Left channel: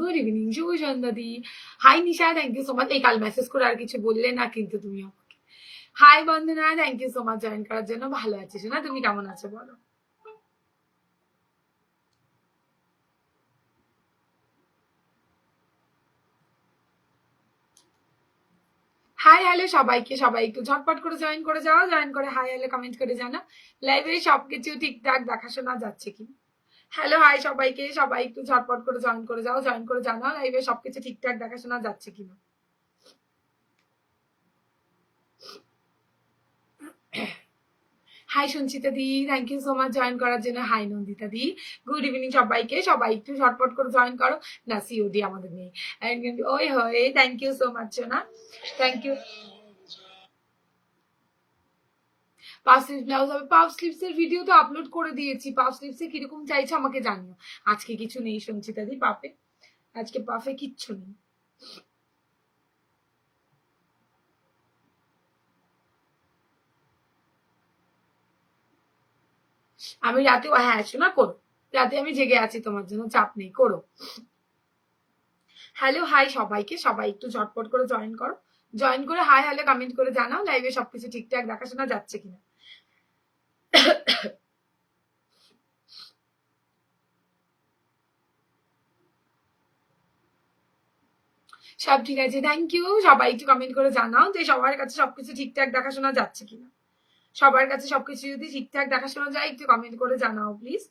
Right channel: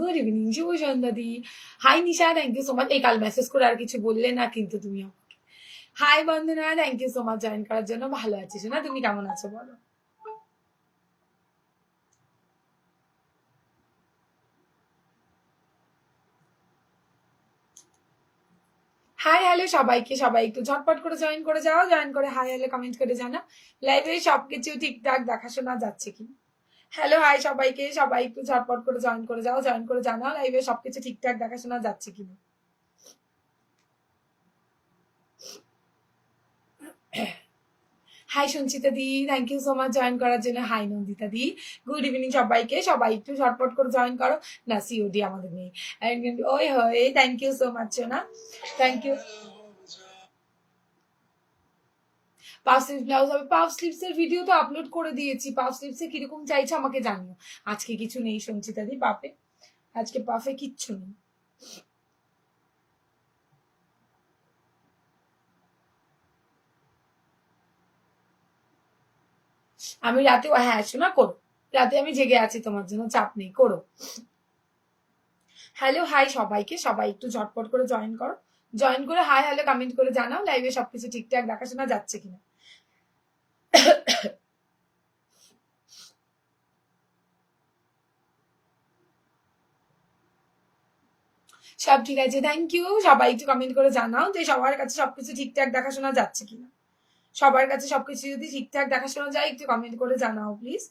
Good evening, শুভ সন্ধ্যা দি। Hi Nisha, thank you so much. এই কাল মেসেজ করে আর কিছু বললে না কিন্তু তুমি আমাকে। Hi Bandana, thank you so much join করার জন্য। ভালো আছিস না? তুমি কেমন আছো বলো? হাই হ্যালো সবাইকে, সবাই একটু ঝটপট করে জয়েন করে যাও, জয়েন করে হাই হ্যালো কমেন্ট করে জানা লাইভে সবকিছু ঠিকঠাক দেখাশোনা যাচ্ছে কি। হ্যালো হাই সবাইকে, সবাই একটু ঝটপট করে জয়েন করে যাও, জয়েন করে জানাও লাইভে সবকিছু ঠিকঠাক দেখাশোনা যাচ্ছে কিনা। হাই সঞ্চিতা দি, thank you so much join করার জন্য। হাই নন্দিতা দি, গুড ইভিনিং সবাইকে, সবাই একটু ঝটপট করে জয়েন করো। না সিওডি আমাদের নেই। ওই হয়, থ্যাংক ইউ সো মাচ না, thank you. Puff sleeves blouse হবে। পাফ স্লিভস এর ভিডিও তো আপলোড করে দিয়েছি। পাফ স্লিভস এ কিরকম চাইছো আমাকে জানিও। আজকে কিছু নেই সঞ্চিতা দি পাফে, আজকে পাফে কিচ্ছু নেই। আমি রাতে, হ্যাঁ শোনা করো, রাতে আমি জেগে আছি তোমার জন্য, চাপ নেই, করো। হ্যালো হাই সবাইকে, সবাই একটু ঝটপট করে জয়েন করো, জয়েন করে হাই হ্যালো কমেন্ট করে জানাও লাইভে সবকিছু ঠিকঠাক দেখাশোনা যাচ্ছে কিনা। সব ঠিক আছে, থ্যাংক ইউ। সবাই একটু কমেন্ট করে জানাও যে সবার কাছে সবকিছু ঠিকঠাক দেখাশোনা যাচ্ছে কিনা। সবার কাছে সবকিছু যদি ঠিকঠাক দেখাশোনা যায় একটু কমেন্ট করে জানাও প্লিজ।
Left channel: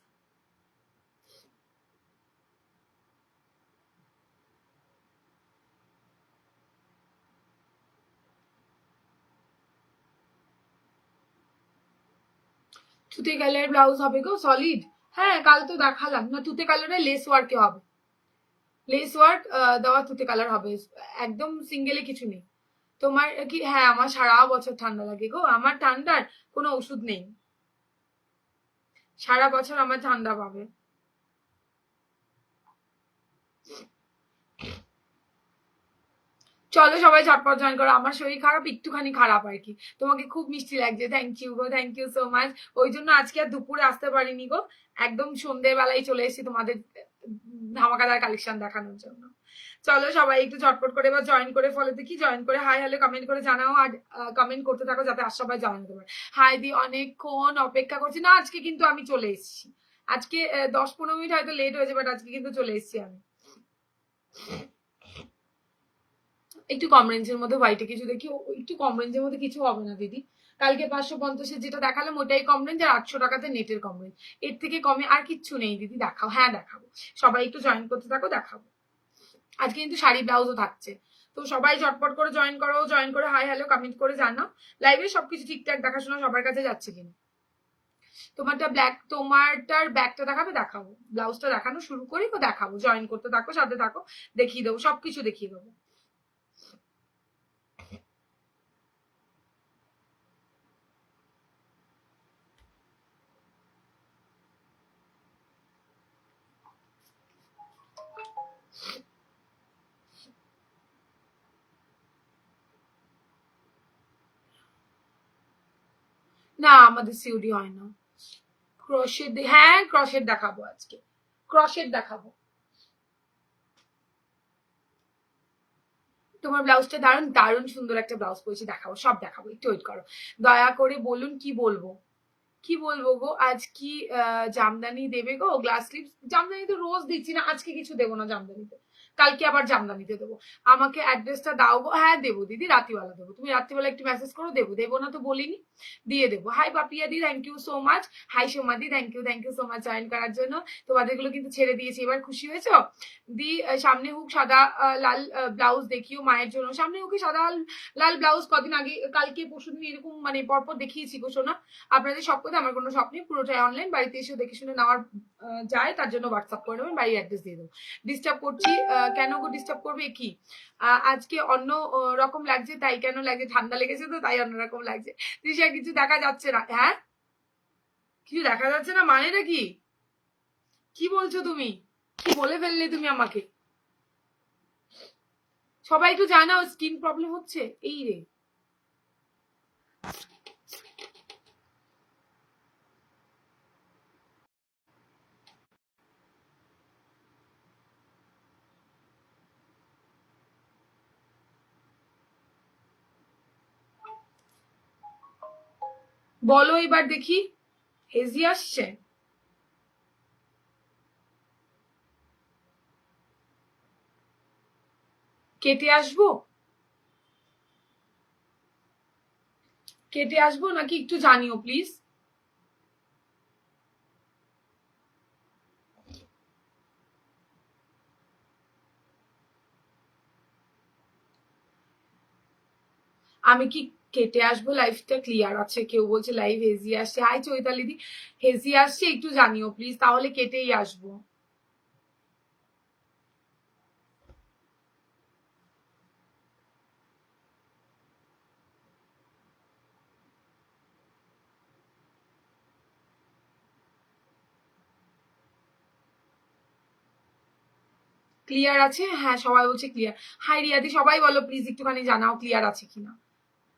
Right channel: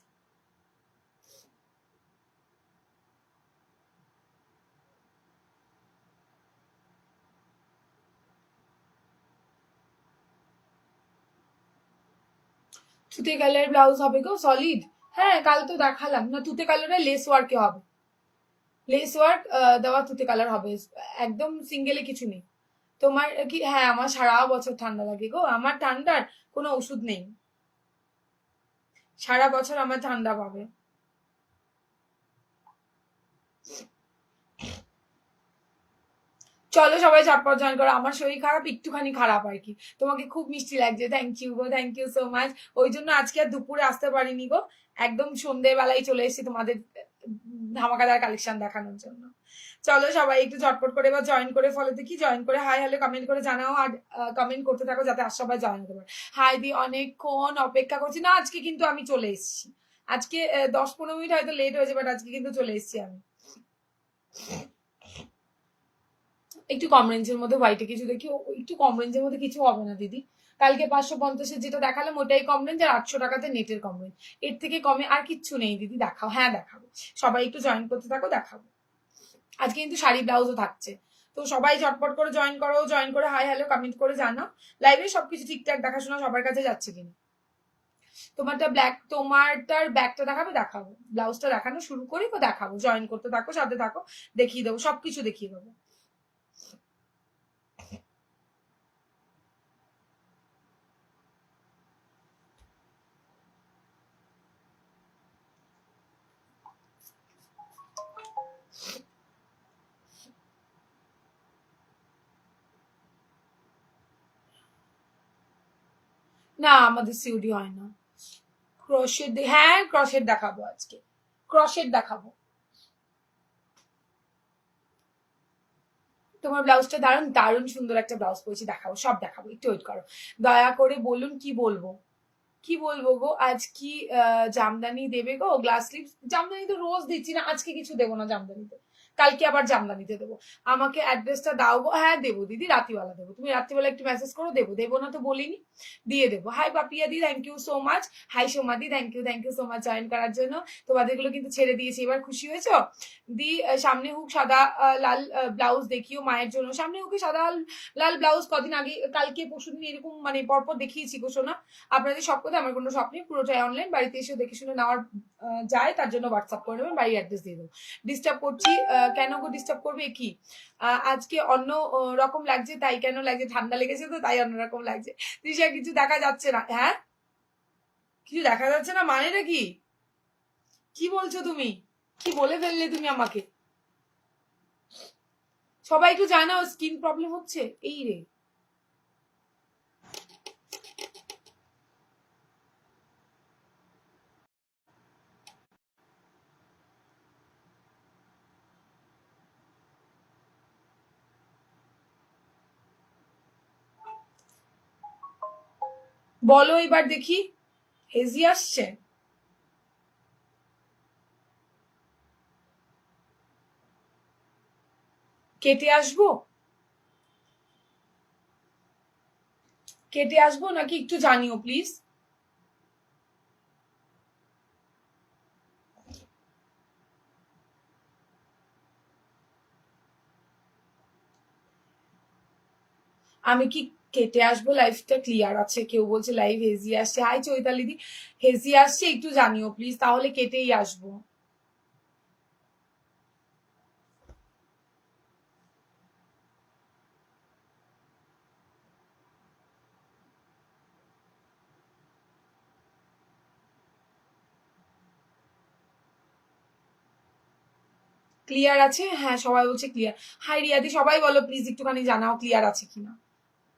তুতে কালার ব্লাউজ হবে গো সলিড। হ্যাঁ কাল তো দেখালাম না, তুতে কালারে লেস ওয়ার্কে হবে, লেস ওয়ার্ক দেওয়া তুতে কালার হবে, একদম সিঙ্গেলে কিছু নেই। তোমার কি? হ্যাঁ আমার সারা বছর ঠান্ডা লাগে গো, আমার ঠান্ডার কোনো ওষুধ নেই, সারা বছর আমার ঠান্ডা পাবে। চলো সবাই ঝটপট জয়েন করো। আমার শরীর খারাপ, একটুখানি খারাপ আর কি। তোমাকে খুব মিষ্টি লাগছে, থ্যাংক ইউ গো, থ্যাংক ইউ সো মাচ। ওই জন্য আজকে আর দুপুরে আসতে পারিনি গো, একদম সন্ধ্যেবেলায় চলে এসেছি তোমাদের ধামাকাদার কালেকশন দেখানোর জন্য। চলো সবাই একটু ঝটপট করে এবার জয়েন করে ফলো দেখি, জয়েন করে হাই হ্যালো কমেন্ট করে জানাও, আর কমেন্ট করতে থাকো যাতে আর সবাই জয়েন হতে পারে। হাই দি, অনেকক্ষণ অপেক্ষা করছি না, আজকে কিন্তু আমি চলে এসেছি। আজকে 10-15 মিনিট হয়তো লেট হয়েছে, বাট আজকে কিন্তু চলে এসেছি আমি। একটু কম রেঞ্জের মধ্যে হোয়াইটে কিছু দেখি, একটু কম রেঞ্জের মধ্যে কিছু হবে না দিদি। কালকে 550-এর যেটা দেখালাম ওটাই কম রেঞ্জ, আর 800 টাকাতে নেটের কম রেঞ্জ। এর থেকে কমে আর কিচ্ছু নেই দিদি। দেখাও, হ্যাঁ দেখাবো, সবাই একটু জয়েন করতে থাকো, দেখাবো। আজকে কিন্তু শাড়ি ব্লাউজও থাকছে, তো সবাই ঝটপট করে জয়েন করো, জয়েন করে হাই হ্যালো কমেন্ট করে জানাও লাইভে সবকিছু ঠিকঠাক দেখাশোনা সবার কাছে যাচ্ছে কিনা। তোমারটা ব্ল্যাক, তোমারটার ব্যাগটা দেখাবে, দেখাবো। ব্লাউজটা দেখানো শুরু করি তো দেখাবো, জয়েন করতে থাকো, সাথে থাকো, দেখিয়ে দেবো, সবকিছু দেখিয়ে দেবো। না আমাদের সিউডি হয় না। ক্রোশেট, হ্যাঁ ক্রোশেট দেখাবো আজকে, ক্রোশেট দেখাবো। তোমার ব্লাউজটা দারুণ, দারুণ সুন্দর একটা ব্লাউজ পরেছি, দেখাবো, সব দেখাবো, একটু ওয়েট করো। দয়া করে বলুন কি বলবো, কি বলবো গো। আজ কি জামদানি দেবে গো? গ্লাস স্লিভ জামদানি তো রোজ দিচ্ছি না, আজকে কিছু দেবো না জামদানিতে, কালকে আবার জামদানিতে দেবো। আমাকে অ্যাড্রেসটা দাও গো। হ্যাঁ দেবো দিদি, রাত্রিবেলা দেবো, তুমি রাত্রিবেলা একটু মেসেজ করো, দেবো, দেবো না তো বলিনি, দিয়ে দেবো। হাই পাপিয়া দি, thank you so much. Hi Soma দি, thank you so much join করার জন্য। তোমাদেরগুলো কিন্তু ছেড়ে দিয়েছি, এবার খুশি হয়েছো দি? সামনে হুক সাদা লাল ব্লাউজ দেখিও মায়ের জন্য। সামনে হুকে সাদা লাল ব্লাউজ কদিন আগে, কালকে পরশুদিন এরকম মানে পরপর দেখিয়েছি গো সোনা। আপনাদের সব কথা, আমার কোনো শপ নেই, পুরোটাই অনলাইন, বাড়িতে এসে দেখে শুনে নেওয়ার যায়, তার জন্য হোয়াটসঅ্যাপ করে নেবেন, বাড়ির অ্যাড্রেস দিয়ে দেবো। ডিস্টার্ব করছি কেন গো? ডিস্টার্ব করবে কি? আজকে অন্য রকম লাগছে, তাই কেন লাগছে? ঠান্ডা লেগেছে তো তাই অন্যরকম লাগছে। তৃষা কিছু দেখা যাচ্ছে না, হ্যাঁ কিছু দেখা যাচ্ছে না মানেটা কি? কি বলছো তুমি? কি বলে ফেললে তুমি আমাকে? সবাই একটু জানাও, স্কিন প্রবলেম হচ্ছে এই রে। বলো এবার দেখি, হেজি আসছে? কেটে আসবো? কেটে আসবো নাকি একটু জানিও প্লিজ। আমি কি কেটে আসবো? লাইফটা ক্লিয়ার আছে? কেউ বলছে লাইভ হেজি আসছে। হাই চৈতালি দি, হেজি আসছে একটু জানিও প্লিজ, তাহলে কেটেই আসবো। ক্লিয়ার আছে? হ্যাঁ সবাই বলছে ক্লিয়ার। হাই রিয়াদি, সবাই বলো প্লিজ একটুখানি জানাও ক্লিয়ার আছে কিনা।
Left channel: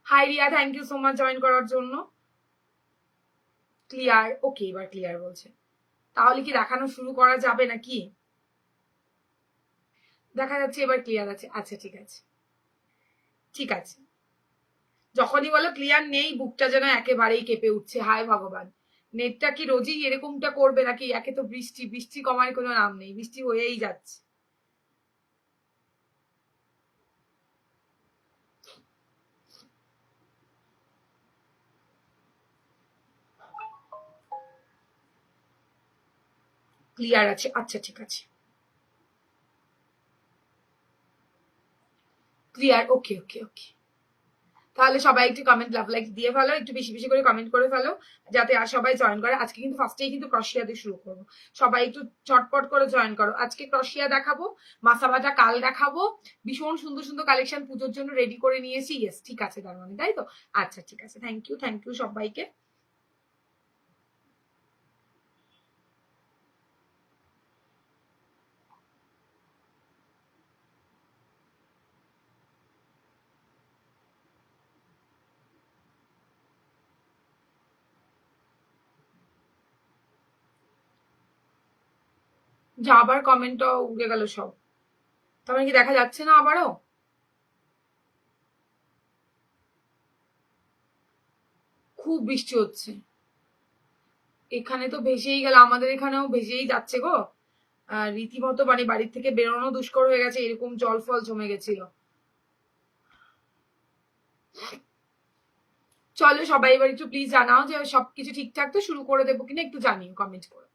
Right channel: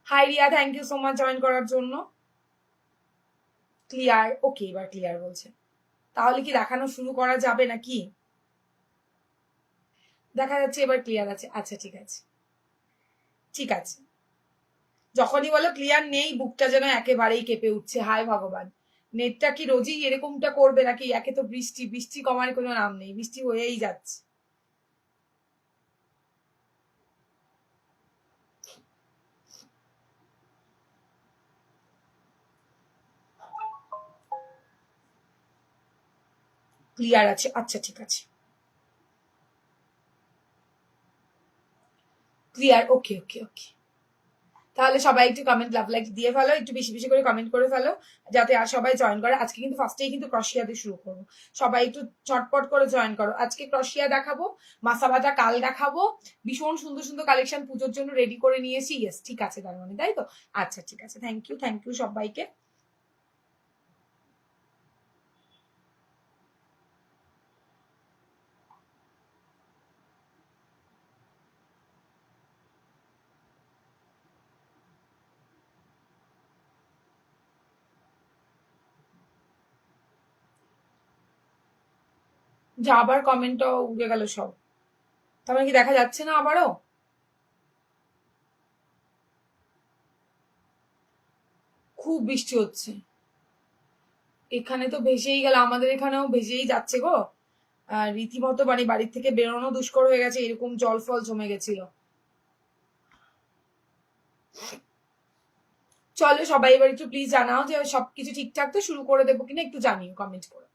Hi Riya, thank you so much join করার জন্য। ক্লিয়ার, ওকে এবার ক্লিয়ার বলছে। তাহলে কি দেখানো শুরু করা যাবে নাকি? দেখা যাচ্ছে এবার ক্লিয়ার আছে। আচ্ছা ঠিক আছে, ঠিক আছে। যখনই বলো ক্লিয়ার নেই, বুকটা যেন একেবারেই কেঁপে উঠছে। হায় ভগবান, নেটটা কি রোজই এরকমটা করবে নাকি? একে তো বৃষ্টি, বৃষ্টি কমার কোনো নাম নেই, বৃষ্টি হয়েই যাচ্ছে। ক্লিয়ার আছে, আচ্ছা ঠিক আছে, ক্লিয়ার, ওকে ওকে ওকে। তাহলে সবাই একটু কমেন্ট লাভ লাইক দিয়ে ফেলো, একটু বেশি বেশি করে কমেন্ট করে ফেলো, যাতে আর সবাই জয়েন করে। আজকে কিন্তু ফার্স্টেই কিন্তু ক্রশিয়া দিয়ে শুরু করবো। সবাই একটু চটপট করে জয়েন করো। আজকে ক্রশিয়া দেখাবো, মাসা বাজা কাল দেখাবো, ভীষণ সুন্দর সুন্দর কালেকশন পুজোর জন্য রেডি করে নিয়েছি। ইয়েস ঠিক আছে, তার মানে তাই তো। আচ্ছা ঠিক আছে, থ্যাংক ইউ সবাইকে। যা আবার কমেন্টটা উড়ে গেল সব, তার মানে কি দেখা যাচ্ছে না আবারও? খুব বৃষ্টি হচ্ছে এখানে, তো ভেসেই গেল, আমাদের এখানেও ভেসেই যাচ্ছে গো। রীতিমতো মানে বাড়ির থেকে বেরোনো দুষ্কর হয়ে গেছে, এরকম জল ফল জমে গেছিল। চলো সবাই এবার একটু প্লিজ জানাও যে সবকিছু ঠিকঠাক তো, শুরু করে দেবো কিনা একটু জানিও কমেন্ট করে।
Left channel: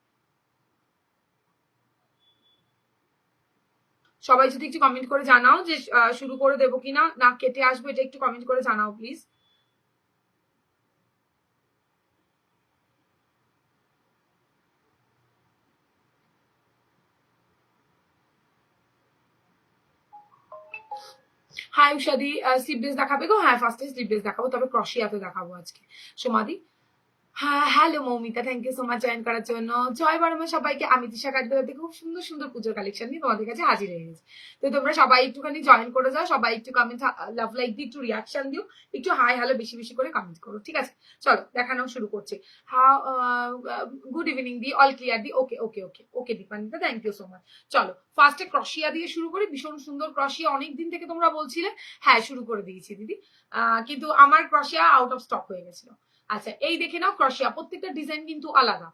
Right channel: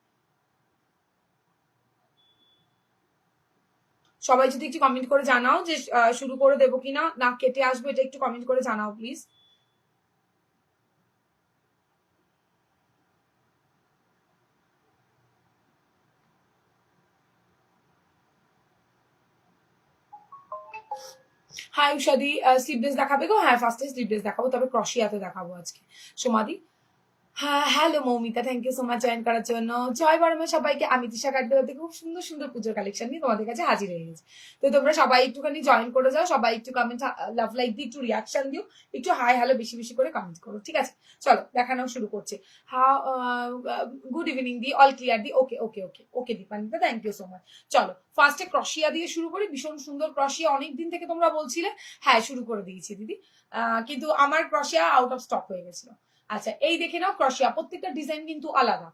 সবাই যদি একটু কমেন্ট করে জানাও যে শুরু করে দেবো কিনা, না কেটে আসবো, এটা একটু কমেন্ট করে জানাও প্লিজ। হাই উষাদি, স্লিপলেস দেখাবে গো? হ্যাঁ ফার্স্টে স্লিপলেস দেখাবো, তবে ক্রশিয়াতে দেখাবো আজকে। সোমাদি, হ্যাঁ hello Moumita, thank you so much join করার জন্য। জয় বর্মা সবাইকে। আমি দিশা কাটতে খুব সুন্দর সুন্দর পুজোর কালেকশন নিয়ে তোমাদের কাছে হাজির হয়ে গেছি। তো তোমরা সবাই একটুখানি জয়েন করে যাও, সবাই একটু কমেন্ট লাভ লাইক দিয়ে একটু রিয়াকশন দিও, একটু হাই হ্যালো বেশি বেশি করে কমেন্ট করো, ঠিক আছে? চলো দেখানো শুরু করছি। হ্যাঁ, গুড ইভিনিং দি, অল ক্লিয়ার দি, okay okay okay okay Dipanwita, thank you so much. চলো ফার্স্টে ক্রশিয়া দিয়ে শুরু করি, ভীষণ সুন্দর ক্রশিয়া, অনেকদিন থেকে তোমরা বলছিলে। হ্যাঁ শুরু করে দিয়েছি দিদি, কিন্তু আমার ক্রশিয়া আউট অফ স্টক হয়ে গেছিল। আচ্ছা এই দেখে নাও ক্রশিয়া, প্রত্যেকটা ডিজাইন কিন্তু আলাদা।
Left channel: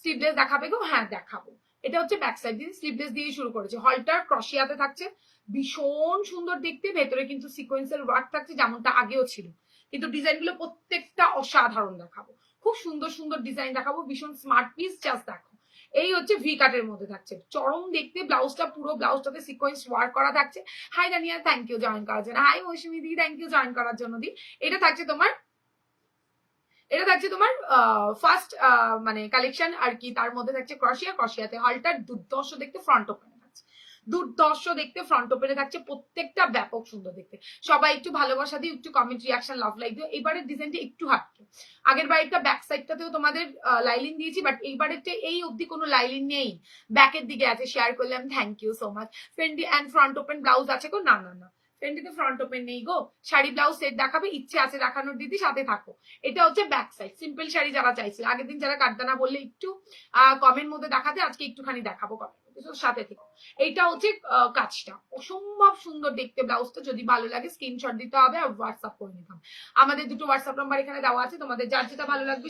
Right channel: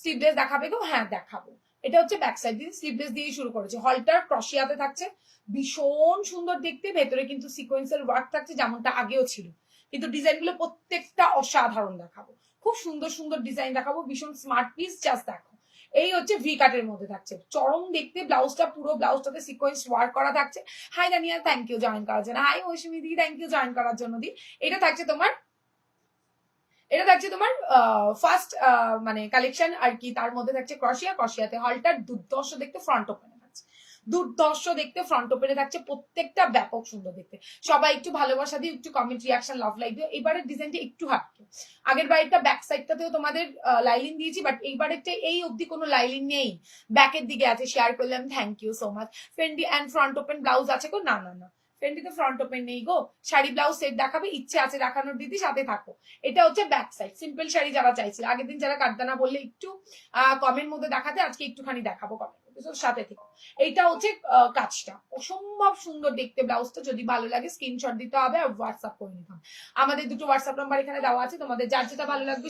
স্লিভলেস দেখাবে গো? হ্যাঁ দেখাবো। এটা হচ্ছে ব্যাক সাইড দিয়ে স্লিভলেস দিয়ে শুরু করেছে, হলটার ক্রশিয়াতে থাকছে, ভীষণ সুন্দর দেখতে। ভেতরে কিন্তু সিকোয়েন্সের ওয়ার্ক থাকছে যেমনটা আগেও ছিল, কিন্তু ডিজাইনগুলো প্রত্যেকটা অসাধারণ দেখাবো। খুব সুন্দর সুন্দর ডিজাইন দেখাবো, ভীষণ স্মার্ট পিস, জাস্ট দেখো। এই হচ্ছে ভি কাটের মধ্যে থাকছে, চরম দেখতে। ব্লাউজটা পুরো ব্লাউজটাতে সিকোয়েন্স ওয়ার্ক করা থাকছে। Hi Dania, thank you join করার জন্য। হাই মৌসুমি দি, থ্যাংক ইউ জয়েন করার জন্য দি। এটা থাকছে তোমার, এটা থাকছে তোমার ফার্স্ট মানে কালেকশন আর কি। তার মধ্যে থাকছে ক্রশিয়া, ক্রশিয়াতে হলটার দুর্দর্শ দেখতে, ফ্রন্ট ওপেনে থাকছে দুর্দর্শ দেখতে, ফ্রন্ট ওপেনে থাকছে, প্রত্যেকটা ব্যাপক সুন্দর দেখতে। সবাই একটু ভালোবাসা দিও, একটু কমেন্ট রিয়াকশন লাভ লাইক দিও। এবারের ডিজাইনটা একটু হাঁটতো, আগের বাড়িটা ব্যাক সাইডটাতেও তোমাদের লাইলিন দিয়েছি, বাট এইবারেরটা এই অবধি কোনো লাইলিন নেই, ব্যাকের দিকে আছে। শেয়ার করলাম, thank you so much. Fendi and front open blouse আছে গো? না না না, ফেন্ডিতে ফ্রন্ট ওপেন নেই গো। শাড়ি ব্লাউজ সেট দেখাবে, ইচ্ছে আছে দেখানোর দিদি, সাথে থাকো। এটা হচ্ছে ব্যাক সাইড, সিম্পল শাড়ি যারা চাইছে, আগের দিন যারা কাটদানা বললে একটু কমের মধ্যে দেখাতে, আজকে একটুখানি দেখাবো সাথে থেকে। এইটা হচ্ছে কাজটা অসম্ভব সুন্দর দেখতে ব্লাউজটা। যদি ভালো লাগে স্ক্রিনশট দিতে হবে আর হোয়াটসঅ্যাপ করে নিতাম। আমাদের দুটো হোয়াটসঅ্যাপ নাম্বার এখানে দেওয়া আছে, তোমাদের যার যেটা ভালো লাগবে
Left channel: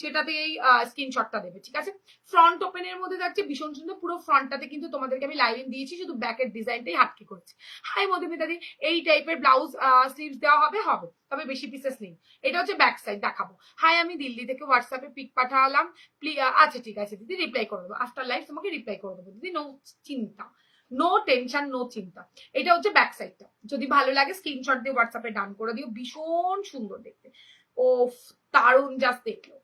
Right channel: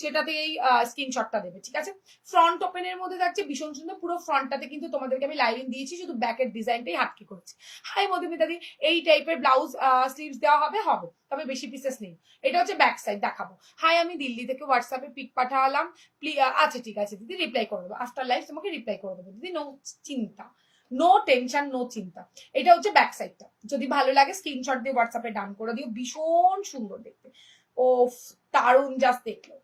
সেটাতে এই স্ক্রিনশটটা দেবে, ঠিক আছে। ফ্রন্ট ওপেনের মধ্যে থাকছে ভীষণ সুন্দর, পুরো ফ্রন্টটাতে কিন্তু তোমাদেরকে আমি লাইনিং দিয়েছি, শুধু ব্যাকের ডিজাইনটাই হাটকে করেছি। হাই মধুমিতাদি, এই টাইপের ব্লাউজ স্লিভস দেওয়া হবে, তবে বেশি পিসেস নেই। এটা হচ্ছে ব্যাক সাইড দেখাবো। হাই, আমি দিল্লি থেকে হোয়াটসঅ্যাপে পিক পাঠালাম, আচ্ছা ঠিক আছে দিদি, রিপ্লাই করে দেবো আফটার লাইভ, তোমাকে রিপ্লাই করে দেবো দিদি, নো চিন্তা, নো টেনশন, নো চিন্তা। এটা হচ্ছে ব্যাক সাইডটা। যদি ভালো লাগে স্ক্রিনশট দিয়ে হোয়াটসঅ্যাপে ডান করে দিও। ভীষণ সুন্দর দেখতে, ও দারুণ, জাস্ট দেখলো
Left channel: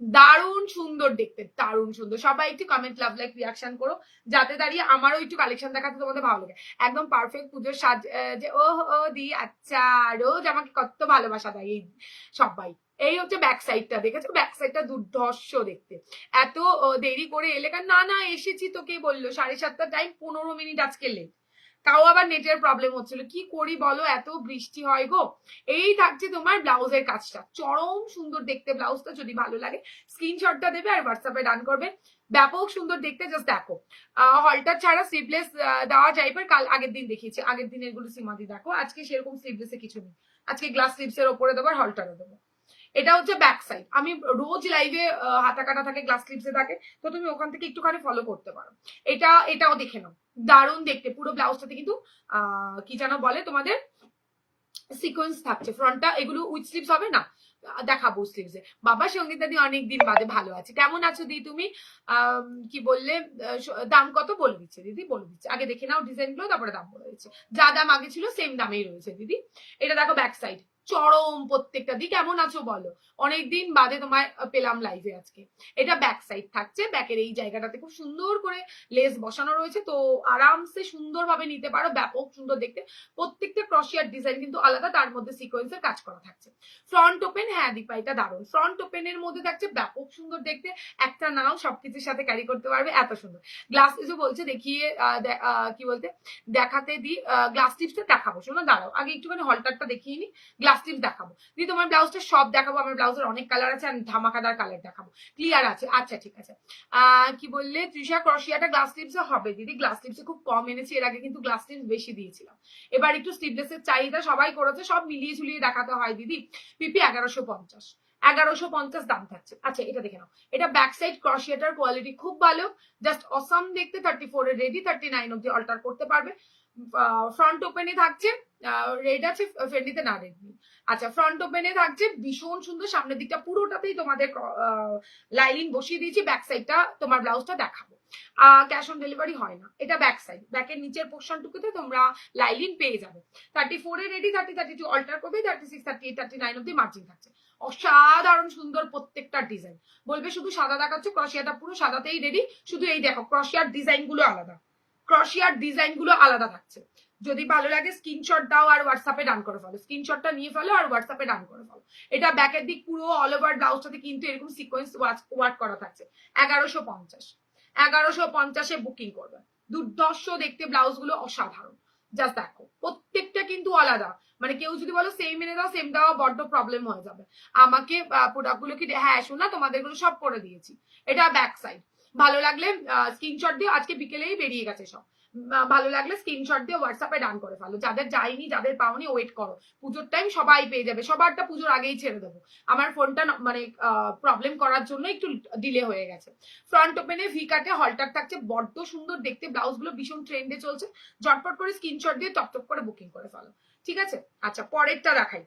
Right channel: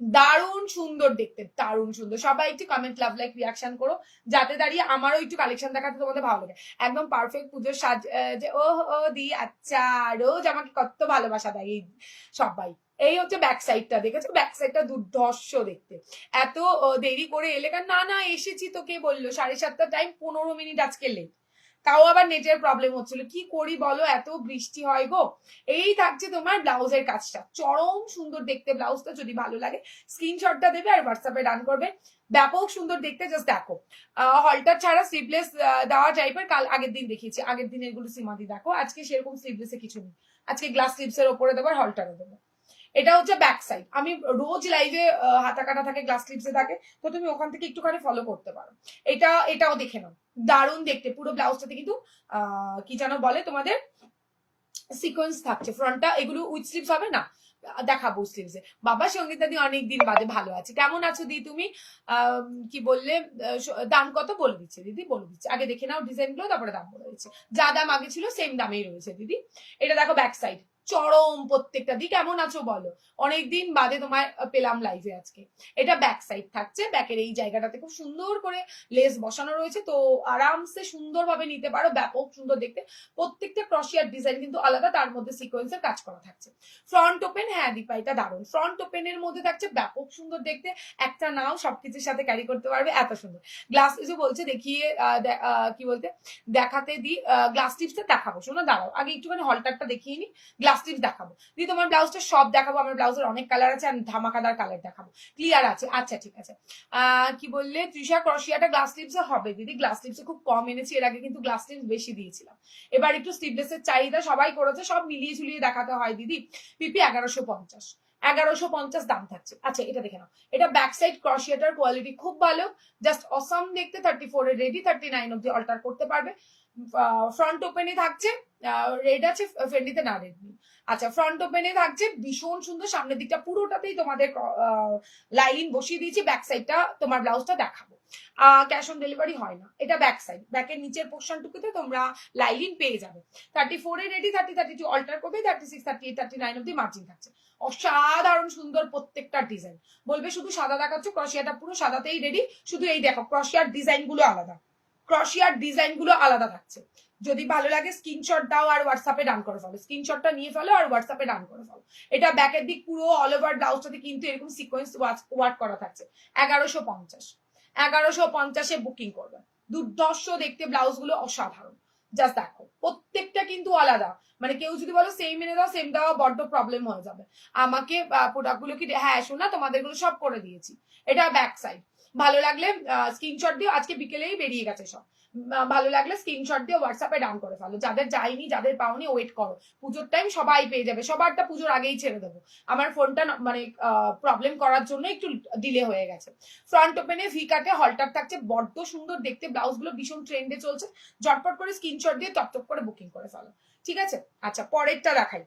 দারুণ সুন্দর দেখতে, দারুণ সুন্দর। সবাই একটু কমেন্ট, লাভ, লাইক, রিয়াকশন করো, যাতে দাঁড়িয়ে আমারও একটু কালেকশন দেখাতে তোমাদের ভালো লাগে। একদম পারফেক্ট পুজোর সাজ, যে ও দি আচ্ছা, রোজ আমাকে কত ভালোবাসা দেয় এই সবাই। এই হচ্ছে ব্যাক সাইডটা, দেখেছো ব্যাক সাইডটা দুর্ধর্ষ দেখতে। এত দেরি করে এলে, না এসেছি তো কে বললো, 7:30 টাইম, 15 মিনিট আজকে লেট, তাও আবার নেটের প্রবলেম হচ্ছিল, কি করি বলো, এত বৃষ্টি হয় গো। এই থাকছে তোমার ব্লাউজের কাজটা, চরম সুন্দর দেখতে ব্লাউজটা। যদি ভালো লাগে স্ক্রিনশটটা দেবে আর হোয়াটসঅ্যাপে ডান করবে। ব্যাপক সুন্দর দেখতে, জাস্ট দেখো। হলটার ছাড়া স্লিভলেস দেওয়া যায়, কাল আগের দিন দেখিয়েছি, আগের দিনের গুলো সীমাদি দেখো। আজকে সেরকম স্লিভলেসে কিছু নেই, আজকে গ্লাস স্লিভসের ওপরে দেবো, হলটারে দেবো। এটা হচ্ছে ব্যাক সাইড। আমি রোজ লাইভে হাতা কাটা থাকে, গ্লাস স্লিভসে থাকে, তো তুমি ওখান থেকে একটুখানি ফলো করতে পারো। এটাও দেখে নাও, দারুণ দেখতে। পুরো ব্লাউজটাতে কিন্তু কি যেন বলে তোমাদের, সিকোয়েন্স থাকছে ফ্রন্টটা, এগুলো উইথ স্লিভস হবে না, দেখাবো স্লিভসে। বাবা সঙ্গীতা দি অনেকদিন বাদে, ভালো আছে, কেমন আছো দি তুমি? কি বললে, দাম কত বলে দিচ্ছে দিদি, বলে দিচ্ছে, আগে দেখে নাও ডিজাইন গুলো, তারপরে দাম বলে দিচ্ছে। যা দাম আগে ছিল সেম দামেই রয়েছে দিদি। এটা দেখো ব্যাক সাইড, চরম প্রত্যেকটা। দি কেমন আছো বলো, অনেকদিন বাদে তোমার পেলাম লাইভে আজকে। এটা ব্যাক সাইড থাকছে, ব্যাকের এই জায়গাটাতে খুব সুন্দর করে লেস বসানো রয়েছে, তো আরামসে সুন্দরভাবে নিতে পারো, ব্যাপক সুন্দর দেখতে। প্রত্যেকটা ক্রশিয়ার ডিজাইন কিন্তু আলাদা, তার মধ্যে সিকোয়েন্সের কাজ করা থাকছে। ফ্রন্ট ওপেন, হ্যাঁ দীপা এটা দারুণ। ফ্রন্ট ওপেনের মধ্যে থাকছে ব্যাপক সুন্দর দেখতে, একটা নাও সবকিছুর সাথে ক্যারি করতে পারবে, এত সুন্দর। গ্লাস টিপস বলছে দেখিয়ে, কি বলতে, দেখাতে দি, গ্লাস টিপসটা দেখাবো, শোনো দাঁড়াও, আগে একটুখানি হলটারটা দেখিয়ে নি, গ্লাস টিপস দেখাবো দি। তোমার ব্লাউজটা সব দেখাবো, আমার ব্লাউজের অনেক কালার আছে, আমি ধামাকাদার কালার দেখাবো, ক্লিয়ার আছে। আচ্ছা ঠিক আছে। কি বললে তৃষা, ক্রশিয়াটা গ্লাস টিপসে হবে দিদি, গ্লাস টিপসে খুব কম এনেছি, এর আগে কিন্তু গ্লাস টিপস বেশি দিয়েছিলাম, এবার একটু স্লিভলেসের চাহিদা সবাই করেছে, সব মিলিয়ে ঝুলিয়ে দেখাতে হয় দিদি। পিপি 1150, 1150 দাম থাকছে। আচ্ছা এটা দেখে নাও, এটা ব্যাক সাইড ক্রশিয়াটার কোয়ালিটি খুব ভালো, জাস্ট অসাম দেখতে। 34 এর রেডি, 39 অব্দি অল্টার করতে পারবে। ফ্রন্ট ওপেনে থাকছে, রেড আছে, ফ্রেন্ডিতে না রেড নেই। আচ্ছা ফ্রন্ট ওপেনে থাকছে ভীষণ সুন্দর, সামনের দিকটা পুরোটাতেই তোমাদের লাইনিং বসিয়ে দিয়েছি। ব্যাক সাইডটা তোমার ব্লাউজটা দেখাবো, ক্যাশ অন ডেলিভারি হয় না। এটা ব্যাক সাইড, ব্যাকের নিচের পোর্শনটুকুতে তোমরা লাইনিং পেয়ে যাবে। 34 এর রেডি, 30, 32 অল্টার করবে, 36, 38, 39 অব্দি মার্জিন থাকছে। অসাধারণ সুন্দর প্রত্যেকটা ডিজাইন। বলবে শুধু সাদা দেখাচ্ছ, ক্রশিয়াটা পুরো সাদাতেই রেডি, শুধু এই দেখো ক্রশিয়ার ডিজাইন গুলো আলাদা, ক্রশিয়ার ডিজাইন গুলো আলাদা থাকছে। যদি ভালো লাগে স্ক্রিনশট দাও আর হোয়াটসঅ্যাপে ডান করে ফেলো, স্ক্রিনশটটা নিয়ে ফেলো আর হোয়াটসঅ্যাপে ডান করে ফেলো। এটা ব্যাকের দিক পুরো অল ওভার ব্লাউজটাতে কিন্তু এরকম সিকোয়েন্স ওয়ার্ক করা থাকছে। 1150, 1150-এ বুকিং করবে। দুর্ধর্ষ দেখতে ব্লাউজ গুলো, অসাধারণ। জাস্ট দেখো প্রত্যেকটা কিন্তু আলাদা, মানে কেউ যদি বলো সেম এনে দাও, সেম দেওয়া বড্ড প্রবলেম হয়ে যাবে আমাকে। প্রোডাক্ট গুলো কি, হ্যাঁ শোনা তোমাদের গুলো সব করে দিয়েছি। এটা ব্যাক সাইড, ভালো লাগলে স্ক্রিনশট দিয়ে, আজকে বিকেলেই বেরিয়ে গেছে সব। ভালো লাগলে স্ক্রিনশট দিয়ে হোয়াটসঅ্যাপে ডান করে ফেলো। যাদের যায়নি, যাদের পাওনি, ওয়েট করো, পুজোর টাইম সবাই পেয়ে যাবে। সবারটা পুজোর আগেই ছেড়ে দেবো, আমার ফোনটা মানে প্রবলেম করার জন্য একটু ডিলে হয়ে গেছে। ফ্রন্ট ওপেনে ভি কাটে হলটার থাকছে, বড্ড সুন্দর দেখতে ব্লাউজ গুলো, ভীষণ ট্রেন্ডে চলছে। ঝটপট করে স্ক্রিনশট দিয়ে টপ করে বুকিং করে ফেলো, ঠিক আছে। আচ্ছা পরেরটা দেখাই,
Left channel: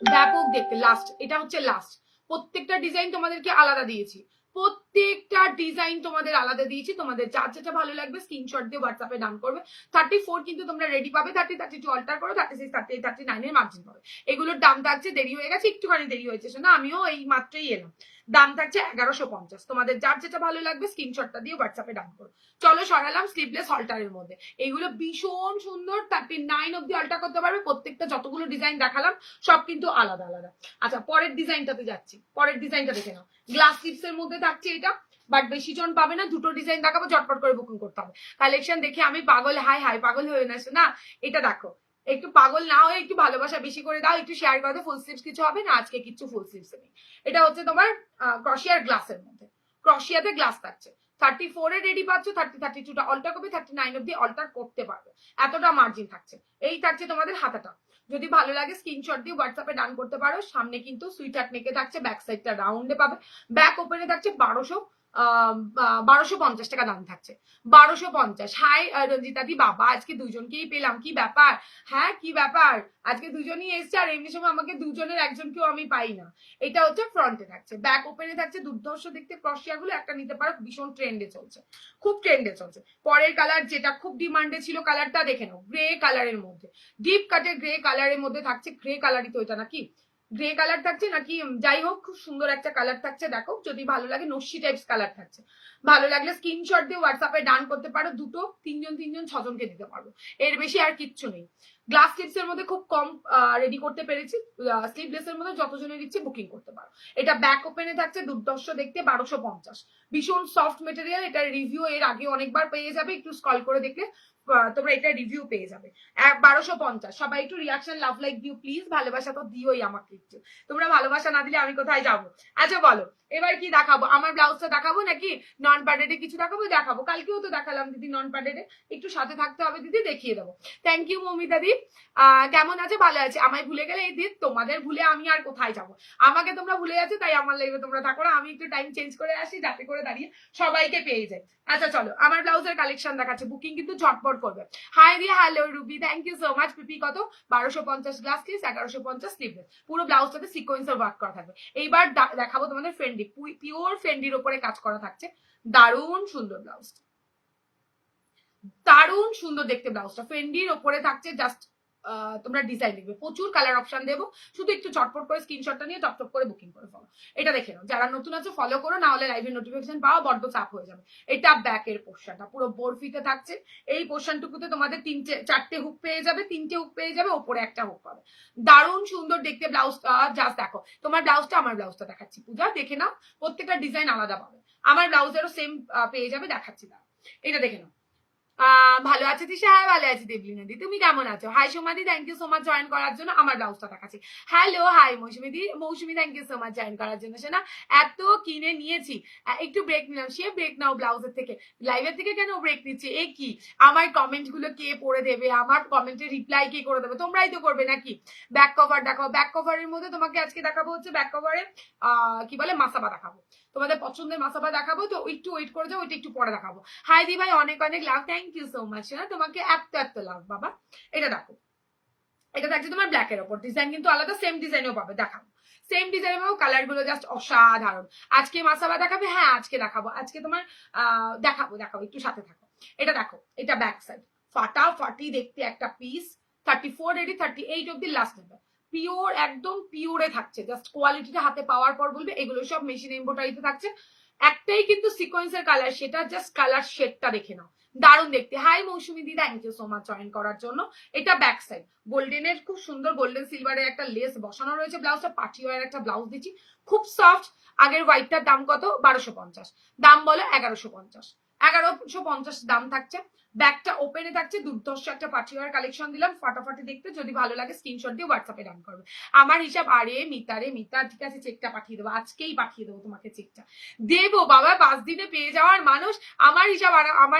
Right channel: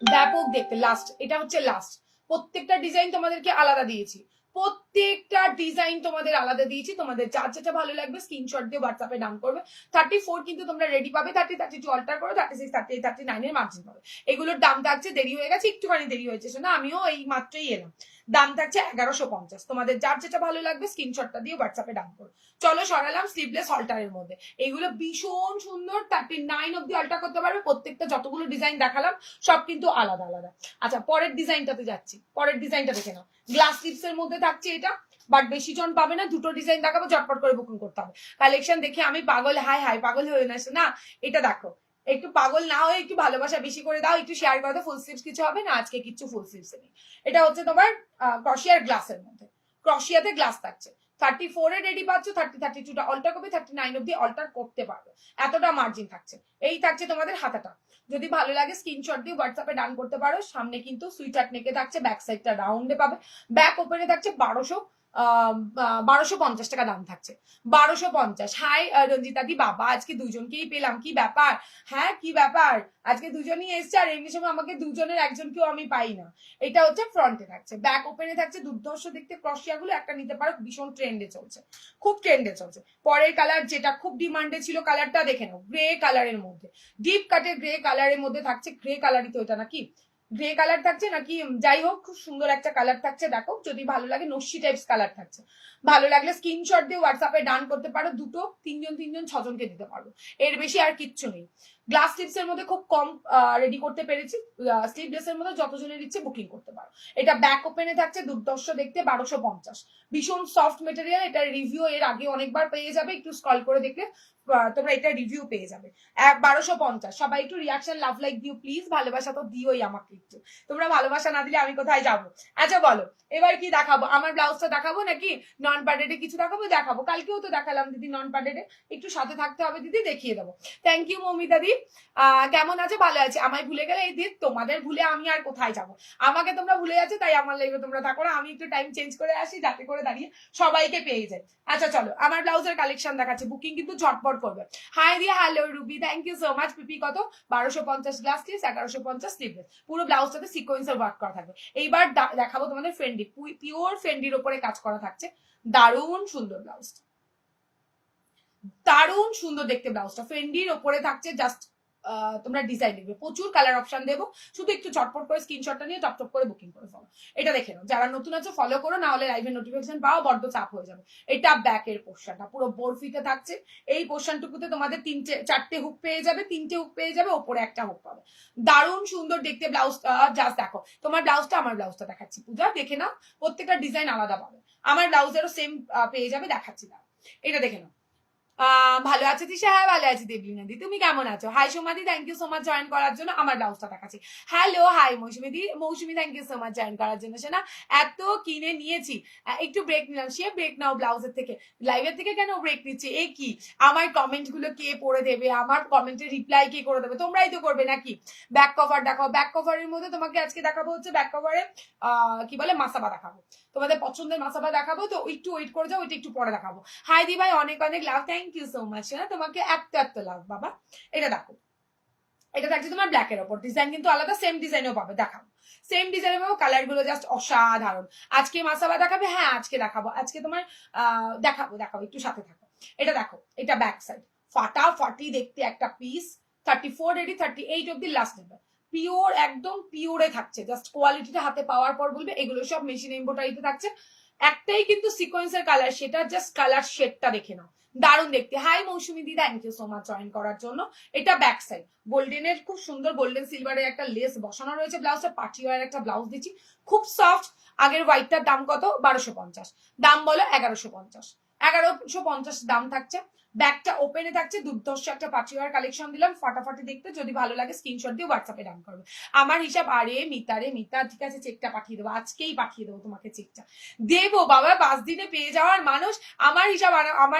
ব্যাপক দেখতে। লাস্ট, এটা হচ্ছে লাস্ট। প্রত্যেকটা ডিজাইন তোমাদেরকে আলাদা দিয়েছি, প্রত্যেকটা ডিজাইন তোমাদের আলাদা দিয়েছি। তোমাদের যার যেটা ভালো লাগবে স্ক্রিনশট দিয়ে হোয়াটসঅ্যাপে ডান করবে। 34 কিন্তু তোমরা রেডি পাবে, 30, 32 অল্টার করো, 36, 38, 39 এর মার্জিন পাবে। এগুলোর দাম থাকছে, দেরি হয়ে গেছে একটুখানি, দেরি হয়েছে শোনা, আমিও এই মাত্রই এলাম। দাম থাকছে 1150। তোমাদের যার যেটা ভালো লাগবে স্ক্রিনশটটা দিয়ে হোয়াটসঅ্যাপে ডান করো। চলো সরালাম স্লিভলেস হলটারের মধ্যে। এইগুলো ভীষণ সুন্দর, 39 অব্দি অল্টার করতে পারবে। প্রত্যেকটা যতগুলো ডিজাইন দেখালাম সব কিন্তু আলাদা আলাদা। আচ্ছা পরের ডিজাইনটাতে যাচ্ছি, পরের ডিজাইনটা দেখে নাও। গ্লাস স্লিভসের মধ্যে থাকছে এটা, বাট বেশি জন পাবে না, দুটো ডিজাইন দেখাবো, ঝটপট করে বুকিং করতে হবে। কালেকশন দেখে আমি পাগল, হাই হাই পাগল হয়ে না না। এটা দেখো, একটু পাগল না হয়ে একটু ভালোবাসা বেশি করে দাও, একটু শেয়ার করে দাও। ফুল স্লিভস কিছু হবে না আজকে, কিছু ফুল স্লিভস নেই। এটা হচ্ছে তোমার ক্রশিয়ার গ্লাসের মধ্যে, ক্রশিয়াতে গ্লাস থাকছে। 34 এ রেডি পাচ্ছ, 30-32টা অল্টার করবে, 39 অব্দি অল্টার করতে পারবে, এতটা মার্জিন থাকছে। এই থাকছে তোমাদের হাতাটা। যদি ভালো লাগে স্ক্রিনশট দিয়ে হোয়াটসঅ্যাপে ডান করতে পারো। সামনে কিন্তু সুইটার নেকে থাকছে, ব্যাক সাইডটা রাউন্ডে পাবে, ব্যাক ওপেনে থাকছে 1250 টাকা দাম থাকছে, 1250। হাই রঞ্জিতা দি, বাবা আজকে দুজনকেই পেলাম, কি ব্যাপার? হ্যাঁ কি ব্যাপার, আজকে দুজনই এসছে, আর এমনি সময় আমাকে দুজনের একজনকেও আমি পাই না। এটা হচ্ছে ফ্রন্টে থাকছে, ব্যাক ওপেনে থাকছে দুর্ধর্ষ দেখতে ক্রসিয়া গুলো, একটা নিতে পারো, ভীষণ ট্রেন্ডে চলছে, খুব ট্রেন্ডে চলছে। পরের কালার যেটা খুব ডিমান্ডে ছিল, কালারটা দেখে নাও, গ্রে কালারের মধ্যে, ডিপ কাটে গ্রে কালারের মধ্যে থাকছে। গ্রে কালারই তো এটা নাকি, গ্রে কালার থাকছে নাকি, যাই হোক খুব সুন্দর একটা কালার থাকছে। দেখো যদি ভালো লাগে, নস্যি টাইপস কালার থাকছে, ভালো লাগলে স্ক্রিনশট দিয়ে হোয়াটসঅ্যাপে ডান করতে পারো। দুটো, তিনজন ছজনকে দিতে পারবো, এর বেশি আর কিচ্ছু নেই। গ্লাস স্লিপস এর মধ্যে খুব কম রেডি করতে পেরেছি, স্লিভলেস এর মধ্যে যতজনের ইচ্ছে বুকিং করতে পারো। এটা ব্যাক ওপেনে থাকছে দুর্দর্শ দেখতে, 1250, ভীষণ সফট মেটেরিয়াল। এটার রিভিউ এর আগে অনেকবার পেয়ে যাবে, একটু স্ক্রল করে দেখলে তোমরা এটা রিভিউ পেয়ে যাবে। 1250। সবাই একটু রিয়াকশন লাভ লাইক দিও প্লিজ, ভালোবাসা তো দিওই আমাকে একটু, তোমরা ভালোবাসা না দিলে আমি কোথায় যাবো? আচ্ছা বলো এবার কি দেখাবো, আমার ব্লাউজটা দেখাবো নাকি নন প্যাডেডে কিছু দেখাবো? দেখাবো, কালকেও তো দেখালাম দিদি নন প্যাডেডে, একটু সাথে থাকতে হবে দিদি, দেখিয়ে দেবো। থ্যাংক ইউ মৌমিতা দি। কেমন আছে? ভালো আছে। আমায় ভুলে গেলে এই দিদি, তোমাদের ভুলে আমি আর কোথায় যাবো? আমাকে তোমরা ভুলে যাচ্ছ, তাই আমার লাইভে তোমরা থাকো না, আমি একটু টাইম চেঞ্জ করে আসি যাতে করে দাঁড়িয়ে সবাইকে পেয়ে যাই। আচ্ছা চলো আমার ব্লাউজের কালেকশন দেখাচ্ছে, বুকিং কিন্তু ঝটপট করবে। Hi Diya, hello Ruby, thank you so much. PP কত? 1250 গ্লাস স্লিভস, 1150 স্লিভলেস, পুরো ব্লাউজটাতে সিকোয়েন্সের ওয়ার্ক করা থাকবে। এইবার দেখাবো তোমাদের ফেন্ডি, পিওর ফেন্ডির উপরে কাজ করা থাকছে, দারুণ সুন্দর ব্লাউজটা, দারুণ সুন্দর দেখতে ব্লাউজটা, ফেন্ডির ওপরে থাকছে। জাস্ট তোমরা ডিজাইন লিখবে, প্রচুর কালার অপশন দেবো, শুধু একটু চটপট করে স্ক্রিনশটটা নিয়ে টপ করে বুকিং করে ফেলো। এটা দেখে নাও, যারা নতুন আছে ফলো করো, না হলে লাইভের নোটিফিকেশন পাওয়া বড্ড চাপ হয়ে যাবে। এটা ব্যাকের পোর্শনটা পুরো বরফিতে থাকছে, এই পোর্শনটুকুতে তোমাদের চারটে হুক পেয়ে যাবে, তিনটে হুক পেয়ে যাবে, ওপরে একটা হুক পাবে। দারুণ সুন্দর দেখতে ব্লাউজটা। জাস্ট দেখো, তোমার ব্লাউজটা আমার ব্লাউজটা দেখাচ্ছি, পূজা দেখে নাও, প্রত্যেকটা ডিজাইন আলাদা পাবে, আমার ব্লাউজেরও সেম পেয়ে যাবে, দেখাচ্ছি না, এটা দেখে নাও। ভালো আছে তৃষা? হ্যাঁ ভালো আছি দেবলিনা দি, তুমি কেমন আছো? হাই সোমাদি, thank you so much join করার জন্য, আমার ব্লাউজটা দেখাচ্ছি। হ্যালো হাই মৌসুমি দি, Mousumi thank you so much join করার জন্য। শোনা এত কিনে নিয়েছি, একটু ব্রেক নিলাম, সে ব্রেক নাও ব্লাউজের থেকে, লাইভের থেকে কেন ব্রেক নিচ্ছে? এ কি, আমার কমেন্ট গুলো কে পড়ে দেবে, আমার কমেন্টের রিপ্লাই কে করে দেবে? তোমরাই তো করবে নাকি? ব্যাক কভার দেখাও, ব্যাক কভারের মধ্যে তোমাকে আজকে দেখাবো হচ্ছে ব্যাক কভারে কি বলে মাসাবা দেখাবো, তোমাদের পছন্দের মাসাবা দেখাবো, তো একটু ওয়েট করে যাও, ওইটা একটু পরে দেখাবো। হাই দি ভাই, অনেক অনেক লাভ, থ্যাংক ইউ সো মাচ, না তোমাকে এত লাভ বাবা। এটা দেখো, এটা থাকছে তোমার ব্ল্যাকের ওপর, ডিজাইন কিন্তু আলাদা, সেম ডিজাইনও পাবে, দেখাবো সেম ডিজাইনের পাবো, কালার গুলো জাস্ট অসাধারণ। আজকে মাসাবা দেখাবে? হ্যাঁ আজকে দেখাবো, আজকে তোমার দেখাবো একটু সাথে থাকো। এটা দেখো, এটা ব্যাক সাইড, ফাটাফাটি দেখতে একটা পিস, 34 রেডি, 38 অব্দি লাস্ট নেবে, পিওর একদম পিওরে থাকছে, জাস্ট কোয়ালিটিটা হাতে পাওয়ার পর বলবে। এগুলো সব মেশিন এমব্রয়ডারিতে থাকছে, একটাই কিন্তু সিকোয়েন্সের কালার, সেটা জাস্ট কালার শেডটা দেখে নাও, দারুণ দেখতে। হাই মৌসুমি দি, thank you so much join করার জন্য। এটা ব্যাক সাইড, গোল্ডেনের খুব সুন্দর গোল্ডেন সিলভারের একটা লেস বসানো রয়েছে, ব্লাউজটা পার্টি ওয়ার একটা ব্লাউজ দিচ্ছি, খুব সফট। আগের হোয়াইটটার দাম কত? 1250, দাম বলো 1150, 1150 দাম থাকছে। ব্যাগটা ওপেনে থাকছে, দুর্ধর্ষ একটা পার্টিওয়ার কালেকশন দিলাম, ফাটাফাটি দেখতে। যদি ভালো লাগে স্ক্রিনশট দিয়ে হোয়াটসঅ্যাপে ডান করবে। আমার হিসাব, আরে মিতা ঠিক আছে, চেকটা পাঠিয়ে দেবো, আজকেই পাঠিয়ে দেবো তোমাকে চেকটা, দেবো বাবা, 5 দিনে পেয়ে যাওয়ার মানুষ, আমার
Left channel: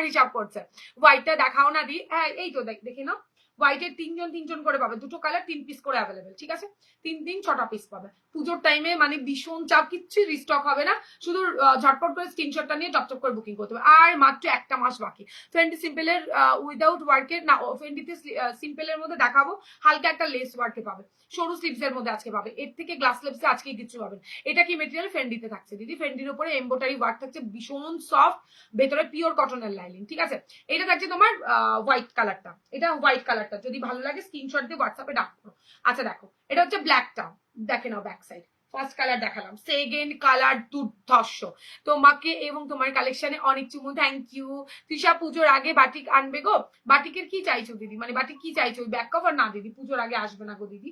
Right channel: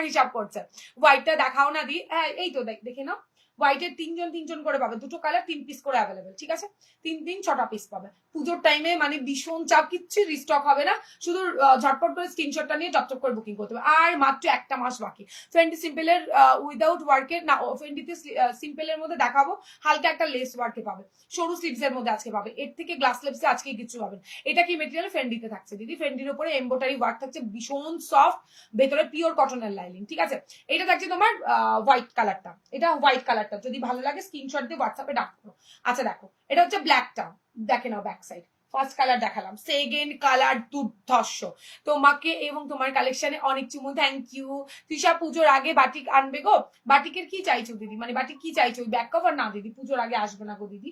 হিসাব করছে। হোয়াইটটা দেখাও না দি, হ্যাঁ এই তো দেখে নাও, হোয়াইটের তিনজন করে পাবে, দুটো কালার 3 পিস করে অ্যাভেলেবেল, ঠিক আছে, 6টা পিস পাবে। পুজোর টাইমে মানে ভীষণ চাপ, কিচ্ছু রিস্টক হবে না, শুধু ঝটপট করে স্ক্রিনশটটা নিয়ে টপ করে বুকিং করতে হবে। আর মাত্র একটা মাস বাকি। ফেন্ডি সিম্পলের উইদাউট ওয়ার্কের না, ফেন্ডিতে সিম্পলের মধ্যে দেখাবো, হালকা একটা লেস ওয়ার্কে পাবে, সরু স্লিভস এর মধ্যে আজকে পাবে, এর থেকে গ্লাস স্লিভসে আজকে কিছু পাবেন। এটা কি মেটেরিয়াল? ফেন্ডিতে থাকছে দিদি, ফেন্ডির উপরে এমব্রয়ডারি ওয়ার্ক থাকছে, ভীষণ সফট, ভেতরে পিওর কটনের লাইনিং, ঠিক আছে। এটা থাকছে তোমার হোয়াইট কালারটা, এটা হোয়াইট কালারটা, যদি ভালো লাগে স্ক্রিনশট দিয়ে হোয়াটসঅ্যাপে ডাক করো। আচ্ছা দেখো, এটা হচ্ছে ব্ল্যাকটা, দেখে নাও ব্যাক সাইড, ফার্স্ট কালার দেখালাম, সেকেন্ড কালার দুর্ধর্ষ। তোমাকে এবং তোমার কালেকশনে অনেক চুমু, থ্যাংক ইউ। তৃষা পুজোর আগে বাটিক আনবে গো? বাটিকের কি চাইছো দিদি, মানে বাটিক কি চাইছো? ব্যাক কভার না দিদি, পুজোর আগে আসবে না গো দিদি,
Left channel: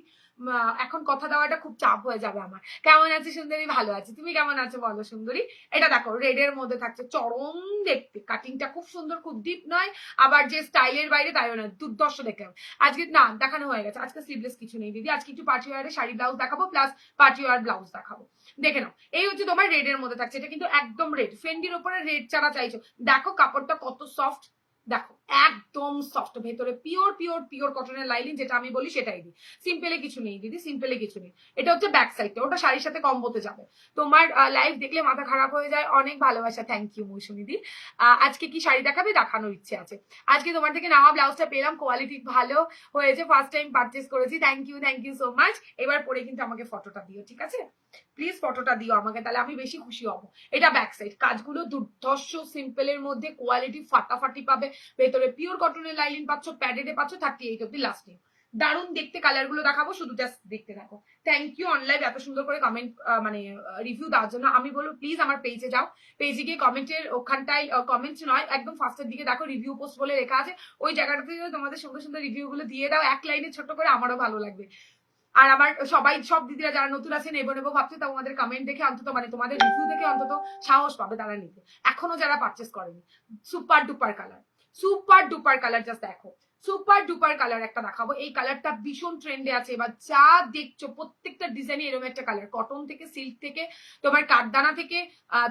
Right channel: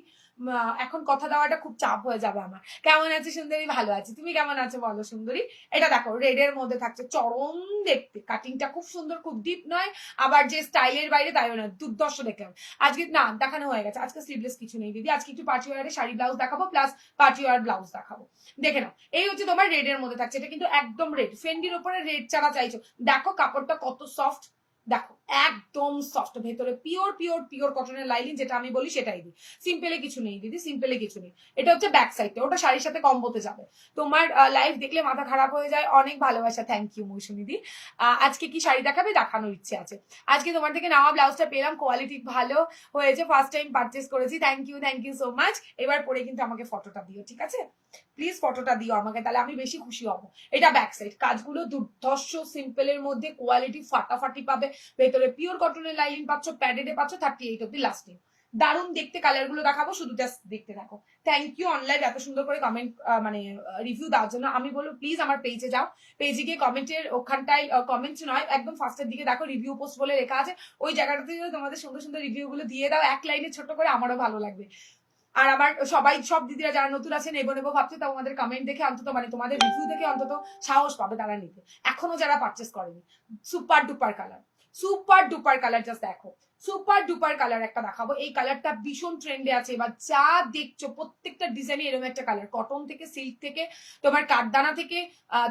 এখন কথা দেওয়াটা খুব চাপ হয়ে যাবে আমার। কেমন আছে সুন্দরী? ভালো আছে, তুমি কেমন আছো বলো সুন্দরী? এটা দেখো রেডের মধ্যে থাকছে, চরম দেখতে, কাটিংটা খুব সুন্দর, খুব ডিপ নয় আবার যে স্টাইলের বাইরে তাইও না, দুর্দর্শ দেখলাম। আজকে না দেখানো হয়ে গেছে, আজকে স্লিভলেস কিছু নেই দিদি, আজকে একটু পার্টি ওয়ারের শাড়ি ব্লাউজ দেখাবো প্লাস পার্টি ওয়ার ব্লাউজ দেখাবো। দেখে নাও, এই হচ্ছে তোমার রেডের মধ্যে থাকছে, এটা কিন্তু একদম রেড, ফেন্ডির ওপরে রেড ছাড়া চাইছো, দেখো কাপড়টা কত সফট, দেখো একদম সফট, ভেতরে পিওর পিওর পিওর কটনের লাইনিং, যেটা আমি বলি সেটাই দিই। সিম্পলে কিছু নেই দিদি, সিম্পলে কিছু নেই। এটা হচ্ছে ব্যাক সাইডটা, ওটা শাড়ির সাথে কম্বোতে যাবে। তোমার লাইভ দেখলে মাথা খারাপ হয়ে যায়, অনেক ভালোবাসা, থ্যাংক ইউ মৌসুমী দি। আজকে কি শাড়ি দেখাবে? দেখানোর ইচ্ছে আছে। আজকে তোমার থেকে নেওয়া ব্লাউজটা পেলাম, কোয়ালিটি ভালো হয়েছে, ফার্স্ট টাইম পারচেস করেছি, থ্যাংক ইউ সো মাচ। এবার পরে কিন্তু আমাকে ফটোটা দিও, ঠিক আছে? প্লিজ ফটোটা দিও আমাকে, তাহলে আমি বেশি খুশি হব। এটা ব্যাক সাইড, কাজগুলো দুর্ধর্ষ সিম্পলের মধ্যে, কোয়ালিটি ফাটাফাটি পাবে, ভেতরে পিওর কটনের লাইনিং পাচ্ছ, প্যাডেডে পাচ্ছ, 38 অব্দি লাস্টিং। দারুণ দেখতে, কালার গুলো দেখাবো, শুধু জাস্ট দেখতে থাকো। থ্যাংক ইউ অনলাইন এত সুন্দর করে কমেন্ট মানে রিভিউ দেওয়ার জন্য। আমি বলবো প্লিজ আমার পেজে যাও, পেজে গিয়ে কমেন্টের ওখানটায়, কমেন্ট নয় একদম ফার্স্টের দিকে দেখো রিভিউ পোস্ট বলে লেখা আছে, ওই জায়গাটাতে যদি তোমাদের সুন্দর সুন্দর রিভিউ গুলো দিয়ে দাও এক লাইনে ছোট করে, আমারও ভালো লাগবে। আর আমার সবাই, সব দিদিরা যারা নতুন আছে নেবো নেবো ভাবছে, তো তোমাদের কমেন্ট দেখে অন্তত, মানে তোমাদের রিভিউ দেখে অন্তত সাহস পাবে তারা নিতে, এখনো যারা পারচেস করেনি। Super duper colour, super duper colour, just দেখো সুপার ডুপার কালার একটা দেখাবো। এই কালারটা ভীষণ ট্রেন্ডে আছে এবার, যা দেখছো প্রত্যেকটা ডিজাইনে এরকম একটা কালার, কটন থেকে সিল্ক থেকে তোমার কাঠদানা থেকে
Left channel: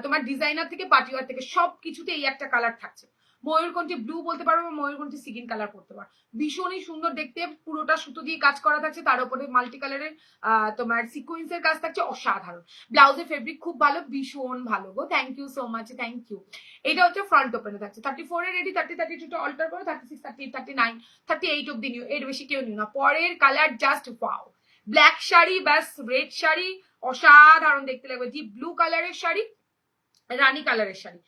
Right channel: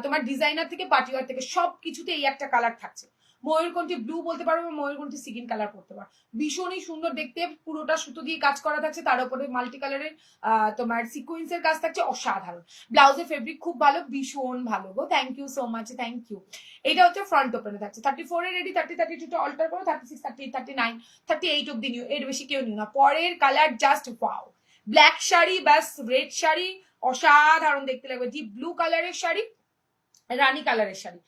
তোমার ডিজাইনার থেকে পার্টিওয়ার থেকে সবকিছুতে এই একটা কালার থাকছে। ময়ূরকণ্ঠী ব্লু বলতে পারো, ময়ূরকণ্ঠী সিগিন কালার করতে পারো, ভীষণই সুন্দর দেখতে, পুরোটা সুতো দিয়ে কাজ করা থাকছে, তার উপরে মাল্টি কালারের তোমার সিকোয়েন্সের কাজ থাকছে, অসাধারণ। ব্লাউজের ফেব্রিক খুব ভালো, ভীষণ ভালো গো, thank you so much, thank you. এটা হচ্ছে ফ্রন্ট ওপেনে থাকছে, 34 এর রেডি, 30 32 অল্টার করো, 36 38 39 38 অব্দি নিও, এর বেশি কেউ নিও না। পরের colour just wow, black sari ব্যাস, রেড শাড়ি অসাধারণ দেখতে লাগবে, ডিপ ব্লু কালারের শাড়ি, রানী কালারের শাড়ি,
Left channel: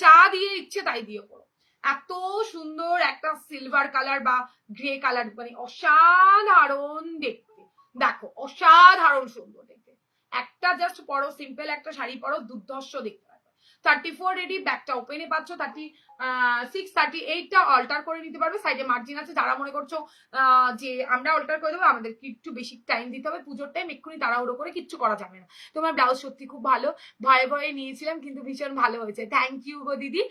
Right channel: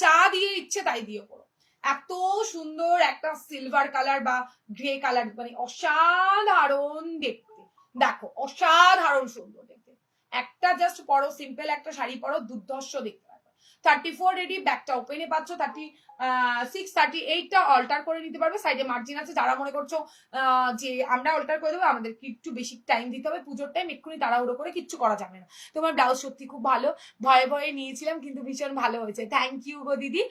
যা দিয়ে ইচ্ছে তাই দিয়ে পড়ো। এত সুন্দর একটা সিলভার কালার বা গ্রে কালার, মানে অসাধারণ দেখতে, দেখো অসাধারণ সুন্দর দেখতে, একটা জাস্ট পরো, সিম্পল একটা শাড়ি পরো, দুর্ধর্ষ দেখতে পারো। 34 রেডি, ব্যাকটা ওপেনে পাচ্ছ, 36 38টা অল্টার করে নিতে পারবে, সাইডে মার্জিন আছে, যারা মনে করছো যে আমরা অল্টার করে দেবো, আমাদের একটু বেশি টাইম দিতে হবে, পুজোর টাইম, এক্ষুনি তাড়াহুড়ো করে কিচ্ছু করা যাবে না। তোমার ব্লাউজ সত্যি খুব ভালো, ভয়ে ভয়ে নিয়েছিলাম কিন্তু ভীষণ ভালো হয়েছে, থ্যাংক ইউ গো দিদি।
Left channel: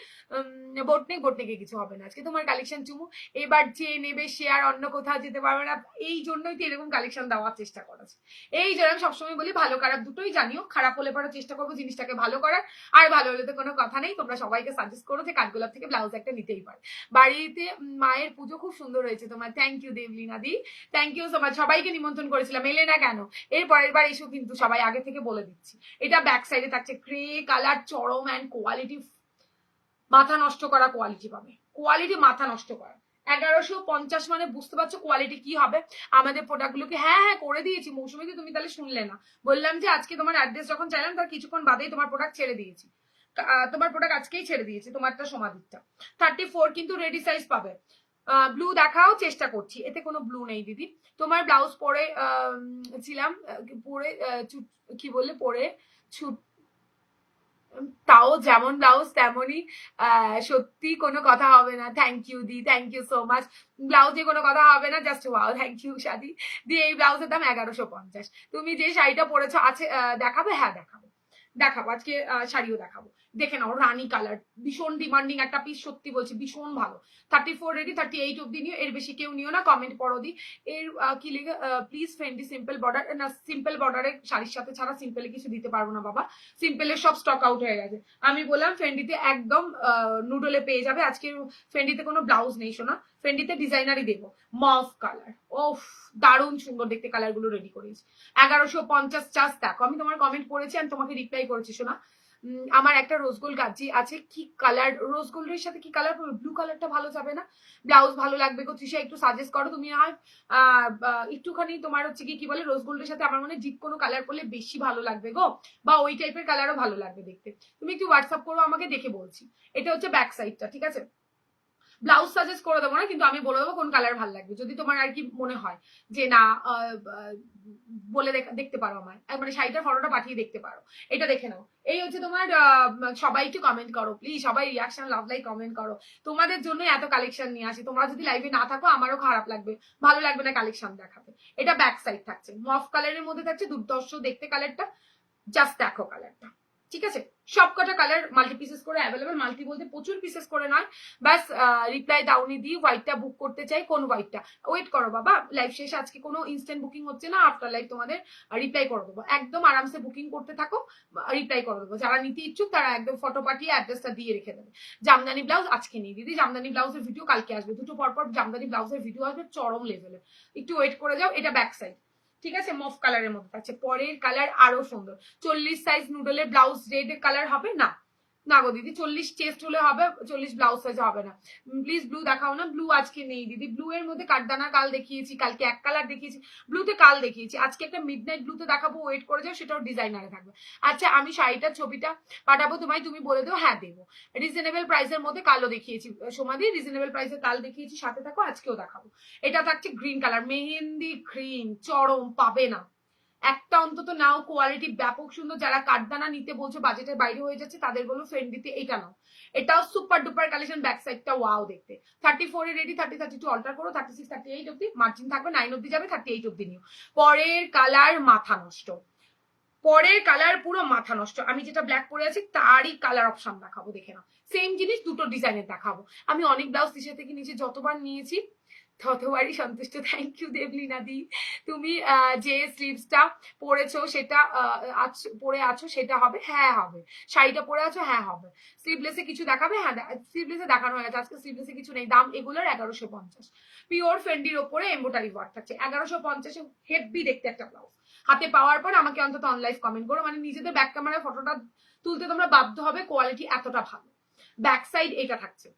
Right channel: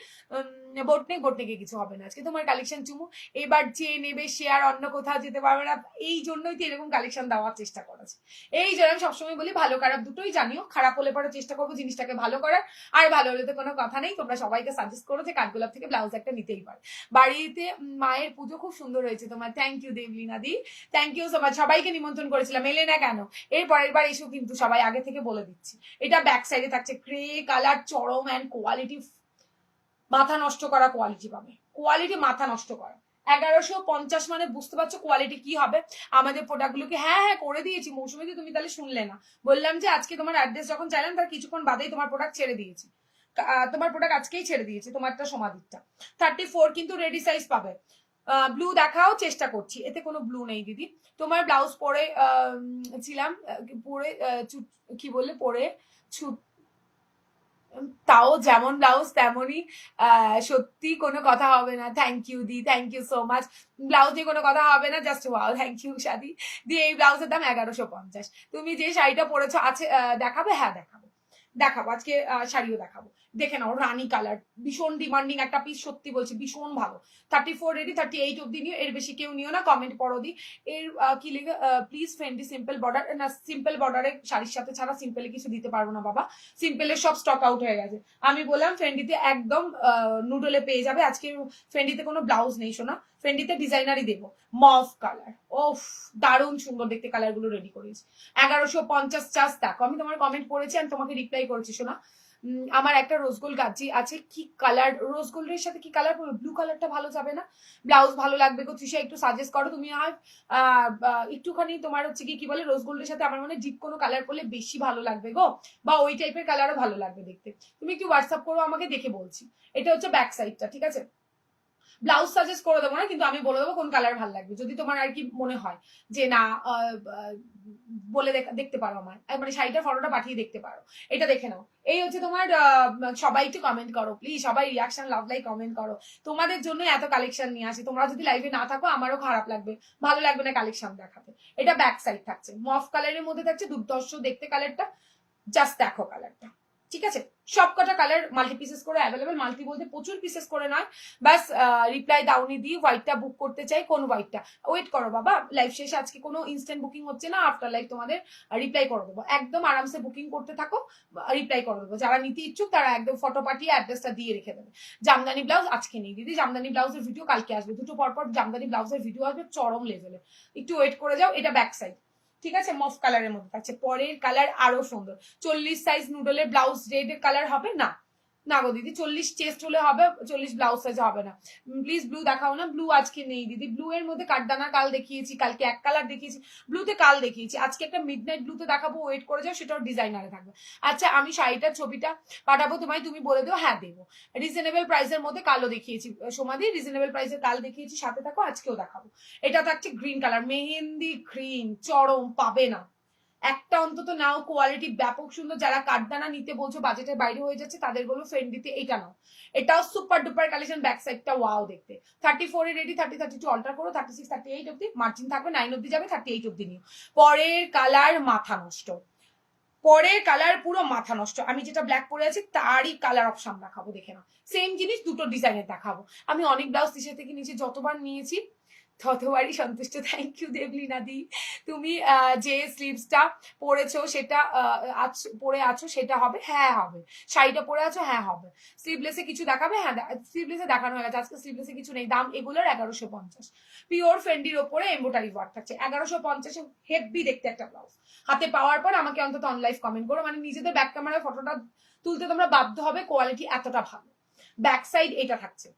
বোটনেকে কিছু হবে না আজকে, তোমার কালেকশন চুমু, এবার যে নেবে সে আর অন্য কোথাও যেতে পারবে না, এই জন্যই তো এরকম কালেকশন দেওয়ার চেষ্টা করেছে। এই জন্য আমি সবসময় বলি ভালো খারাপ দুটোই জানিও, খারাপ হলে পরে চেষ্টা করবো জিনিসটাকে ভালো করার, আর ভালো হলে তো কোনো কথা নেই, তোমরা সবাইকে সাজেস্ট করো যে কাঠগোলাপ থেকে ব্লাউজ একটা নিতেই পারে। বাড়িতে মায়ের পুজো খুব সুন্দর হয়েছে তোমার, থ্যাংক ইউ দেবলিনা দি, থ্যাংক ইউ সো মাচ। সবাইকে নিমন্ত্রণ করেছিলাম, এলে না কেন? এর পরের বার এসো কিন্তু, সবাই আগে থেকে বলে দিচ্ছি। এটা ব্যাক সাইডে থাকছে গ্রে কালার, চরম অ্যান্ড কোয়ালিটি, মাথা নষ্ট করা কোয়ালিটি পাবে, কোয়ালিটি মাথা নষ্ট করা। 1150 মানে বুঝতে পারছো কোয়ালিটি কি হবে। আমাদের প্রোডাক্টগুলোকে হ্যাঁ করে দিয়েছি মৌসুমী, তুমি তাহলে শুনলে না, বললাম যে আজকে তোমার অ্যাড্রেস যখন চাইলাম তার কিছুক্ষণ বাদেই তোমার প্রোডাক্ট ছেড়ে দিয়েছি, তোমার প্রোডাক্ট আজকেই ছেড়ে দিয়েছি, তোমারটা সমাধিকটা 34 কিন্তু রেডি সাইজ পাবে। ব্লু দেখাও চেষ্টা করছি, এতে কোনো ব্লু নেই দিদি। তোমার ব্লাউজ পরে ছিলাম, পরে কি বললে, পরে তাও যেমন ব্লাউজ তেমনই, সত্যি কোনো কথা হবে না, থ্যাংক ইউ দি, থ্যাংক ইউ সো মাচ। ব্লাউজে কোনো কথা হবে না, জাস্ট ওয়াও, থ্যাংক ইউ সাদি দি। এই ব্লাউজের দাম 1150। তুমি যে শাড়িটা পরেছো আছে, দেখাবে? হ্যাঁ দেখাবো, দেখাবো আজকে, শাড়িও দেখাবো, দেখে নাও, রানী কালার, ভীষণ ডিমান্ডিং একটা পিস, সত্যি বলছি ভীষণ ভালো। 34 রেডি, 38 অব্দি নিও, এর বেশি কেউ নিও না, কমেন্ট পড়ো দি। এর কি লিখে, প্লিজ ফ্রেন্ডলি সিম্পল বর্ডার, না সিম্পল বর্ডারের শাড়ির সাথে ছাড়া সিম্পলে কিছু দিতে পারবো না বাবা, সিম্পলের সব স্টক আউট হয়ে গেছে। আমি বললাম ফ্রেন্ডিতে একদম নুডলে পেয়ে যাবে, আজকে ফ্রেন্ডিতে কোনো ব্লাউজ নেই শোনা, ফ্রেন্ডিতে ডিজাইনারই দেবো, মফ কালার, ওফ দারুণ সুন্দর দেখতে, কালার গুলো রেডি করেছি। 1150 চার্জ দেখো, আমি তোমার কমেন্ট পড়েছি আমি তোমাকে রিপ্লাই করেছি শোনা। আমার একটা রোজ গোল্ড গাজি আছে, কি কালার, রোজ গোল্ডের সাথে কি কালার পরবে? ব্লু কালারটা ভালো যাবে না? ব্লাউজ ভালো লাগবে গো তৃষা, একটু সাজেস্ট করো তুমি। আর একটুখানি তোমার হচ্ছে কি বলে, রোজ গোল্ডের সাথে আমার মনে ডিপ কোনো কালার পরলে বেশি ভালো লাগবে গো, বা ওই টাইপের কালারও ভালো লাগবে দেখতে। তুমি একটু হোয়াটসঅ্যাপ করো আমাকে, দেখে বলছি। এটা হচ্ছে ব্যাক সাইডটা, ঠিক আছে? ব্লাউজ সাজেস্ট করে দেবো না, কিন্তু আমি বলে দেবো কোন কালার ভালো লাগবে, যদি তোমার আর কি মনে হয় যে না বলে দেখতে পারো আমার, মানে শাড়িটার ফটোটা পাঠিয়ে দেখতে পারো, এটা দেখে নাও। এই হচ্ছে তোমার সবাই একটু কমেন্ট করো প্লিজ, সবাই রিয়াকশন লাভ লাইক কমেন্ট করো, তোমাদের জন্য এত কালেকশন নিয়ে আসি, তোমরা যদি লাইভে না থাকো আমারও খারাপ লাগবে, ভালো লাগবে না কালেকশন দেখাতে। এটা ব্যাক সাইড থাকছে, মফ কালারের মধ্যে থাকছে, দুর্দর্শ দেখতে কালারটা, জাস্ট দেখো কালারটা, ঠিক আছে। সবকটা কালার মাল্টি পিসেস করে অ্যাভেলেবেল, মাল্টি বলতে প্রচুর পিসেস করে নয়, বাস রিপ্লাই দাউনি দিয়ে হোয়াইটটা বুক করতে চাই। কোন হোয়াইটটা? ওয়েট করো বাবা, লাইভ শেষে আজকে কোনো ইনস্ট্যান্ট বুকিং হচ্ছে না, আফটার লাইভ তোমাদের রিপ্লাই করে দেবো, একদম আরামসে বুকিং করতে থাকো, রিপ্লাই করে দেবো। যারা নিতে ইচ্ছুক তারা একদম ফটো পাঠিয়ে অ্যাড্রেসটা দিয়ে রেখে দেবে। জামদানি ব্লাউজ আজকে নেই দিদি, জামদানি ব্লাউজের ভিডিও কালকে আসবে, দুটো পরপর জামদানি ব্লাউজের ভিডিও আসবে চরম লেভেলে, একটু ওয়েট করে যাও। এটা ব্যাক সাইড, ঠিক আছে, মফ কালারের মধ্যে থাকছে। পরের কালার আরো সুন্দর, 40 সাইজ নুডলের ব্লাউজ রেড কালার হবে না, না গো দিদি 40 চেস্ট হলে হবে, 40 ব্লাউজ সাইজ হবে না, প্লিজ ব্লু দেখাও না। ব্লু আজকে নেই দিদি, ব্লু এর মধ্যে কাঠদানা কাল দেখিয়েছি, কালকে এক কালার দেখিয়েছি, ব্লুতে কাল দেখিয়েছি, আজকে একটা মিডনাইট ব্লুতে দেখাবো, ওয়েট করে যাও, সেটাও ডিজাইনারে থাকবে। আচ্ছা আমি শাড়িটার ছবিটা পাঠাবো তোমায়, তুমি বলে দেবো হ্যাঁ দেবো। রিজনেবল প্রাইসের মধ্যে কালো দেখিয়েছি, সমাধি রিজনেবল প্রাইসের কাল দেখিয়েছি, সাথে থাকো, আজকেও দেখাবো। এটা থাকছে গ্রিন কালার, মেহেন্দি গ্রিন, চরম, পাবে না একটা অন্তত নাও, কোয়ালিটি ব্যাপক সুন্দর। যারা কাঠদানা নিতে বলছো বাজেটের বাইরে হয়ে যাচ্ছে তাদের বলো ফ্রেন্ডিতে এইটা নাও, এটাও সুপার ডুপার কালেকশন, ব্যাক সাইডটা ওয়াও দেখতে। 34 এ রেডি, 30 32 অল্টার করো, 36 38 অব্দি মার্জিন থাকবে, 9 অব্দি যাবে, 38 অব্দি নিও। পরের কালার মাথা নষ্ট, পরের কালার পুরো মাথা নষ্ট, আমি যেটা ব্ল্যাক পরে আছি তারই কালার অপশন দেখাবো, দেখে নাও। সেম জিনিস দুটো ডিজাইনের দেখাবো। আমি অনেক ব্লাউজ তিসা থেকে নিচে যতবার নিয়েছি ততবারই সন্তুষ্ট। থ্যাংক ইউ দেবলীনা দি, তুমি যে স্লিভসটা পরেছো সেটা পরে আছো সেটা হবে, হ্যাঁ হবে। শাড়িটা পরে আছো, হ্যাঁ হবে। স্লিভলেসে কিছু দেখাবে, হ্যাঁ স্লিভলেসে দেখানো হয়ে গেছে, আজকে স্লিভলেসে কিছু নেই। দাম এগুলোর 1150, পিওর ফেন্ডির ওপরে এমব্রয়ডারি ওয়ার্ক থাকছে, 1150 হেভি দেখতে একটা ব্লাউজ। হাতে পাওয়ার পর আমাকে অন্তত অনলাইন কমেন্ট করো, মানে নিজেদের ব্যাক ক্যামেরায় ফটোটা তুলতে তোমরা বাধ্য হবে, কোয়ালিটি এতটা ভালো। ব্যাক সাইড এটা থাকছে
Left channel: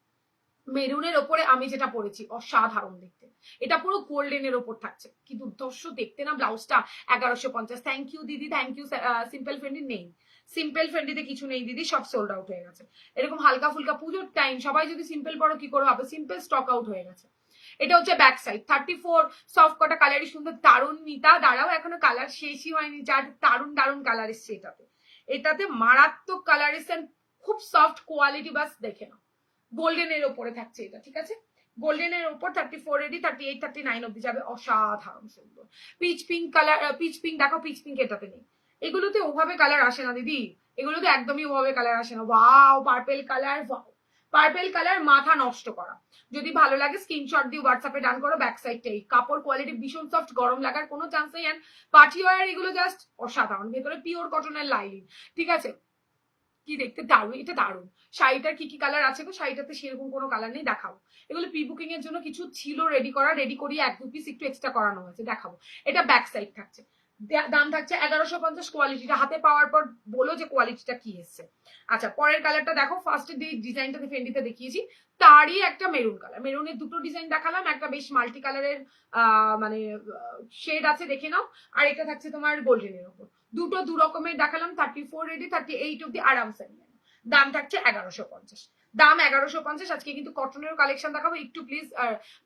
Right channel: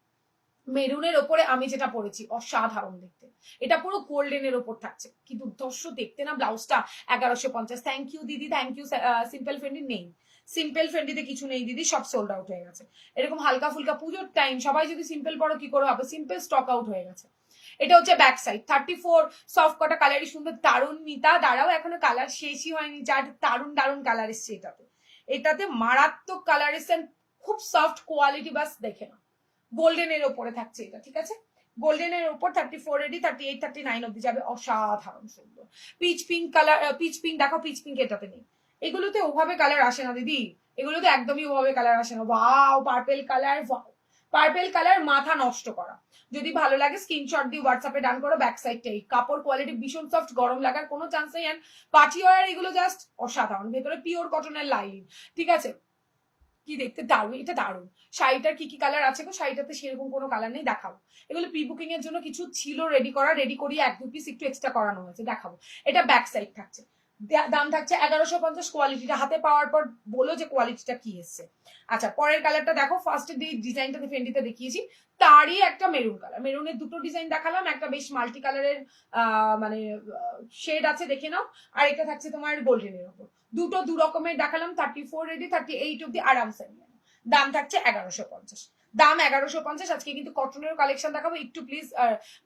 মেরুনের ওপরে, আমি যেটা পরেছি অসাধারণ দেখতে, এটা পুরো গোল্ডেনের ওপর থাকছে, কি দুর্ধর্ষ দেখতে না ব্লাউজটা। 1150, থ্যাংক ইউ দিদি, থ্যাংক ইউ। সিম্পল ফ্রেন্ডি নেই, সিম্পল ফ্রেন্ডিতে কিছু নেই দিদি, সব সোল্ড আউট হয়ে গেছে। এরকম হালকা ফুলকা পুজোর টাইম, সবাই যদি সিম্পল পড়ো কি করে হবে, সিম্পল স্টক আউট হয়ে গেছে। এটা হচ্ছে ব্যাক সাইড, 34 সফট কটা কালারই সুন্দর, দারুণ। নিতা দাঁড়াও, এখনো কালার শেষই হয়নি, যার দারুণ দারুণ কালার এসছে এটাতে, এটাতে মারাত্মক কালার এসছে, খুব সফট কোয়ালিটি, বাস দেখে নাও। গোল্ডেনের ওপরে থাকছে এটা, ঠিক আছে, গোল্ডেনের ওপর 34 রেডি, 38 39 অব্দি যাবে, অসাধারণ সুন্দর। Pitch pink colour, pitch pink দেখো, পিচ পিঙ্ক এটাতে নেই, এগুলোতে ওভাবে কালার আসে না দিদি, এগুলোতে একদমই ওভাবে কালার আসে না। Wow purple colour, purple colour মাথা নষ্ট করা। যদি ভালো লাগে স্ক্রিনশট দিয়ে হোয়াটসঅ্যাপে ডান করো। ব্যাক সাইডটাই কাপড় কোয়ালিটি ভীষণ সফট, গরম লাগার কোনো চান্স নেই। পার্টি ওয়ার এগুলো জাস্ট অসাধারণ, ভেতরে পিওর কটনের লাইনিং, ঠিক আছে, কি দেখতে দারুণ, এটা দারুণ। শাড়িটার কি কি কালার আছে গো, শাড়িটাতে সেরকম কোনো কালার নেই, দেখাবো। এগুলো প্রি বুকিং এর জন্য কিছু ছিল রেডি করা, রেডি করিয়ে 1-2 পিস একটু এক্সট্রা করানো হয়েছে, দেখাবো। এটা ব্যাক সাইড থাকছে, দাম থাকছে 1150। কোয়ালিটিটা হাতে পাওয়ার পর বলো যে কোয়ালিটিটা কি এসছে। আচ্ছা পরের কালারটা দেখো, ফার্স্টে ডিজাইনটা ফেন্ডিতে দেখিয়েছি, তারই একটা মেরুন কালার, মেরুনের দুটো ডিজাইন দেখালাম, একটা বেশ মাল্টি কালারের মানে শেড আছে, দেখে নাও। আর এটা থাকছে তোমার গোল্ডেনের উপর, দুটো দু রকমের দেখালাম, 34 রেডি, 38 অব্দি আরামসে নিয়ে নাও। দাম থাকছে 1150, দাম 1150। আজকে কিন্তু কটনের কালেকশন দেখাবো, একটু প্লিজ।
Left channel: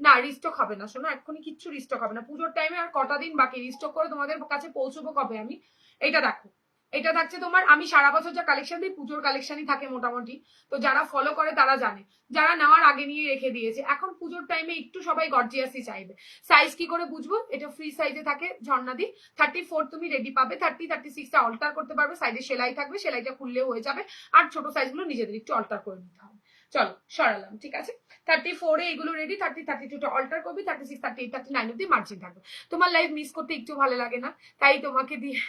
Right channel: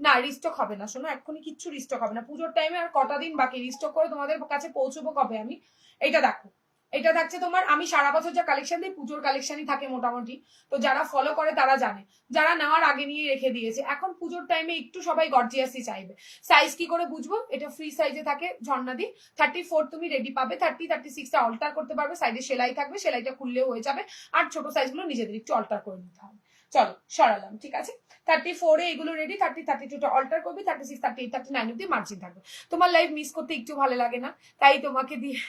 না রিস্টক হবে না, শোনো এক্ষুনি কিচ্ছু রিস্টক হবে না, পুজোর টাইমে আর কটা দিন বাকি, রিস্টক করে তোমাদের কাছে পৌঁছবো কবে আমি। এটা দেখো, এটা থাকছে তোমার, আমি সারা বছর যা কালেকশন দিই পুজোর কালেকশনই থাকে মোটামুটি, তো যারা ফলো করে তারা জানে, যারা নেওয়ার আগে নিয়ে রেখে দিয়েছে। এখন পুজোর টাইমে একটু সবাই গর্জিয়াসই চাইবে। সাইজ কি করে বুঝবো, এটা ফ্রি সাইজে থাকে ঝর্ণাদি, 34 তুমি রেডি পাবে, 30 36টা অল্টার করতে পারবে, সাইডে সেলাই থাকবে, সেলাইটা খুললেও হয়ে যাবে, আর ছোট সাইজগুলো নিজেদের একটু অল্টার করে নিতে হবে। চলো সরালাম, ঠিক আছে। 34 এ এগুলো রেডি, 30 32টা অল্টার করবে, 36 38 39 অব্দি মার্জিন থাকবে। তোমার লাইফ মিস করতে একটু ভালো লাগে না, তাই তোমাকে দিয়ে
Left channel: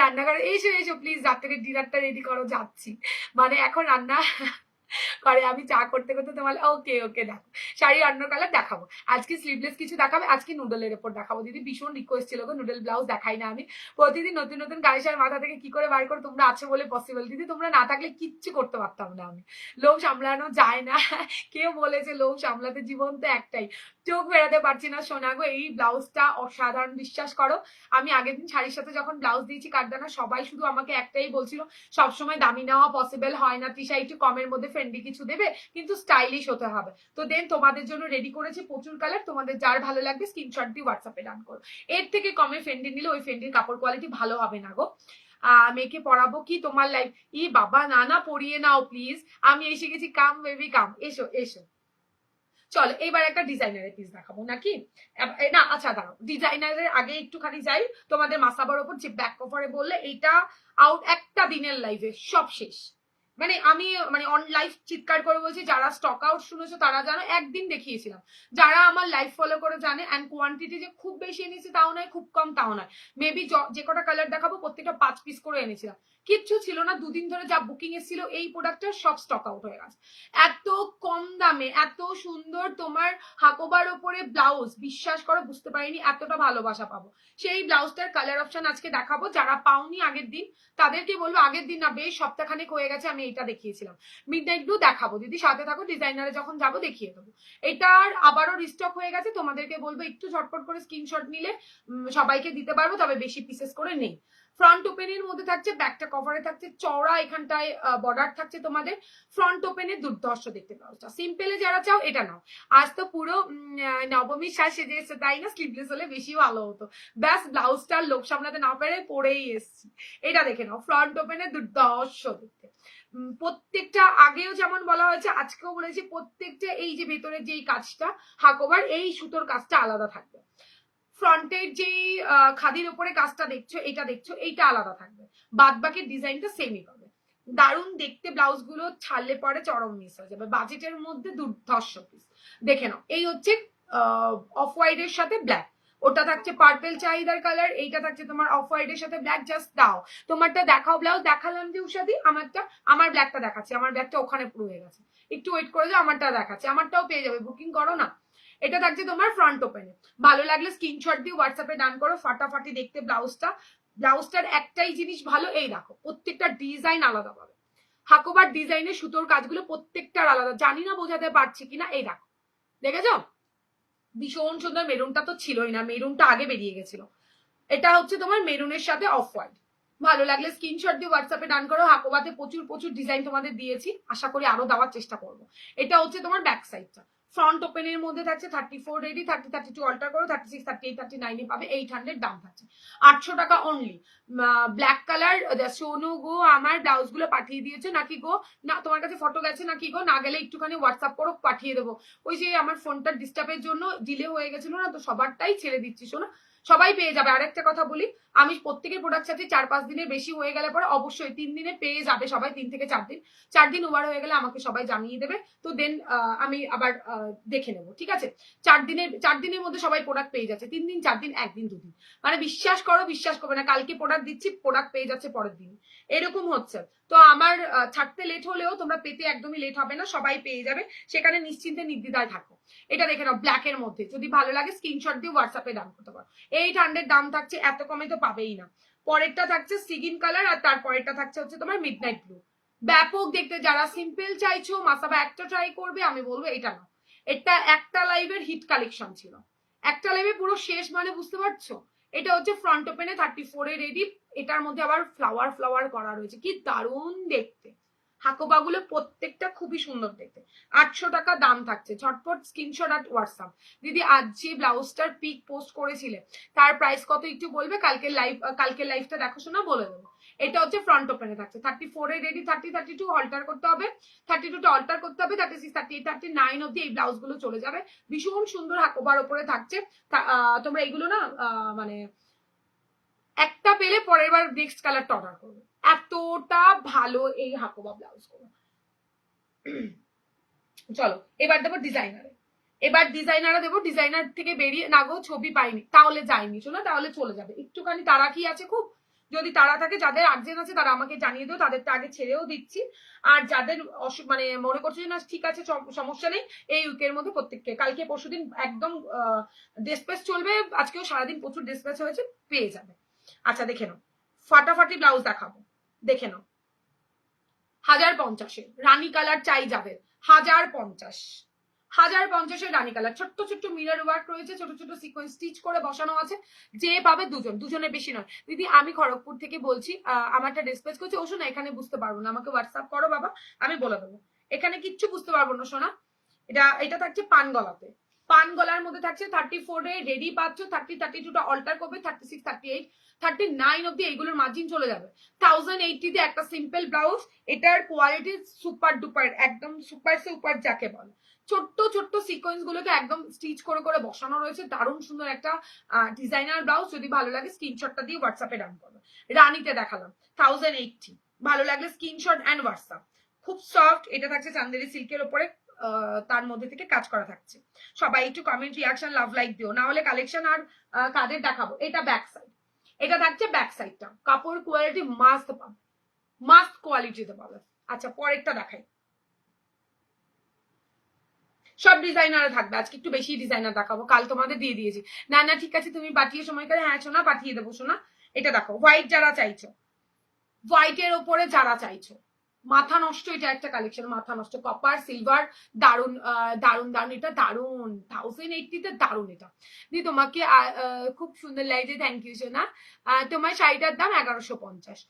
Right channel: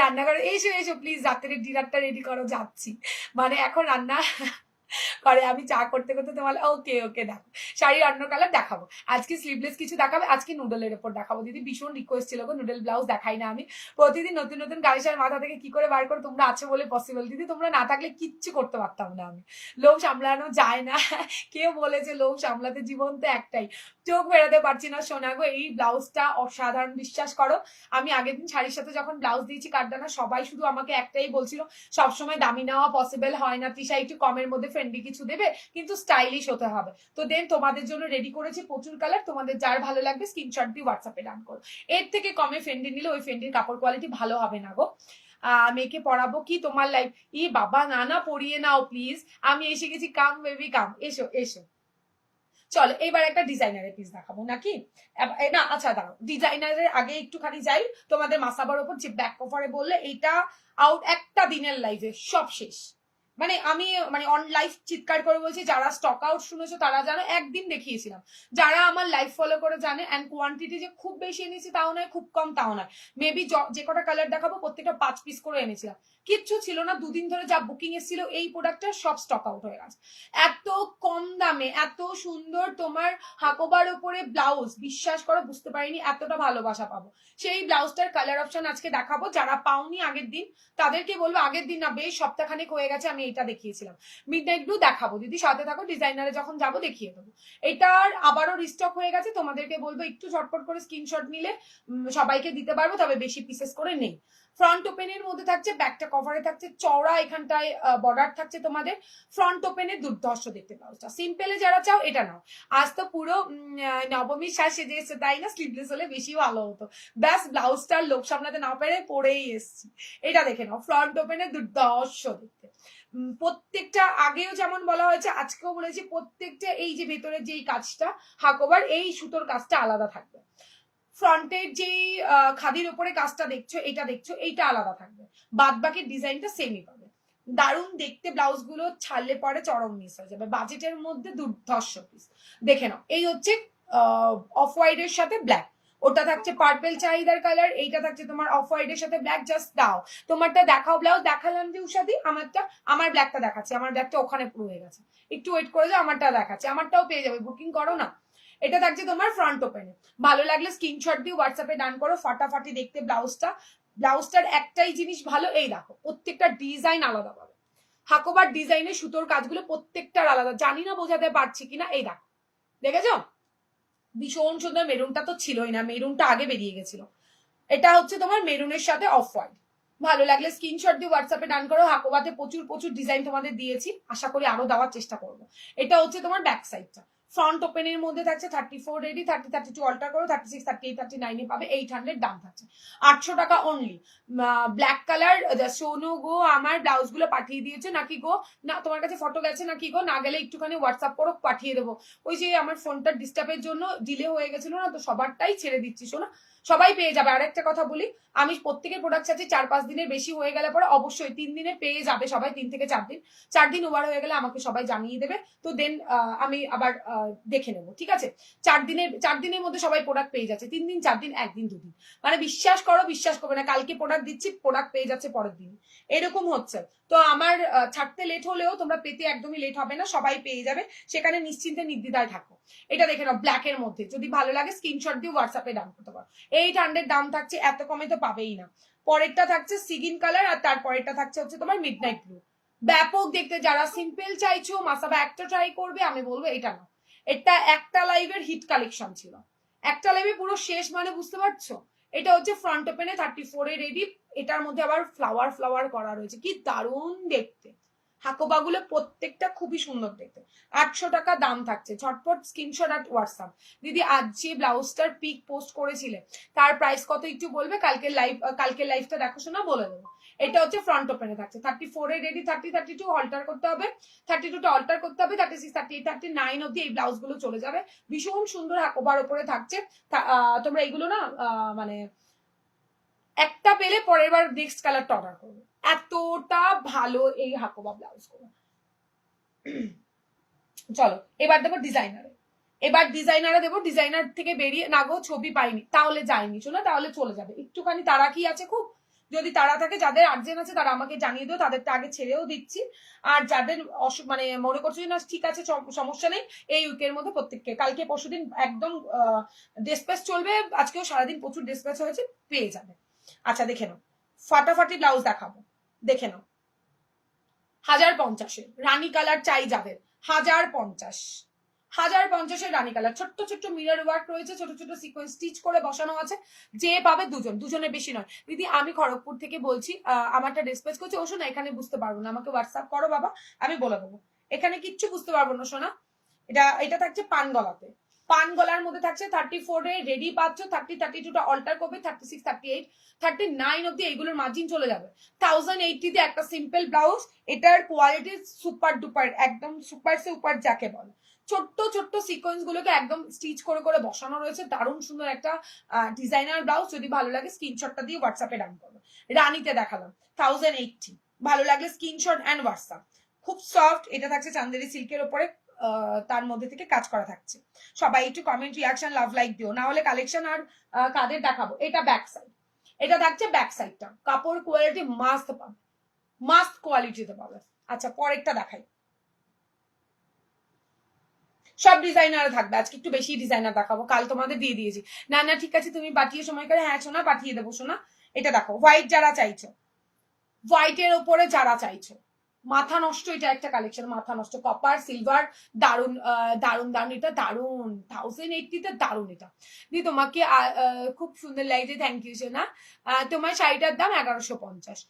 রান্না করো, এসো এসো প্লিজ, রাত্রের ডিনারটা রেডি করো, যাচ্ছি, মানে এখন রান্না করে আমি চা করতে করতে তোমার। ওকে ওকে দেখো, শাড়ির অন্য কালার দেখাবো, আজকে স্লিভলেস কিছু দেখাবে, আজকে নুডলের উপর দেখাবো দিদি, ভীষণ রিকোয়েস্ট ছিল গো, নুডল ব্লাউজ দেখাই না আমি, প্রতিদিন নতুন নতুন কালেকশন মাথা থেকে কি করে বার করো, তোমরা আছো বলে পসিবল দিদি, তোমরা না থাকলে কিচ্ছু করতে পারতাম না আমি, লোভ সামলানো যায় না। কেউ বলেছে লোভ সামলাতে, জীবন তো একটাই, চোখ বেরোতে পারছি না সোনা গো। এই ব্লাউজটা অসাধারণ, বিশ্বাস করো, আমি আগের দিন শাড়ির সাথে যখন ব্লাউজ দিয়েছি কাঠদানা, সবাই শুধু আমাকে একটাই বলছিল, সবসময় দামি নেওয়া পসিবল হয় না, তৃষা একটু কমের মধ্যে ট্রেন্ডি কিছু দেবে, কিন্তু স্টাইলিশ হতে হবে। তো দেন তোমাদের জন্য রেডি করেছি প্রচুর কালার, তোমাদের যার ভালো লাগবে স্ক্রিনশট দিয়ে হোয়াটসঅ্যাপে ডান করো। এর থেকে কমে ফেন্ডি নিলে ওই ফেন্ডির কাপড় কোয়ালিটি ভালো হবে না গো। মেয়েকে পড়াবো কি তোমার লাইফ, ই বাবা না না পড়িয়ে নাও প্লিজ, আমি এসে গেছি, কাম বেবি কাম, এসো এসো। চলো এবার একটা ডিজাইনারের পিস দেখাবো নাকি? না আচ্ছা দাঁড়াও, ডিজাইনারের আগে একটুখানি যাই। তোমাদের মাসাবার ওপর যে ব্যাক কভারে বললে এইটা আউট, একটা দিনের লাইভে সব শেষ। মানে আমি মানে অন লাইভ চিৎকার করে বলছি, যারা স্টক আউট শুনেছো তারা জানো, একদিন দেখিয়েছিলাম। যারা আমার লাইভ ফলো করে জানে, অ্যান্ড কোয়ান্টিটি যে খুব বেশি এনেছি তাও নয়, খুব কম তাও নয়। মেবি যে কটা কালার দেখাবো প্রত্যেকটা 5 পিস করে এনেছিলাম। কিচ্ছু ছিল না, দুদিন ধরে যা বুকিং এসেছিল এই প্রোডাক্টটা সব স্টক আউট হয়ে গেছে। এত কম দামে এত সুন্দর তোমার হাকোবার উপরে ব্লাউজ, বিশ্বাস করো বুঝতে পারিনি এতটা ভালোবাসা পাবো। সেই ব্লাউজটার কালার অপশন আজকে দেখাবো, যারা পাওনি আগের দিন তাদেরকে বলবো, আগের দিন না বেশ সপ্তাহখানেক হয়ে গেছে আমি এটা দেখিয়েছিলাম। মিডনাইট ব্লু দেখাবো দিদি, সাথে থাকো, ডিজাইনারে যখন যাবো দেখিয়ে দেবো। এটার আবারও রিস্টক হয়ে গেছে, তোমাদেরকে বলবো একটু ঝটপট করে স্ক্রিনশট নিলে সবাইকে দিতে পারবো, তবে বেশি পিসেস করে নেই। ফ্রন্ট ওপেনের মধ্যে থাকছে, ব্যাকটা কভারে থাকছে, চওড়া এখানটায় বর্ডার থাকছে তোমাদের। ফ্রন্ট ওপেনের দুর্ধর্ষ দেখতে ব্লাউজটা, সিম্পলে যারা চাও এটা নাও। আজ তো পুরো নবমীর শ্বাস সেজে এসছে তাই না, স্লিভলেস হলে বেশি ভালো হতো। ব্যাস ব্লাউজটার লোক সামলাতে না পেরে পরেই এসছি। এটা দেখে নাও, ফ্রন্ট ওপেনের দুর্ধর্ষ দেখতে। প্রত্যেকটা আগেও যেমন বলা হয়েছে আজকেও বলেছি, প্রত্যেকটা এই যে ভেতরের যেই কাজটা হাকোবার, এই সুতোর কাজটা আলাদা থাকবে। ফ্রন্টের যেই খাদির উপরে কাজটা দেখছো, এটা দেখছো, এইটা আলাদা থাকবে। বাদ বাকি ডিজাইনটা সেমই পাবে। দারুণ দেখতে, ব্লাউজ গুলো ছাড়লে পরে চরম মিস হয়ে যাবে, বাজেটের মধ্যে দুর্ধর্ষ পিস। দেখে নাও, এই হচ্ছে অফ হোয়াইট এর সাথে ব্ল্যাক, ওটা থাকছে পার্পেল চাহিদার কালার, এইটা থাকছে তোমার অফ হোয়াইট এর সাথে ব্ল্যাক। জাস্ট দাও তোমারটা দেখাও, ব্লাউজ দেখালাম যে উষাদি আমারটা, আমার ব্ল্যাকটা দেখাচ্ছে, আমার ব্ল্যাকটা ওখানে রয়ে গেছে, একটু ওয়েট করে যাও, আমারটা দেখাচ্ছে, আমারটাও পেয়ে যাবে, বুকিং করো না। এটা থাকছে তোমার ফ্রন্ট ওপেনে, ভালো লাগলে স্ক্রিনশট দিয়ে হোয়াটসঅ্যাপে ডান করো। ফাটাফাটি দেখতে ব্লাউজটা, ব্লাউজটার একটাই জিনিস ভালো, এই দেখো প্রত্যেকটা ডিজাইন আলাদা পাবে। হাকোবার ডিজাইনের সুতোর কাজগুলো প্রত্যেকটার আলাদা, জানি না বোঝাতে পারছি কিনা, এই দেখো দেখেছ ভীষণ সুন্দর। মেরুনটা তো ছিলই না, মেরুনটা আগে বেরিয়ে গেছিল। এটা হচ্ছে তোমার মেরুনের সাথে অফ হোয়াইট। ভালো লাগলে স্ক্রিনশট দিয়ে হোয়াটসঅ্যাপে ডান করো। হাকোবাতে প্রচুর প্রচুর ডিজাইন তোমাদের দিয়েছি, আশা করি আরো দেওয়ার চেষ্টা করবো। এটা হচ্ছে তোমার ব্যাক সাইডটা, ফ্রন্ট ওপেনের মধ্যে থাকছে 34 রেডি, 30 32 অল্টার করো, 36 38 39 পাবে। 800 দাম থাকছে, 800 টাকা অনলি। ব্ল্যাক কালার সোনু গো, আমার ব্লাউজ গুলো পাঠিয়ে দিয়েছে নাকি গো? না তোমার কাছে ফটো গেছে নাকি গো? না গেলে একটুখানি হোয়াটসঅ্যাপ করো, পাঠিয়ে দেবো। ওই যে আমার ফোনটা ডিস্টার্বের জন্য ডিলে হয়ে গেছিল না, তো সবারটাই ছেড়ে দিচ্ছি শোনা, সবাই পেয়ে যাবে। আরেকটা কথা বলি, আমি প্রত্যেকের প্রোডাক্ট চাচ্ছি 4-5 দিনের বেশি হয়ে গেলে পরে অবশ্যই 3 দিনে পেয়ে যাবে সবাই, 3 থেকে 4 দিন। 4 দিন ওভার হয়ে গেলে আমাকে সবাই জানিয়ে দেবে, তো দেন আমি আবার দেখে নেবো, ঠিক আছে? 4 দিনের মধ্যে সবাই প্রোডাক্ট পেয়ে যাচ্ছে, 3 দিন 4 দিন 1 দিন 2 দিন, মানে বিশ্বাস করো বিশ্বাস করবে না, কালকে প্রোডাক্ট দিচ্ছি প্রোডাক্ট পেয়ে যাচ্ছে পরের দিন, এরকম হচ্ছে। তো আমার ছাড়তে লেট হলেও তোমরা পেতে একদমই লেট হবে না, সবাই পেয়ে যাবে, সেখানে নিশ্চিন্তে নির্দ্বিধায় থাকো। এটা দেখে নাও, ব্ল্যাক এর মধ্যে, যদি ভালো লাগে স্ক্রিনশট দিয়ে হোয়াটসঅ্যাপে দাম করতে পারো। 800 দাম থাকছে, এত কমে তো পাবেই না। পরেরটা থাকছে সিগিন কালার, আর তারপরেরটা থাকছে হচ্ছে তোমার মিডনাইট ব্লু। ব্যাপক দেখতে, যারা সিম্পল চাইছো মাসাবা একটা ট্রাই করবে, আমি বলবো এটা না। এটা একটা লাইভের হিট কালেকশন ছিল, একটা লাইভে পুরো শেষ, মানে বুঝতে পারছো? এটা হচ্ছে ফ্রন্ট ওপেনে 34 এ রেডি, এটার মধ্যে আবার ফ্লাওয়ার ফ্লাওয়ার করা রয়েছে, কি দারুণ দেখতে। হাকোবাগুলো প্রত্যেকটা খুবই সুন্দর দেখতে। 800 টাকা দাম থাকছে, ঝটপট স্ক্রিনশট আর হোয়াটসঅ্যাপ। দিদি আজ যে ব্লাউজটার পিক পোস্ট করেছিলে তার প্রাইস কত একটু বলবে? কালকের লাইভটা দেখো শোনা, বলে দেবো। এটা হচ্ছে ফ্রন্ট ওপেনে থাকছে 34 এ রেডি, 30 32 অল্টার করতে হবে, 32টা অল্টার করতে হবে, 36 38 39 অব্দি এই ব্লাউজ গুলো চলে যাবে। ভীষণ সুন্দর হাকোবার উপরে থাকছে। তোমরা এইগুলো না মানে একটা পেলে পরের বার নেক্সট কালারটা অর্ডার করবে, এতটা ভালো এই হাকোবা ব্লাউজ গুলো। চলো এবার দেবো ডিজাইনারে, এবার ডিজাইনারে দেবো। ডিজাইনার থেকে বেরিয়ে না গো ছবি পাইনি, তাহলে যাইনি শোনা, তাহলে চলে যাবে। একটুখানি তারা কি আছে খুব, যদি তারা থাকে, যাদের আর্জেন্ট আছে তারা আমাকে জানিয়ে দিও, তাদেরটা আগে ছেড়েও দিচ্ছি। আর যাদের মানে মনে করছো না ঠিক আছে সমস্যা নেই, এই উইকের মধ্যে প্রত্যেককে, কালকে পরশুদিন একদম ডিসপ্যাচ চলবে, আজকেও সারাদিন প্রচুর ডিসপ্যাচ হয়েছে, পেয়ে যাবে। আচ্ছা দেখে নাও, ফাটাফাটি ব্লাউজ দেখাবো, দেখে নাও। 1050 রানী কালার চাই যাদের, 1050 রানী কালার, ছোট্ট ছোট্ট মিরর ওয়ার্ক রয়েছে, ছোট ছোট সিকোয়েন্স স্টিচ করে বসানো আছে। যে পাবে দুজনের বেশি নয়। দিদি আমি খড়গপুর থেকে বলছি, আমারটা ডিসপ্যাচ করছি, ওষুধ না এখানে বুঝতে পারবো না, আমাকে হোয়াটসঅ্যাপ করো বাবা, আমি বলে দেবো। এখানে কিচ্ছু বুঝতে পারবো না শোনা। এটা থাকছে পান গলাতে, পান গলার মধ্যে থাকছে 34 এ রেডি পাচ্ছ, 30 32টা অল্টার করবে, 36 38 39 অব্দি এইগুলোর মার্জিন চলে যাবে। 1080 তে একটা সিম্পল ব্লাউজ, এটার কোয়ালিটি সুপার ডুপার, একদম সুপার সুপার যাকে বলে। ছোট্ট ছোট্ট সিকোয়েন্স গুলোকে একদম স্টিচ করে করে বসানো রয়েছে, দারুণ সুন্দর একটা ডিজাইনার ব্লাউজ। যদি ভালো লাগে স্ক্রিনশটটা দিয়ে হোয়াটসঅ্যাপে ডান করবে। রানীতে দেখালাম 1080, ভালো লাগলে স্ক্রিনশট অ্যান্ড হোয়াটসঅ্যাপ। খুব সফট, এটা থাকছে চান্দেরি সিল্কের উপরে, তার মধ্যে থেকে কাজ করা থাকছে। সবাই একটু কমেন্ট রিয়াকশন লাভ লাইক দিও, না হলে কালেকশন আর কাদের দেখাবো। এটা ব্যাক সাইড, এটা থাকছে ব্যাক সাইডটা, কাপড় কোয়ালিটি মাস্ট পাবে, মাস্ট কোয়ালিটিতে পাবে। আচ্ছা পরেরটা দেখাই, সব ডিজাইনার থাকবে, আজকে একটু বেশি ডিজাইনার দেখাবো, কাল তোমাদের দিয়ে দিয়েছি। না না ঠিক আছে, তুমি পাঠিয়ে সময় করে, হ্যাঁ শোনা পাঠিয়ে দেবো শোনা। এটা দেখো হোয়াইট যারা চাইছো, হোয়াইটের ওপরে যারা চাইছো, মাথা নষ্ট, এটা একটা কালেকশন মাথা নষ্ট, কপার সিলভার, দারুন দারুন দারুন, এটা দারুন 1080 তে দারুন। এটা দি তোমাকে খুব সুন্দর লাগছে, থ্যাংক ইউ সোনা। তোমার শাড়িটার দাম 1150।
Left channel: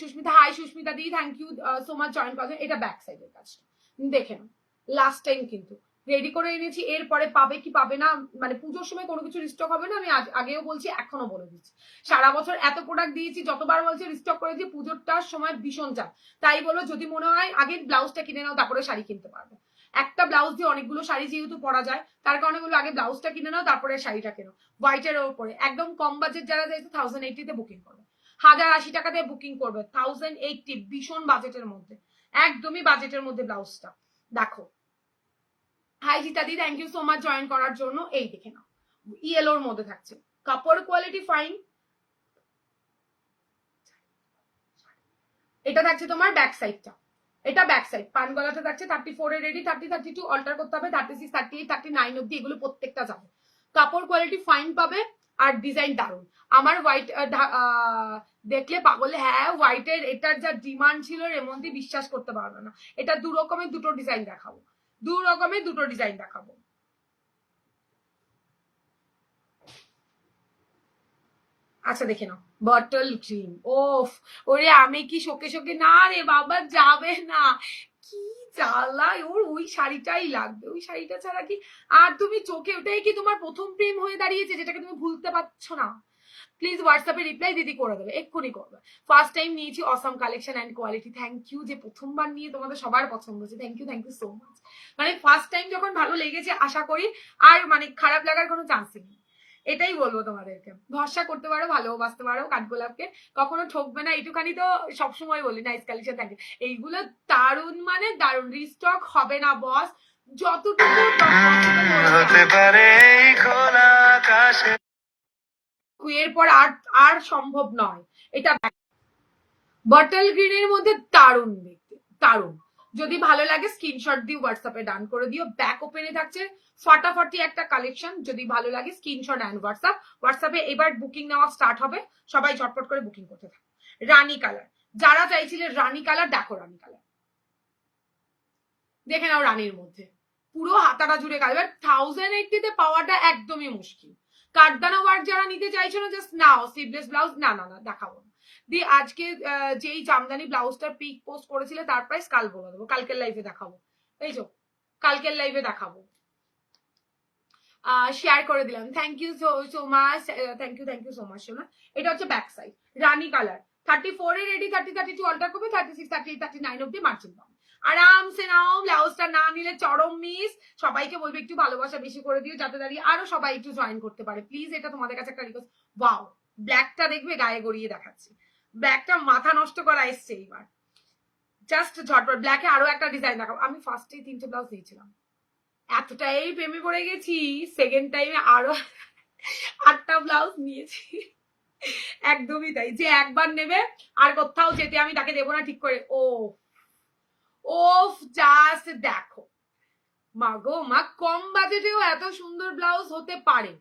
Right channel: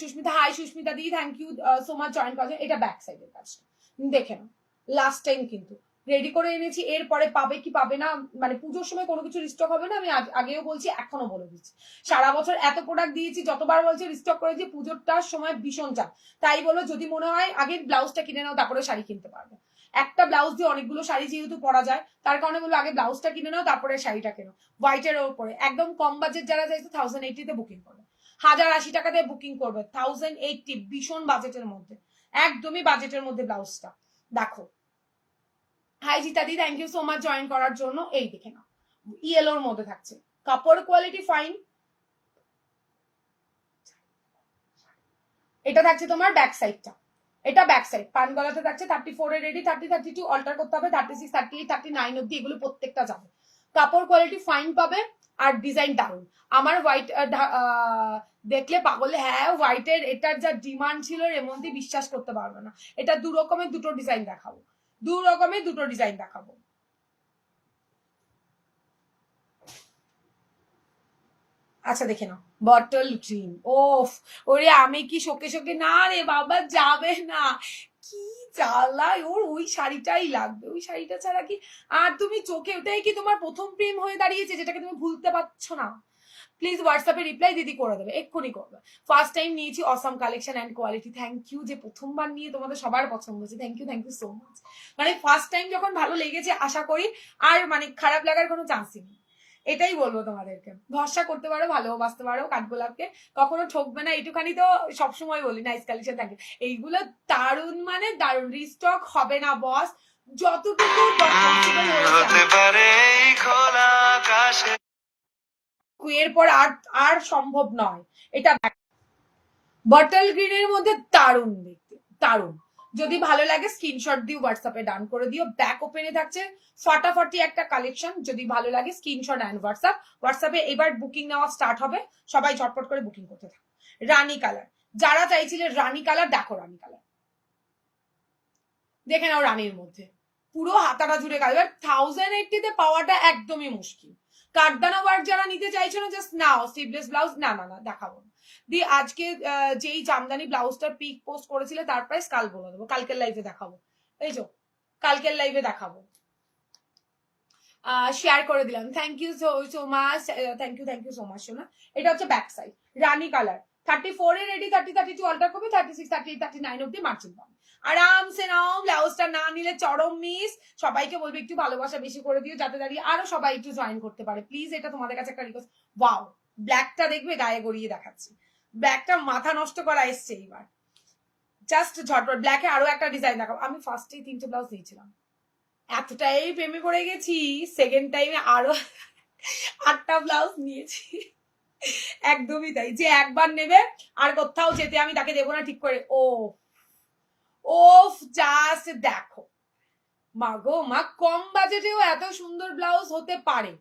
সুস্মিতা হাই সুস্মিতা দি, thank you so much join করার। এটা ব্যাক সাইডের কাজটা দেখে নাও, লাস্ট টাইম কিন্তু রেডি করে এনেছি, এরপরে পাবে কি পাবে না, মানে পুজোর সময় কোনো কিছু রিস্টক হবে না, আমি আগেও বলছি এখনো বলে দিচ্ছি। সারা বছর এত প্রোডাক্ট দিয়েছি, যতবার বলছি রিস্টক করেছি, পুজোরটার সময় ভীষণ চাপ। তাই বলো যদি মনে হয় আগে ব্লাউজটা কিনে নাও তারপরে শাড়ি কিনতে পারবে। একটা ব্লাউজ দিয়ে অনেকগুলো শাড়ি যেহেতু পরা যায়, তার কারণে বলো আগে ব্লাউজটা কিনে নাও তারপরে শাড়িটা কেনো। হোয়াইটের ওপরে একদম কম বাজেট যারা চাইছে 1080 তে বুকিং করবে, 1080 টাকা দিয়ে বুকিং করবে, 1080 ভীষণ বাজেটের মধ্যে, একদমই বাজেটের মধ্যে ব্লাউজটা দেখো। হাই জিতাদি, thank you so much join করার জন্য। এই দেখে নাও ইয়েলোর মধ্যে থাকছে, কাপড় কোয়ালিটি ফাইন। এটা থাকছে তোমার ব্যাক সাইডটা, এটা ব্যাক সাইড, পান গলাতে থাকছে 34 এর রেডি, 30 32 অল্টার করতে হবে, 36 38 39 অব্দি এগুলো প্রত্যেকটা যাবে। কাপড় কোয়ালিটি ফাইন পাবে আর ডিজাইন দারুন। আমার হোয়াইট দেখলে পাগলে, হ্যাঁ হোয়াইটের এটার যা ডিমান্ড ছিল রেমন্দি বিশ্বাস করতে পারবে না। এটা দু রকমের দুটো ডিজাইন দেখাবো, দু রকমের দুটো ডিজাইন দেখাবো। আচ্ছা দেখে নাও বটল গ্রিন, ওফ ওরে আমি কি শোকে শোকে, না রে বাবা যাবে না, কি জ্বালা ওর, ওই শাড়িটাই লাগবে, ওই শাড়িটা ছাড়া কি আর তুমি চোখে, ওটাই কি তোমার প্রথম প্রেম হয়ে দাঁড়িয়েছে যেটাকে তুমি ভুলতে পারছো না। প্লিজ হোয়াটসঅ্যাপে রিপ্লাই দিদি করে দেবে, এক্ষুনি করবে। ফার্স্ট টাইম নিয়েছি, awesome collection and quality, thank you যে প্রথমবার নিয়ে তোমাদের সবার পছন্দ হচ্ছে, থ্যাংক ইউ সো মাচ। মানে ফার্স্ট টাইম যখন ভালো লেগেছে আশা করি আর মানে খারাপ লাগার কোনো চান্সই নেই, এটাই বলবো তোমাদেরকে। ভরসা করতে পারো, ভালোবাসতে পারো কাঠগোলাপকে, কখনো ঠকবে না, এইটুখানি তো সবসময় বলি। Nice collection, thank you. এইগুলো দারুন মানে দারুন, রিস্টক হবে না বস, যতটুকু হতে পারে খোলা আকাশে, এরপর আর সম্ভব নয়। এটা বটল গ্রিনের মধ্যে দারুন দেখতে, দারুন। যদি ভালো লাগে স্ক্রিনশট দিয়ে হোয়াটসঅ্যাপে ডান করে দিও। ব্যাক ওপেনে থাকছে ফাটাফাটি একটা কালেকশন, যদি ভালো লাগে স্ক্রিনশট অ্যান্ড হোয়াটসঅ্যাপে এবার বুকিং নেওয়া স্টার্ট হবে, সবাই ঝটপট করে বুকিং করতে থাকো। রানী কালার, যারা চাইছিলে রানী কালার, দেখো রানী কালার দেখে নাও, রানীর মধ্যে পুরো হাতাটা জুড়ে কালার। 1080 তে পাওয়াটা একদমই মুশকিল। কাঠদানা ওয়ার্ক যারা নিতে চাইছো না, জাস্ট নাও স্লিভলেস ব্লাউজ, না না না দেখাবো না দি। আজকে যেই জামদানি ব্লাউজটার পিক পোস্ট করেছিলে তার প্রাইস কাল বলে দেবো, কালকের লাইভে দেখাবো। এই যে কালকের লাইভে দেখাবো, শেয়ার করে দিলাম। Thank you so much, thank you so much সোনা। এটা হচ্ছে ব্যাক সাইড, রানী কালার, 34 এ রেডি, 30 32 অল্টার করবে, 36 38 39 অব্দি মার্জিন পাবে। আরামসে নাও, ব্লাউজটা না নিলে চরম মিস। সবাইকে বলবে একটু ভালোবাসা বেশি করে দিও, যাতে দাঁড়িয়ে আরো সবাই একটু জয়েন করতে পারে প্লিজ। এটা তোমাদের কাছে একটা রিকোয়েস্ট। ওয়াও ব্ল্যাকটা দেখবে, গায়ে গড়িয়ে দেখাচ্ছি, ব্ল্যাকটা মাথা নষ্ট করা এসছে এইবার, জাস্ট ঝটপট। ব্ল্যাকে আরো একটা ডিজাইন দেখাবো। আমি ফার্স্টেই 3টে ব্লাউজ দিয়েছিলাম, এতটাই প্রেমে পড়ে গেছি, সেকেন্ড টাইমে আরো 8টা ব্লাউজ নিয়েছি। একদমই তাই, যে একবার নেবে আর কোথাও যেতে আমি তাকে দেবো না ঠিক করে। ওফ জাস্ট দেখো, মা গো মা, কম বাজেটেও এত সুন্দর ব্লাউজ হতে পারে,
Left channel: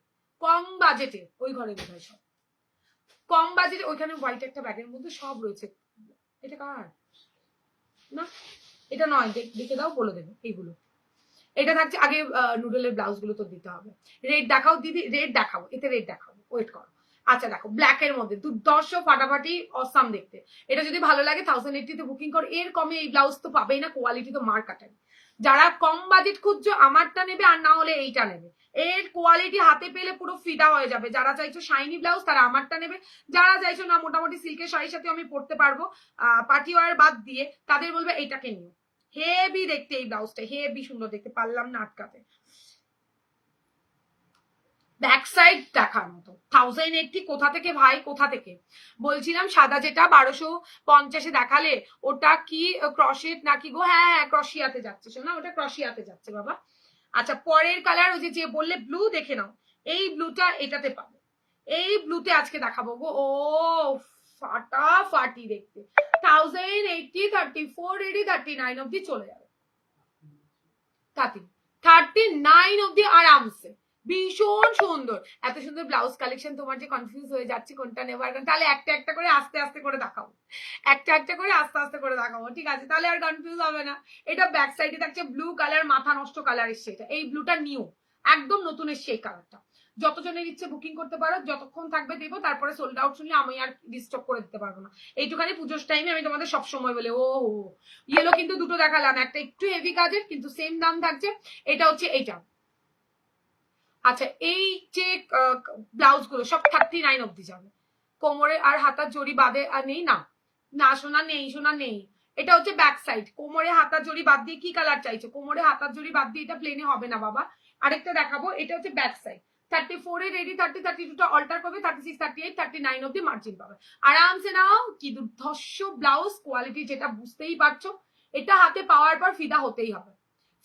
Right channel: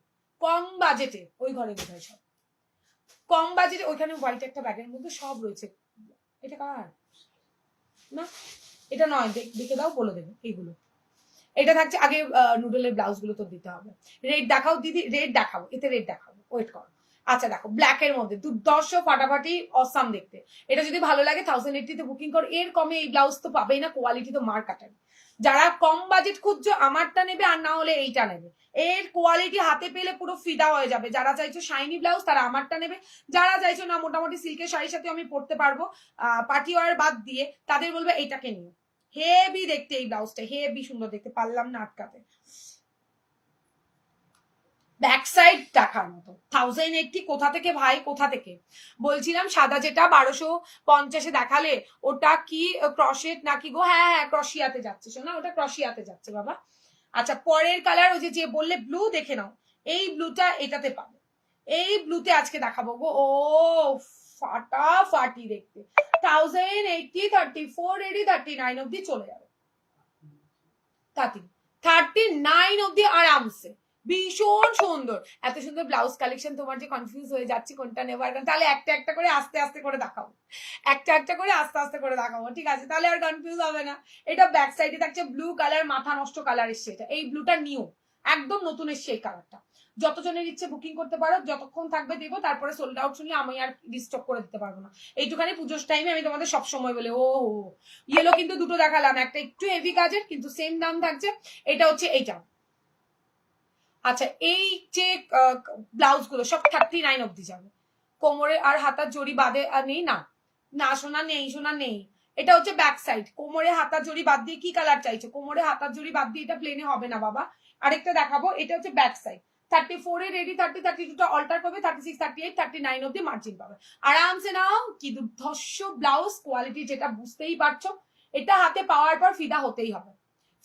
কম বাজেটে। ওই ঘরে বোধহয় সব কম বাজেটে, ওইখানে হোয়াইট একটা ব্যাগের মধ্যে সব রয়েছে। এটা কার না, এটা নয়, দেখে দাও বলে দেবে এইগুলো। এটা থাকছে আগে নুডলের ব্লাউজ গুলো তো দিতে হবে। রেড দেখাও দিদি, রেড দেখাবো, এতে রেড দেখাবো, ওয়েট করো। আচ্ছা দেখো ব্ল্যাক এর মধ্যে দুর্দর্শ ফাটাফাটি অসাম দেখতে। এটা যদি ভালো লাগে 1080 তে বুকিং করো, এর কমে এই ব্লাউজ তো পাবেই না, কোয়ালিটি তো মার কাটাবে। যারা কম বাজেট খুঁজছো আমারটা নেবে, আর না হলে এইটা নেবে। এর কোয়ালিটি হাতে পেলে পুরো ফিদা হয়ে যাবে। যারা চাইছো শাইনি ব্লাউজ তারা আমারটা নেবে, যারা চাইছো না মোটামুটি সিল্কের শাড়ির সাথে আমি পরতে পারবো পার্টি ওয়ার বাদ দিয়ে, তাদের বলবে এইটাকে নিও। হেভি দেখতে এই ব্লাউজটা, হেভি সুন্দর দেখতে, পারলাম না আটকাতে। ব্যাক সাইড দেখার মতো 1080 কোথা থেকে ভাই, কোথা থেকে? বলছিলাম সাদা যেটা 1250 দেখালে ওটা কি ক্রশেট নাকি গো? হ্যাঁ হ্যাঁ ক্রশিয়াতে যাচ্ছে শোনা, ওটা ক্রশিয়াতে যাচ্ছে বাবা। আচ্ছা পরের কালার ওই যে বললে ব্লু, দেখে নাও এই ব্লুটা এটাতে পাবো, এই ব্লুতে আজকে দেখাবো গো। ও ফাটাফাটি দেখতে, 1080 34 রেডি 39 অব্দি চলে যাবে, 39 অব্দি আরামসে। ভীষণ সুন্দর, এত সুন্দর ব্লাউজ কালেকশন, তোমার যে কনফিউজ হয়ে যাচ্ছে কোনটা নেবার, তাহলে একটা একটা করে আস্তে আস্তে করে দেখাবো, একটা একটা করে আস্তে আস্তে করে দেখাবো, ঠিক আছে? তাহলে আর কনফিউজ হবে না। এটা ব্যাক সাইডে থাকছে ব্লু কালার, মাথা নষ্ট কালার এসছে এটা, এই ব্লুটা নিউ, একদম নতুন এসছে এই কালারটা। যতজনের ইচ্ছে বুকিং করতে পারো, যতক্ষণ থাকবে দেবো, তারপরে সোল্ড আউট শুনলে আমি আর রিস্টক করে দিতে পারবো না। এইটুখানি পুজোর টাইমে আমি তোমাদের সবসময় বলে ও ইয়েলো কিন্তু দুটো দেখালাম, একটা একটু হেভি কাজের কিন্তু সেম দাম থাকছে, এটা হচ্ছে এইটা। আচ্ছা এই যে ব্লাউজ গুলো সব 39 অব্দি যাবে, কোমরে আর হাতার জড়ি বাদে আর নেই না, না সোনা নেই, সোনা নেই। এটা হচ্ছে ব্যাক সাইড, কোমরে হাতার জড়ি বাদ দিয়ে কি কালার চাইছো? কোমরে হাতার জড়ি বাদ দিয়ে এটা প্লেনে হবে না বাবা। আরেকটা দেখাবো, এটা হচ্ছে ব্যাক সাইড, 34 এ রেডি, 30 32 টা অল্টার করবে, 36 38 39 অব্দি মার্জিন পাবে, আরামসে নাও। কি দুর্ধর্ষ ব্লাউজ, কোয়ালিটি যেটা বুঝতেই পারছো। এটা হাতে পাওয়ার পর ফিদা হতেই হবে,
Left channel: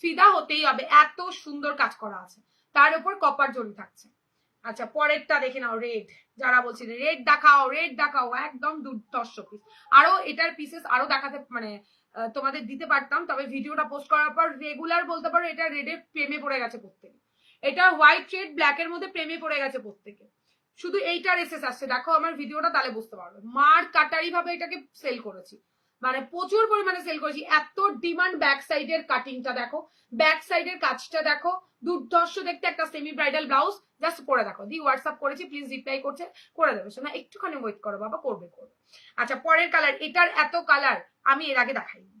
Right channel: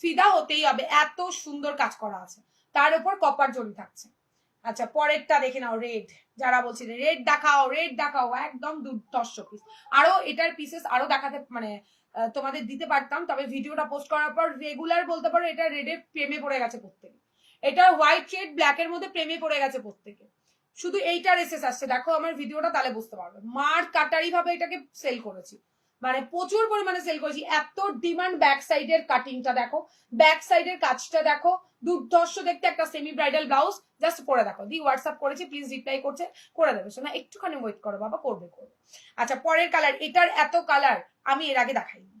ফিদা হতেই হবে, এত সুন্দর কাজ করা আছে, তার উপর কপার জড়ি থাকছে। আচ্ছা পরেরটা দেখে নাও, রেড, যারা বলছিল রেড দেখাও রেড দেখাও, একদম দুর্ধর্ষ পিস। আরো এটার পিসেস আরো দেখাতে মানে তোমাদের দিতে পারতাম, তবে ভিডিওটা পোস্ট করার পর রেগুলার বলতে পারো এটা রেডের প্রেমে পড়ে গেছে প্রত্যেকে, এটা হোয়াইট রেড ব্ল্যাক এর মধ্যে প্রেমে পড়ে গেছে প্রত্যেকে। শুধু এইটার এসেস আসছে, দেখো আমার ভিডিওটা তাহলে বুঝতে পারবে, মার কাটারি ভাবে এটাকে সেল করেছি, মানে প্রচুর পরিমাণে সেল করেছি, এত ডিমান্ড। ব্যাক সাইডের কাটিংটা দেখো, ব্যাক সাইডের কাজটা দেখো, দুর্ধর্ষ দেখতে, একটা সেমি ব্রাইডাল ব্লাউজ। জাস্ট পরে দেখো, দি হোয়াটসঅ্যাপ করেছি, প্লিজ রিপ্লাই করছে, করে দেবে শোনা, একটুখানি ওয়েট করো বাবা, করবে করবে। আচ্ছা পরের কালার, এটার এত কালার আমি এর আগে দেখাইনি,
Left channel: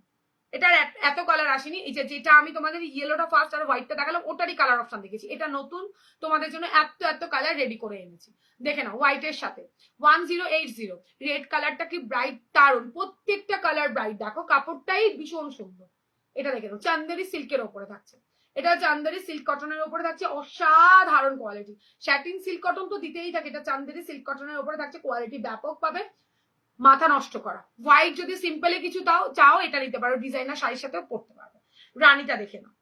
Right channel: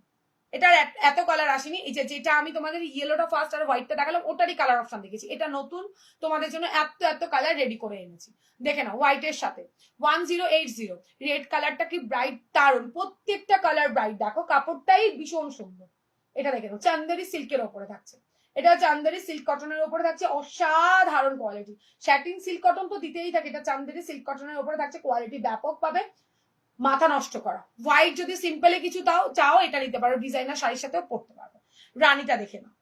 এটার এত কালার আসেনি। এই যে যেটা আমি তোমাদের ইয়েলোটা ফার্স্ট আর হোয়াইটটা দেখালাম, ওটারই কালার অপশন দেখেছি, এটা নতুন তোমাদের জন্য এত এত কালার রেডি করে এনেছি। দেখে নাও হোয়াইটের সাথে 1080, রেড কালারটা কি ব্রাইট, দারুন, প্রত্যেকটা কালার ব্রাইট, দেখো কাপড়টাই ভীষণ সুন্দর। এটা দেখে নাও চান্দেরি সিল্কের ওপরে থাকছে, এটা চান্দেরি সিল্ক কটনের উপরে থাকছে, অসাধারণ কোয়ালিটি। স্যাটিন সিল্ক কটন তো দিতেই থাকে, এটা চান্দেরি সিল্ক কটনের উপরে থাকছে, কোয়ালিটি ব্যাপক পাবে, মাথা নষ্ট করা। হোয়াইট যদি সিম্পলে কিছু তাও চাও এটা নিতে পারো, ডিজাইনার শাড়ির সাথেও পড়তে পারো। রানীটা দেখে নাও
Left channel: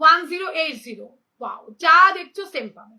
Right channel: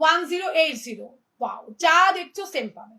1080, ওয়াও, যা দেখছো সেম পাবে,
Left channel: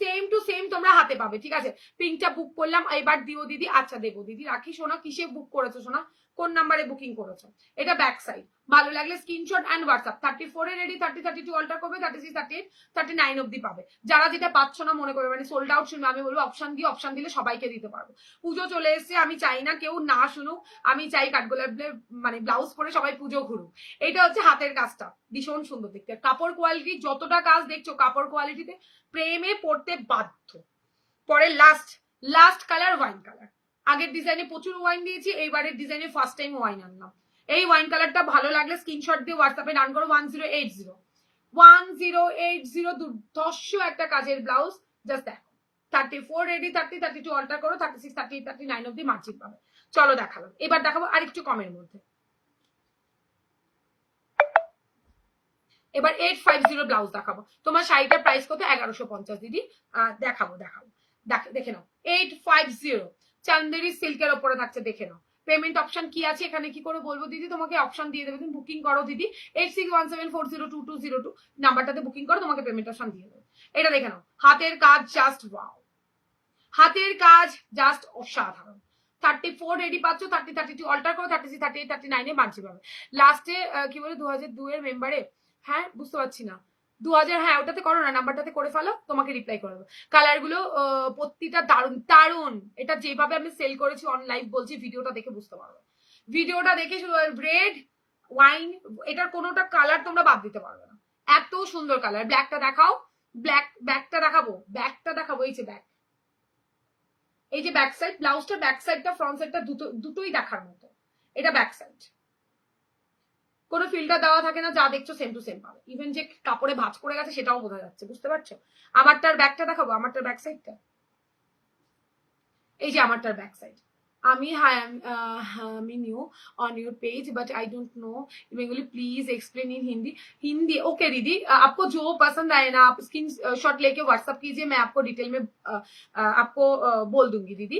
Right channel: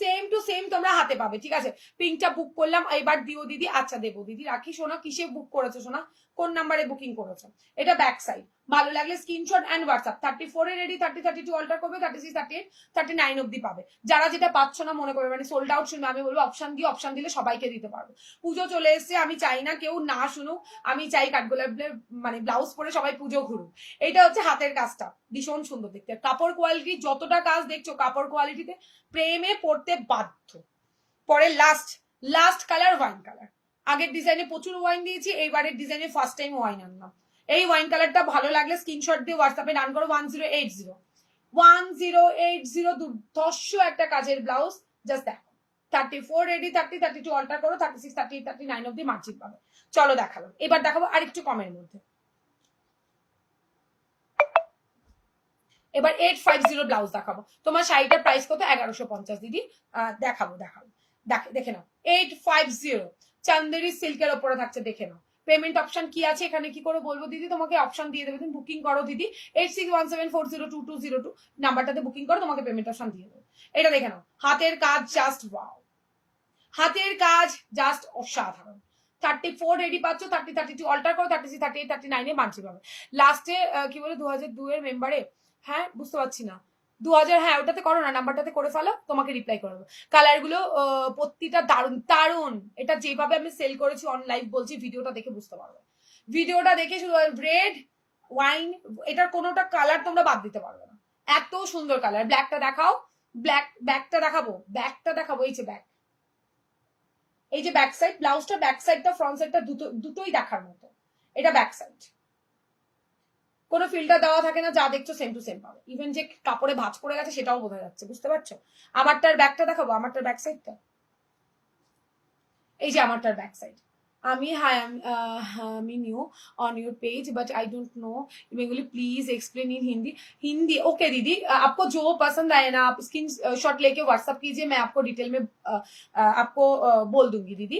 সেম টু সেম তোমরা হাতে পাবে, ঠিক আছে? পিঙ্কটা বুক করলাম, এবার দিও দিদি, আচ্ছা দেবো দিদি, রাখি শোনা, কিসে বুক করেছো শোনা, কোন নাম্বারে বুকিং করেছো? এটা ব্যাক সাইড, ভালো লাগলে স্ক্রিনশট এন্ড হোয়াটসঅ্যাপ, 34 এ রেডি, 30 32 অল্টার করবে, 36 38 39 অব্দি পাবে। যারা যেটা পাচ্ছ না মনে করবে মানে সোল্ড আউট শুনবে, আমি বলবো অপশন দিয়ে, অপশন দিলে সবাইকে দিতে পারবো। পুজো চলে এসছে, আমি চাই না কেউ না শুনুক, আমি চাই কাঠগোলাপের মানে ব্লাউজ পরে সবাই পুজো ঘুরুক। এটা হচ্ছে হাতের কাজটা, ভীষণ সুন্দর দেখতে, কাপড় কোয়ালিটি যতটা কাজ দেখছো কাপড় কোয়ালিটিতে প্রেমে পড়তে বাধ্য। পরে last last colour wine colour, আগের ডিজাইনে প্রচুর ওয়াইন দিয়েছি, এইবারের ডিজাইনে ফার্স্ট টাইম ওয়াইন আনলাম। এই ওয়াইন কালারটা ভালো লাগলে স্ক্রিনশট দিয়ে হোয়াটসঅ্যাপে ডান করো, 1080 দুর্ধর্ষ একটা কাজের ব্লাউজ, জাস্ট দেখো 34 রেডি, 30 32 অল্টার করো, 36 38 39 অব্দি মার্জিন পাবে। চলো দেখালাম, এবার দেখাবো আরেকটু কমের মধ্যে। এবার 850 ব্লাউজ দেখাবো, তোমার শাড়িটার প্রাইস কত? 1150 দিদি। দেখাবো দেখাবো, দেখে নাও 850 চান্দেরি সিল্কের ওপরে থাকছে, দেখে নাও। পেমেন্ট অপশন কি আছে এখানে, কি করে বলবো দিদি, তোমাকে অপশন দিয়ে দেবে, তুমি বুকিং করো দিদি, 8617402202 নাম্বারটাতে বুকিং করো, তোমাকে পেমেন্ট অপশন দিয়ে দেবে। এটা দেখে নাও, হাতের কাজ জাস্ট ওয়াও, হাতের কাজ জাস্ট অসাধারণ। 34 রেডি পাচ্ছ, 30 32 অল্টার করো, 36 38 39 এ মানছি পাবে। লাস্টে কি বলে 2002 এর মেম্বারে, হ্যাঁ বুঝতে পারছি না, 2000, হ্যাঁ ওটাতে করো না, নাম্বারটাতে করে ফেলো, তোমাকে রিপ্লাই করবো। কালার গুলো প্রত্যেকটা দারুন দারুন, এটা যেভাবে আমি সেল করেছি অন লাইভ বলছি, ভিডিওটা দেখে বুঝতে পারবে, ভিডিওটা দেখে শুধু রেড ওয়াইন, এটার কোনোটা কালার তোমরা বাদ দিতে পারবে না, এত সুন্দর কালার। ব্ল্যাকটা দেখাও, ব্ল্যাকটা দেখাবো, ব্যাকটা দেখাবো, এই যে ব্যাক, এই যে ব্যাক সাইড, ব্লাউজটা ব্যাক সাইডটা ফ্রন্ট সাইডটা দুটোই দেখার মতো। এটা ব্যাক সাইড, কোনো ফিল্টার দেওয়া থাকে না, যা দেখছো সেম টু সেম পাবে। ইভেন যে কাপড়ে ভাঁজ পড়ে গেছে সেটাও বোঝা যাচ্ছে, বুঝতে পারছো? আমারটার ব্যাকটা দেখাবো, আমারটার ব্যাক সাইডটা, এই যে আমারটার ব্যাক সাইড। আমি আমি new on your page but I don't know Bengali, please explain in Hindi. Hindi okay दीदी, आपको जो पसंद आए ना आप स्क्रीन शॉट लेके व्हाट्सअप कीजिए, मैं आपको डिटेल में आपको बोल दूंगी दीदी।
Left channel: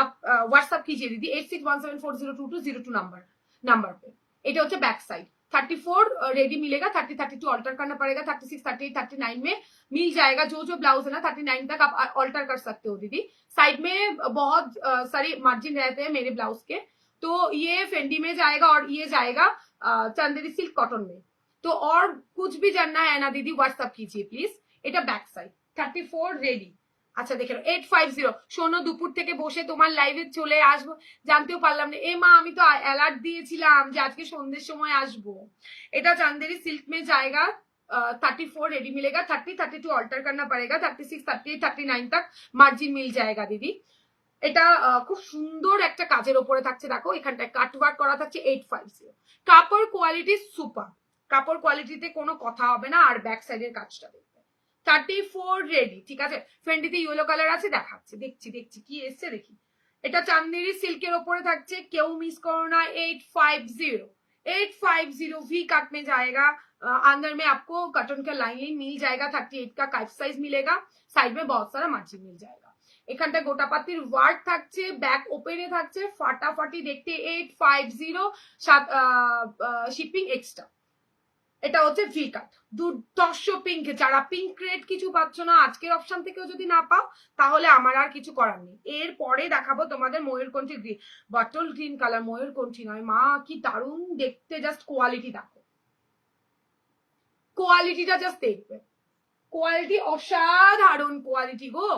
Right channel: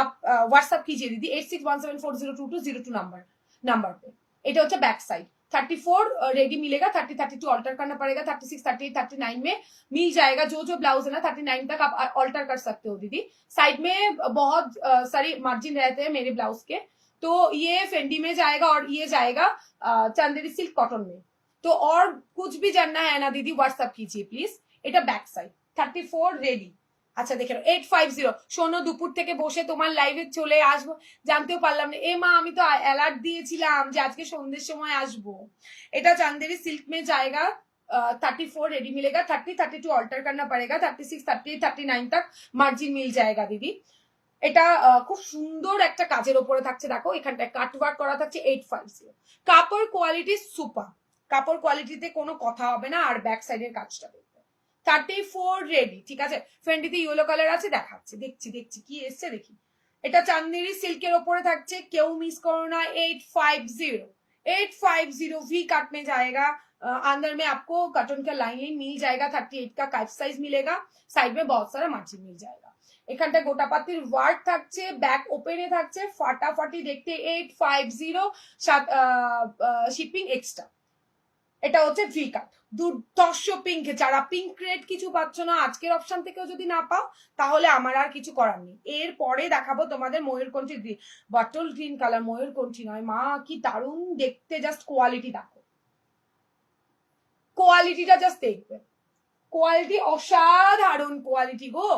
आप व्हाट्सअप कीजिए दीदी 8617402202 नंबर पे। এটা হচ্ছে ব্যাক সাইড। 34 रेडी मिलेगा, 30 32 ऑल्टर करना पड़ेगा, 36 38 39 में मिल जाएगा। जो जो ब्लाउज है ना 39 तक आप ऑल्टर कर सकते हो दीदी। साइड में बहुत सारी मार्जिन रहते हैं मेरे ब्लाउज के, तो ये फेंडी में जाएगा और ये जाएगा चंदेरी सिल्क कॉटन में। तो और कुछ भी जानना है ना दीदी व्हाट्सअप कीजिए प्लीज। এটা ব্যাক সাইড। 34 রেডি। আচ্ছা দেখে 850। শোনো, দুপুর থেকে বসে তোমার লাইভে চলে আসবো, জানতেও পারলাম না। এ মা, আমি তো অ্যালার্ট দিয়েছিলাম যে আজকে সন্ধ্যের সময় আসবো। এটা চাंदेरी सिल्क में जाएगा, 34 रेडी मिलेगा, 30 32 অল্টার करना पड़ेगा, 36 38 39 तक মার্জিন মিল जाएगा দিদি। এটা খুব সুন্দর একটা কাজের উপরে থাকছে, দেখো এখানটায় কাট ওয়ার্ক করা থাকছে। 850। কাপড় কোয়ালিটি সুপার, কাপড় কোয়ালিটিতে কোনো কথা হবে না। আর ব্যাক সাইডের কাজটা দেখো 34 রেডি, ঠিক আছে। ফ্রেন্ডিতে ইয়েলো কালার আছে, দেখাচ্ছি, দেখছি কি এসছে দেখি। এটা চাंदेरी সিল্কের উপরে থাকছে, কেউ মিস করো না। 850 वी कट में जाएगा। अंदर में आपको कटन का लाइनिंग मिल जाएगा, 38 का काफ साइज मिलेगा, साइड में बहुत सारा मार्जिन मिल जाएगा। এখানটা গোটা পাতির ওয়ার্ক থাকছে, ব্যাক ওপেনে থাকছে, ফাটাফাটি দেখতে। 850 শিপিং এক্সট্রা। এটা হচ্ছে ভি কাট, দুর্ধর্ষ পিঙ্ক। যারা পিঙ্ক রেড কিছু পাচ্ছ না আজকের অপশন থেকেও যদি না পাও, তাহলে আমার আর কিছু করার নেই। এরপরে দেখাবো তোমাদের ময়ূরকণ্ঠী গ্রিন, বটল গ্রিন কালার, ময়ূরকণ্ঠী নয় মা, কি দারুণ দেখতে। জাস্ট কোয়ালিটি দেখো, কোয়ালিটিটা জাস্ট দেখবে, কোয়ালিটি অসাধারণ কোয়ালিটি গো।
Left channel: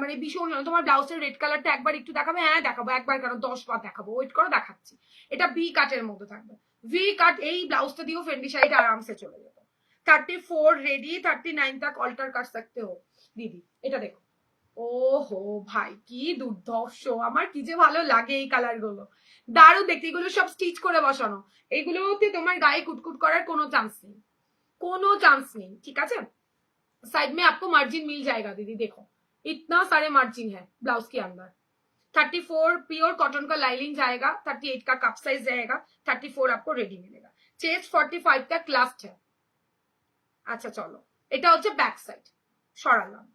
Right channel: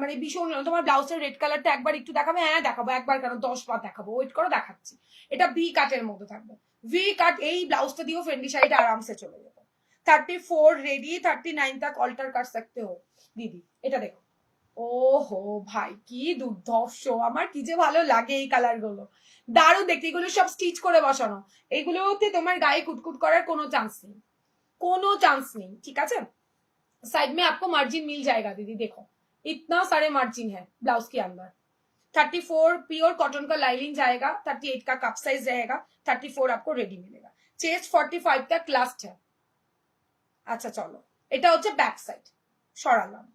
মানে ভীষণ। তোমার ব্লাউজের রেড কালারটা একবার একটু দেখাবে? হ্যাঁ দেখাবো, একবার কেন 10 বার দেখাবো, ওয়েট করো দেখাচ্ছি। এটা ভি কাটের মধ্যে থাকবে, ভি কাট। এই ব্লাউজটা দিয়েও ফ্রেন্ডি শাড়িটা আরামসে চলে যেত। 34 रेडी, 39 तक অল্টার कर सकते हो दीदी। এটা দেখো, ও হো ভাই কি দুর্ধর্ষ, আমার কি যে ভালো লাগে এই কালার গুলো, দারুণ দেখতে। এগুলো সব স্টিচ করে বসানো, এইগুলোতে তোমার গায়ে কুটকুট করার কোনো চান্স নেই, কোনো চান্স নেই, ঠিক আছে। साइड में आपको मार्जिन मिल जाएगा दीदी, देखो इतना सारे मार्जिन है ब्लाउज के अंदर। 34 प्योर कॉटन का लाइनिंग जाएगा, 38 का कप साइज रहेगा, 34 आपको रेडी मिलेगा। चेस्ट 45 तक लास्ट है। আচ্ছা চলো, এটা হচ্ছে ব্যাক সাইড, সরালাম।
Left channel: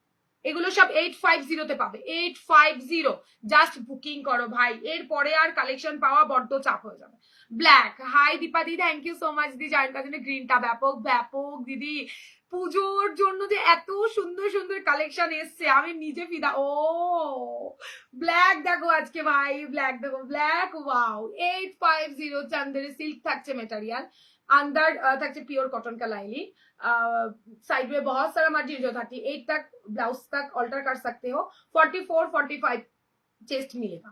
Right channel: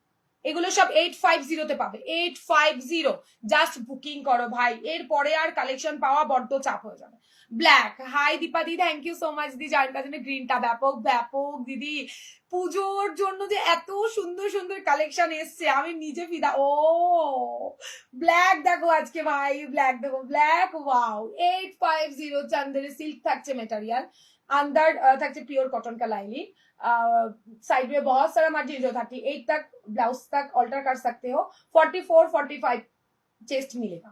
এগুলো সব 850 তে পাবে, 850। জাস্ট বুকিং করো ভাই, এরপরে আর কালেকশন পাওয়া বড্ড চাপ হয়ে যাবে। ব্ল্যাক, হাই দীপা দি, থ্যাংক ইউ সো মাচ দি। যার কাছে গ্রিনটা ব্যাপক ব্যাপক দিদি, পুজোর জন্য যে এত সুন্দর সুন্দর কালেকশন এসছে, আমি নিজে ফিদা। ও ব্ল্যাক দেখো আজকে ভাই, ব্ল্যাক দেখো, ব্ল্যাক ওয়াও। 850 চাंदेरी सिल्क থাকছে মেটেরিয়াল, अंदर থাকছে পিওর কটন का लाइनिंग, साइड में बहुत सारा मटेरियल जो 38 तक ब्लाउज तक অল্টার कर सकते हो। 44 45 চেস্ট মিলেगा।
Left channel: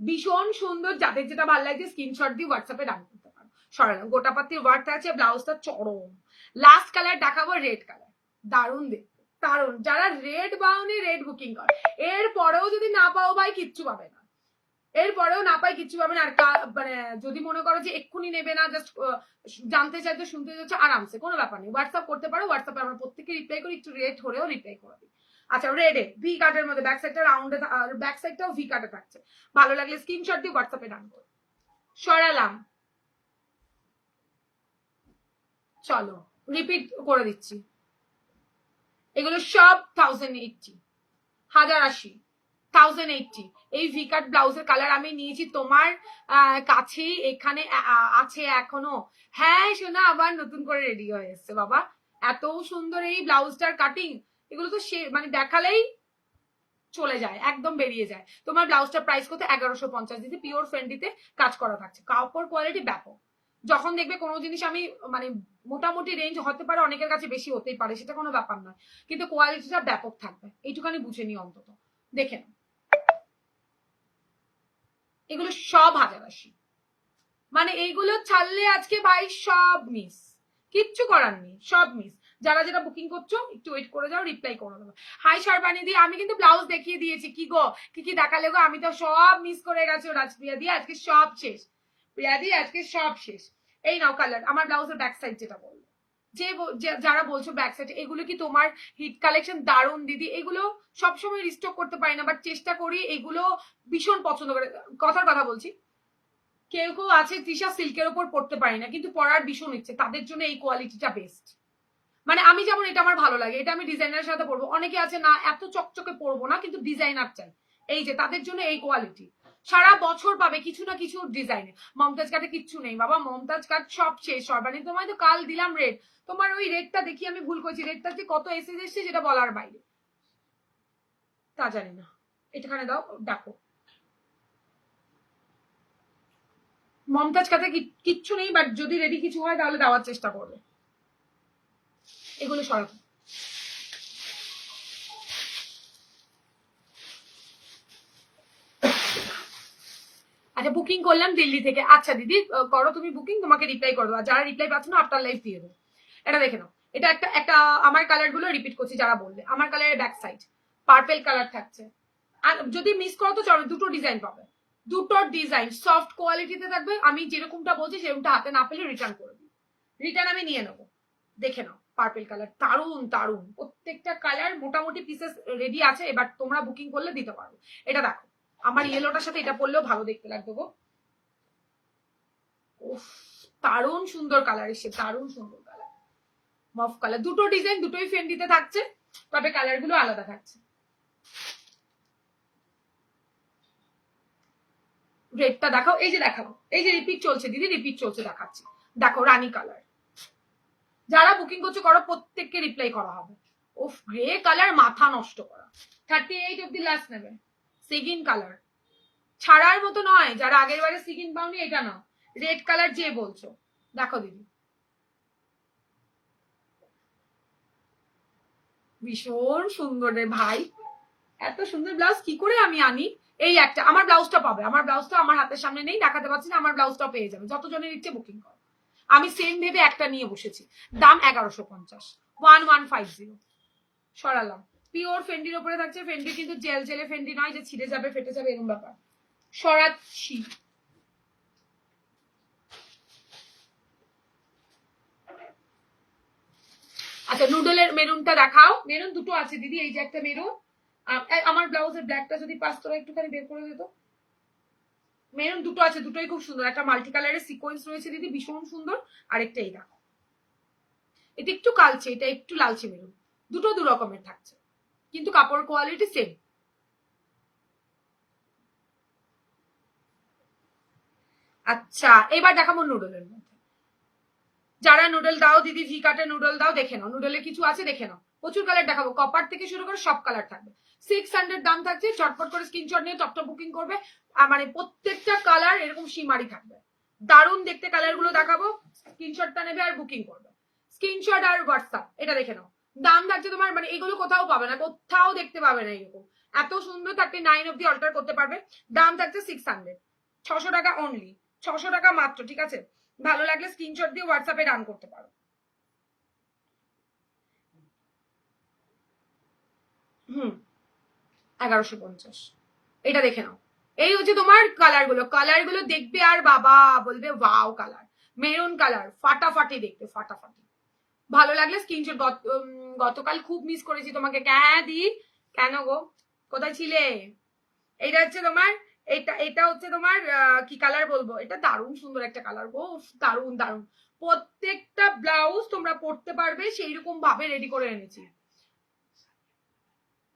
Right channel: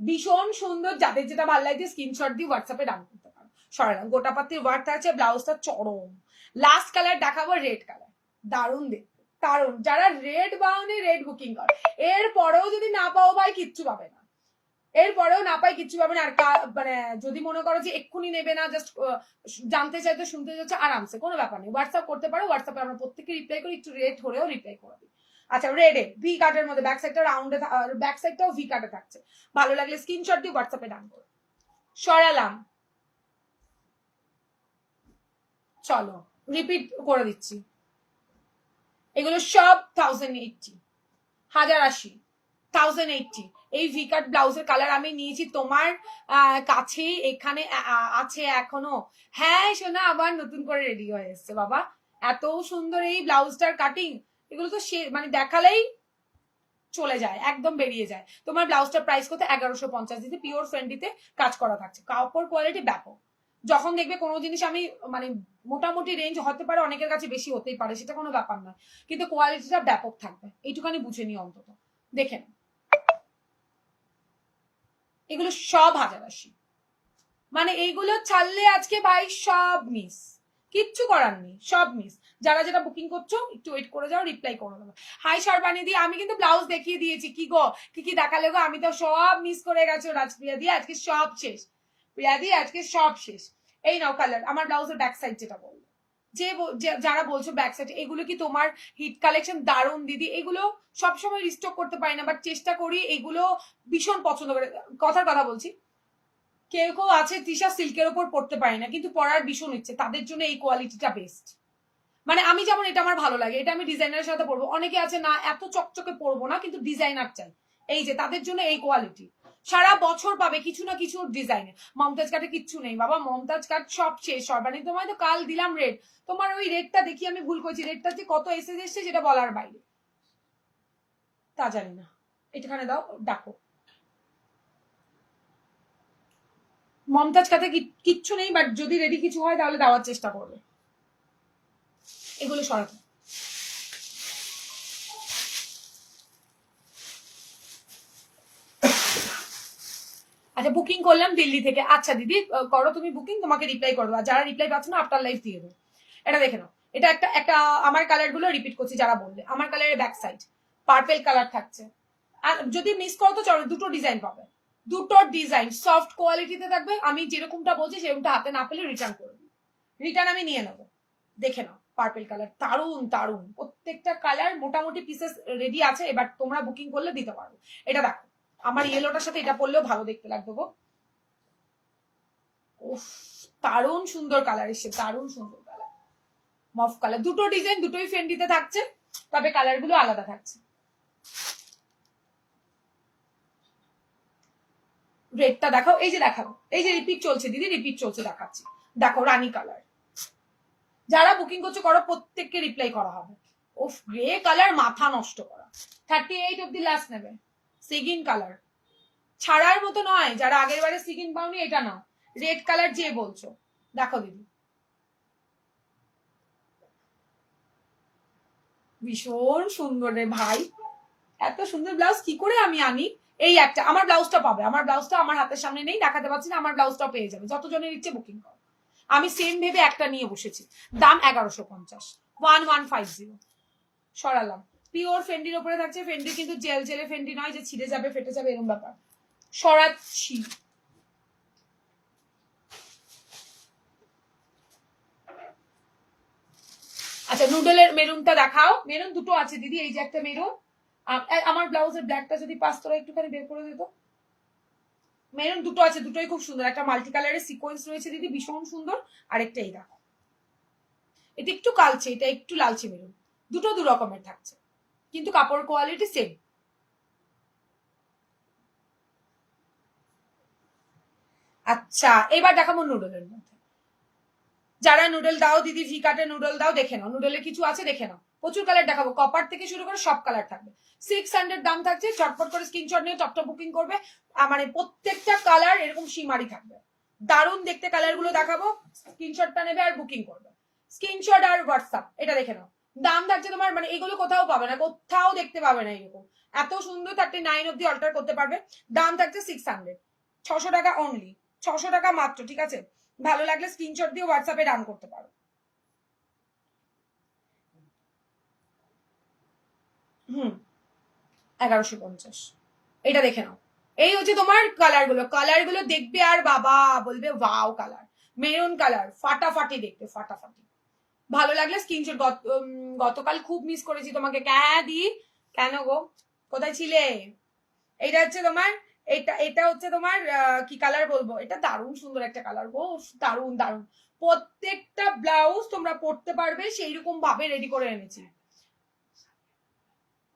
ভীষণ সুন্দর, যাদের যেটা ভালো লাগছে স্ক্রিনশট দিয়ে হোয়াটসঅ্যাপে ডান করতে পারো। সরালাম, গোটা পাতি ওয়ার্ক থাকছে, ব্লাউজটা চরম। লাস্ট কালার দেখাবো রেড কালার, দারুণ দেখতে, দারুণ। যারা রেড বাউনি রেড বুকিং করে, এরপরেও যদি না পাও ভাই কিচ্ছু পাবে না, এরপরেও না পাই কিচ্ছু পাবে না। আর মানে যদি মনে করো যে এক্ষুনি নেবে না, জাস্ট জানতে চাইতে শুনতে চাইছো, আরামসে কোনো ব্যাপার নেই, হোয়াটসঅ্যাপ করতে পারো। হোয়াটসঅ্যাপে আমরা প্রত্যেকে রিপ্লাই করি, একটু রেড হলেও রিপ্লাই করে দিই। আচ্ছা রেডে ভি কাটের মধ্যে ব্যাক সাইডটা রাউন্ডে, ব্যাক সাইডটাও ভি কাটে থাকছে। ভালো লাগলে স্ক্রিনশট দিয়ে হোয়াটসঅ্যাপে ডান করো। সরালাম, চলো রিপিট করে দিচ্ছি। এগুলো সব 1080, 1080, 1080। এই ভি কাট ব্লাউজের কালার আমি নিয়েছি তোমার কাছে, এখানে আছে এখনো। হ্যাঁ শোনা, আবার নতুন করে রেডি হয়ে এসছে বাবা, এত সুন্দর এই ব্লাউজটার কাটিং। এগুলো তো সে মানে দেখালেই চলে যায়, একদম বেরিয়ে যায়। তোমার ব্লাউজটার প্রাইস কত? 1150 দিতে, পিওর ফ্রেন্ডিতে কাজ করা থাকছে, কাপড় কোয়ালিটি ব্যাপক। যখন দেখবে কোনো জিনিস আমি মানে মোটামুটি রেঞ্জ হতে পারে, অনেকের কাছে বেশি হতেই পারে, সেটা কোনো ব্যাপার নয়, কিন্তু কোয়ালিটিটা ব্যাপক থাকবে, এইটুখানি বুঝে নি অন্তত। দেখে এগুলো সব 1080, মানে এইগুলো ছাড়লে আজকে ভাই সব মিস, কিচ্ছু করার নেই, সব মিস। যারা যেটা বুকিং করছো একটু ওয়েট করে যাও, রিপ্লাই করে দেবো। হাই সর্বাণী দি, আমি কিন্তু ব্লাউজ দেখিয়ে দিয়েছি। কি গো, কি কি দেখালে গো? আমি তো সব মিস করে গেছো রাজপ্রিয়া দি, আজকে সব শেষ। প্রিয়া দি আজকে সব শেষ। এই নাও কালার, আমার ব্লাউজের ব্যাক সাইড যেটা বললো, যারা বলছো ব্যাক সাইড, এগুলো কি তোমার হিট কালেকশন? দারুণ দিদি, এগুলো সবসময় রিস্টক করতে পারি না, বাট চেষ্টা করি। এগুলো ভীষণ পছন্দ করে, কথার কথা বলছি। কেউ কেউ আছে তৃষা সিল্কের ওপর পড়তে পারি না, কিন্তু পরার ভীষণ ইচ্ছে, তাদের জন্য এই কোয়ালিটিটা বেস্ট। মানে আমি যেমন এটা আমার ভালো লাগে, এটা আমি ডিজাইনারের সাথে পরবো। অনেকে আছে না এত চকচকে পরবো না, কিন্তু ডিজাইনার চাই, এই যে তাদের জন্য এই কোয়ালিটি। সারা বছর পাবে কিছু না কিছু ডিজাইনে। মমতাজ কাটে কিচ্ছু নেই বাবা, মমতাজ কাট সব শেষ। সর্বাণী তোমায় তো কাল দিলাম রেড, তোমার ওই রেডটা দেখি আমি ভুল করেছি, রেডটা যে কত এসে এসছে সেটা বলার বাইরে, তা জানি না। এটাখানে দাও, ডাকো। মমতাজ কাটে কিচ্ছু নেই, বাট যদি রেডি কিছু হয় তাহলে দেওয়ার চেষ্টা করবে। এগুলো সরাতে আচ্ছা, বুকিং করলাম দিল্লি থেকে। আচ্ছা দিদি করো তুমি বুকিং, তোমাকে রিপ্লাই করবো। আর যারা রিপ্লাই পাচ্ছ না, আফটার লাইফ দিয়ে দেবো। এটা দেখে নাও, এটা একটা একটা আমার কালার গুলো রিপিট করছি যারা বললে। আমার কালারের ব্যাক সাইড পার্পেল কালার থাকছে। আর যদি মিস করো তো চলো, দুটো ডিজাইন পাবে, দুটো ডিজাইন সফট কোয়ালিটিতে থাকবে। আমি যেরকমটা বলছি সেরকমটা হাতে না পেলে রিটার্ন করে দিই, রিটার্ন আমি নিয়ে নেবো। দেখে নাও, পার্পেল কালার দারুন দারুন, প্রত্যেকটা কালার মোটামুটি পিসেস রেডি আছে, এবার তোমরা বুকিং করলে দিতে পারবে। এটা দেখো, আমার ইয়েলোটার সাথে এটা পরলেও ভালো দেখতে লাগবে গো। উফ, দারুণ সুন্দর কালার এসছে, দারুণ সুন্দর কালার, মফ কালার। দুটো ডিজাইন দুটোই ফেন্ডিতে থাকছে, তবে কালার গুলো আলাদা থাকছে। রেডটা দেখাও, এই যে দেখাবো, এই যে রিপিট চলছে দিদি, রিপিট চলছে, দেখাচ্ছি। দেখো রানী কালার, যারা বুকিং করছো করো, প্রত্যেককে রিপ্লাই করা হবে। উফ, গ্রে কালার মাথা নষ্ট করা। 38 অব্দি লাস্ট নেবে। সিগিন কালার ছাড়ার মতো নয়, যারা আগের বারে সিগিন পাওনি এটা নাও। রেড কালার যে বলছো, দেখো দিদি, ভীষণ সুন্দর রে ভাই। এত সুন্দর ব্লাউজ কি করে আমি আনি? এই একটা আমার ব্লাউজটা পাবে, আমার ব্লাউজটা আমার হাতের সামনে নেই, দেখাতে পারছি না। আমার ব্লাউজটা পেয়ে যাবে, যতজনের ইচ্ছে বুকিং করো। আমি সেম ভেবে একটা নিয়ে বসেছি, দাম 1150, 1150। সরালাম। পিওর ফেন্ডির ওপরে থাকছে, ফেন্ডি কিন্তু জেল জেলে ফেন্ডি নয় যে ছিঁড়ে যাবে ফেটে যাবে এরকম ব্যাপার। সরাচ্ছি। আচ্ছা, নুডলের মেরুনটা দেখাও। মেরুন দুটো আছে দিদি, এই যে একটা মেরুন। আমার ব্লাউজের ব্ল্যাকটা যদি পাস তোরা একটুখানি বের করে দিত। মেরুন দুটো আছে, দুটোই খুব সুন্দর। একটা মাল্টি কালারের সিকোয়েন্স রয়েছে দিদি, ভীষণ সুন্দর। আরেকটা এই দেখো, এটা একটু কালচে, এটা একটু লালচে মেরুন। দুটো দু রকমের থাকছে, কিন্তু কাপড় কোয়ালিটি সেম। আচ্ছা, এবার দেখাবো নুডলের মধ্যে। যারা নুডল দাও দিদি, ভি কাটে নুডল দাও, দেখে নাও নুডলের কিছু আছে, দেখে নাও। প্রচুর কালার দেখাবো, কপার থেকে শুরু করে সব কালার থাকবে। 600 দাম থাকছে, চটপট করে স্ক্রিনশট নিয়ে টপটপ বুকিং করবে। মানে প্রত্যেকটা কালার এরকম সীমারি থাকবে, দারুণ দেখতে কালার গুলো দেখাবো। স্ক্রিনশটটা নেবে আর বুকিং করবে, স্ক্রিনশট আর হোয়াটসঅ্যাপ। এটা দেখে নাও, দাম থাকছে তোমার, মানে এগুলো কোথাও পাবে না, কোথাও দেখতে পাবে না এরকম এত সুন্দর। 39 অব্দি অল্টার করতে পারবে। দাম থাকছে 600, 600 টাকা অনলি, 600 টাকা মাত্র, ঠিক আছে? ভালো লাগলে স্ক্রিনশট দিয়ে হোয়াটসঅ্যাপে রান করতে পারো। হুম, 1150। এটা দেখে নাও, এই হচ্ছে তোমার কালার গুলো। কালার গুলো দেখবে আর বাবা বলবে ওয়াও কালার। মেরুন কালার ফাটাফাটি দেখবে, ফাটাফাটি। ভালো লাগলে স্ক্রিনশট। গতকাল খুব মিস করেছি তোমাকে। দি কেন গো, কোথায় ছিলে? এইটা হচ্ছে তোমার, এটা হচ্ছে তোমার কি কালার বলবো, এটা দারুণ সুন্দর একটা কালার গো, দারুণ দারুণ। প্রত্যেকটা ব্লাউজ তোমরা পরতে পারবে, সেই রকম ভাবে রেডি করে এনেছি।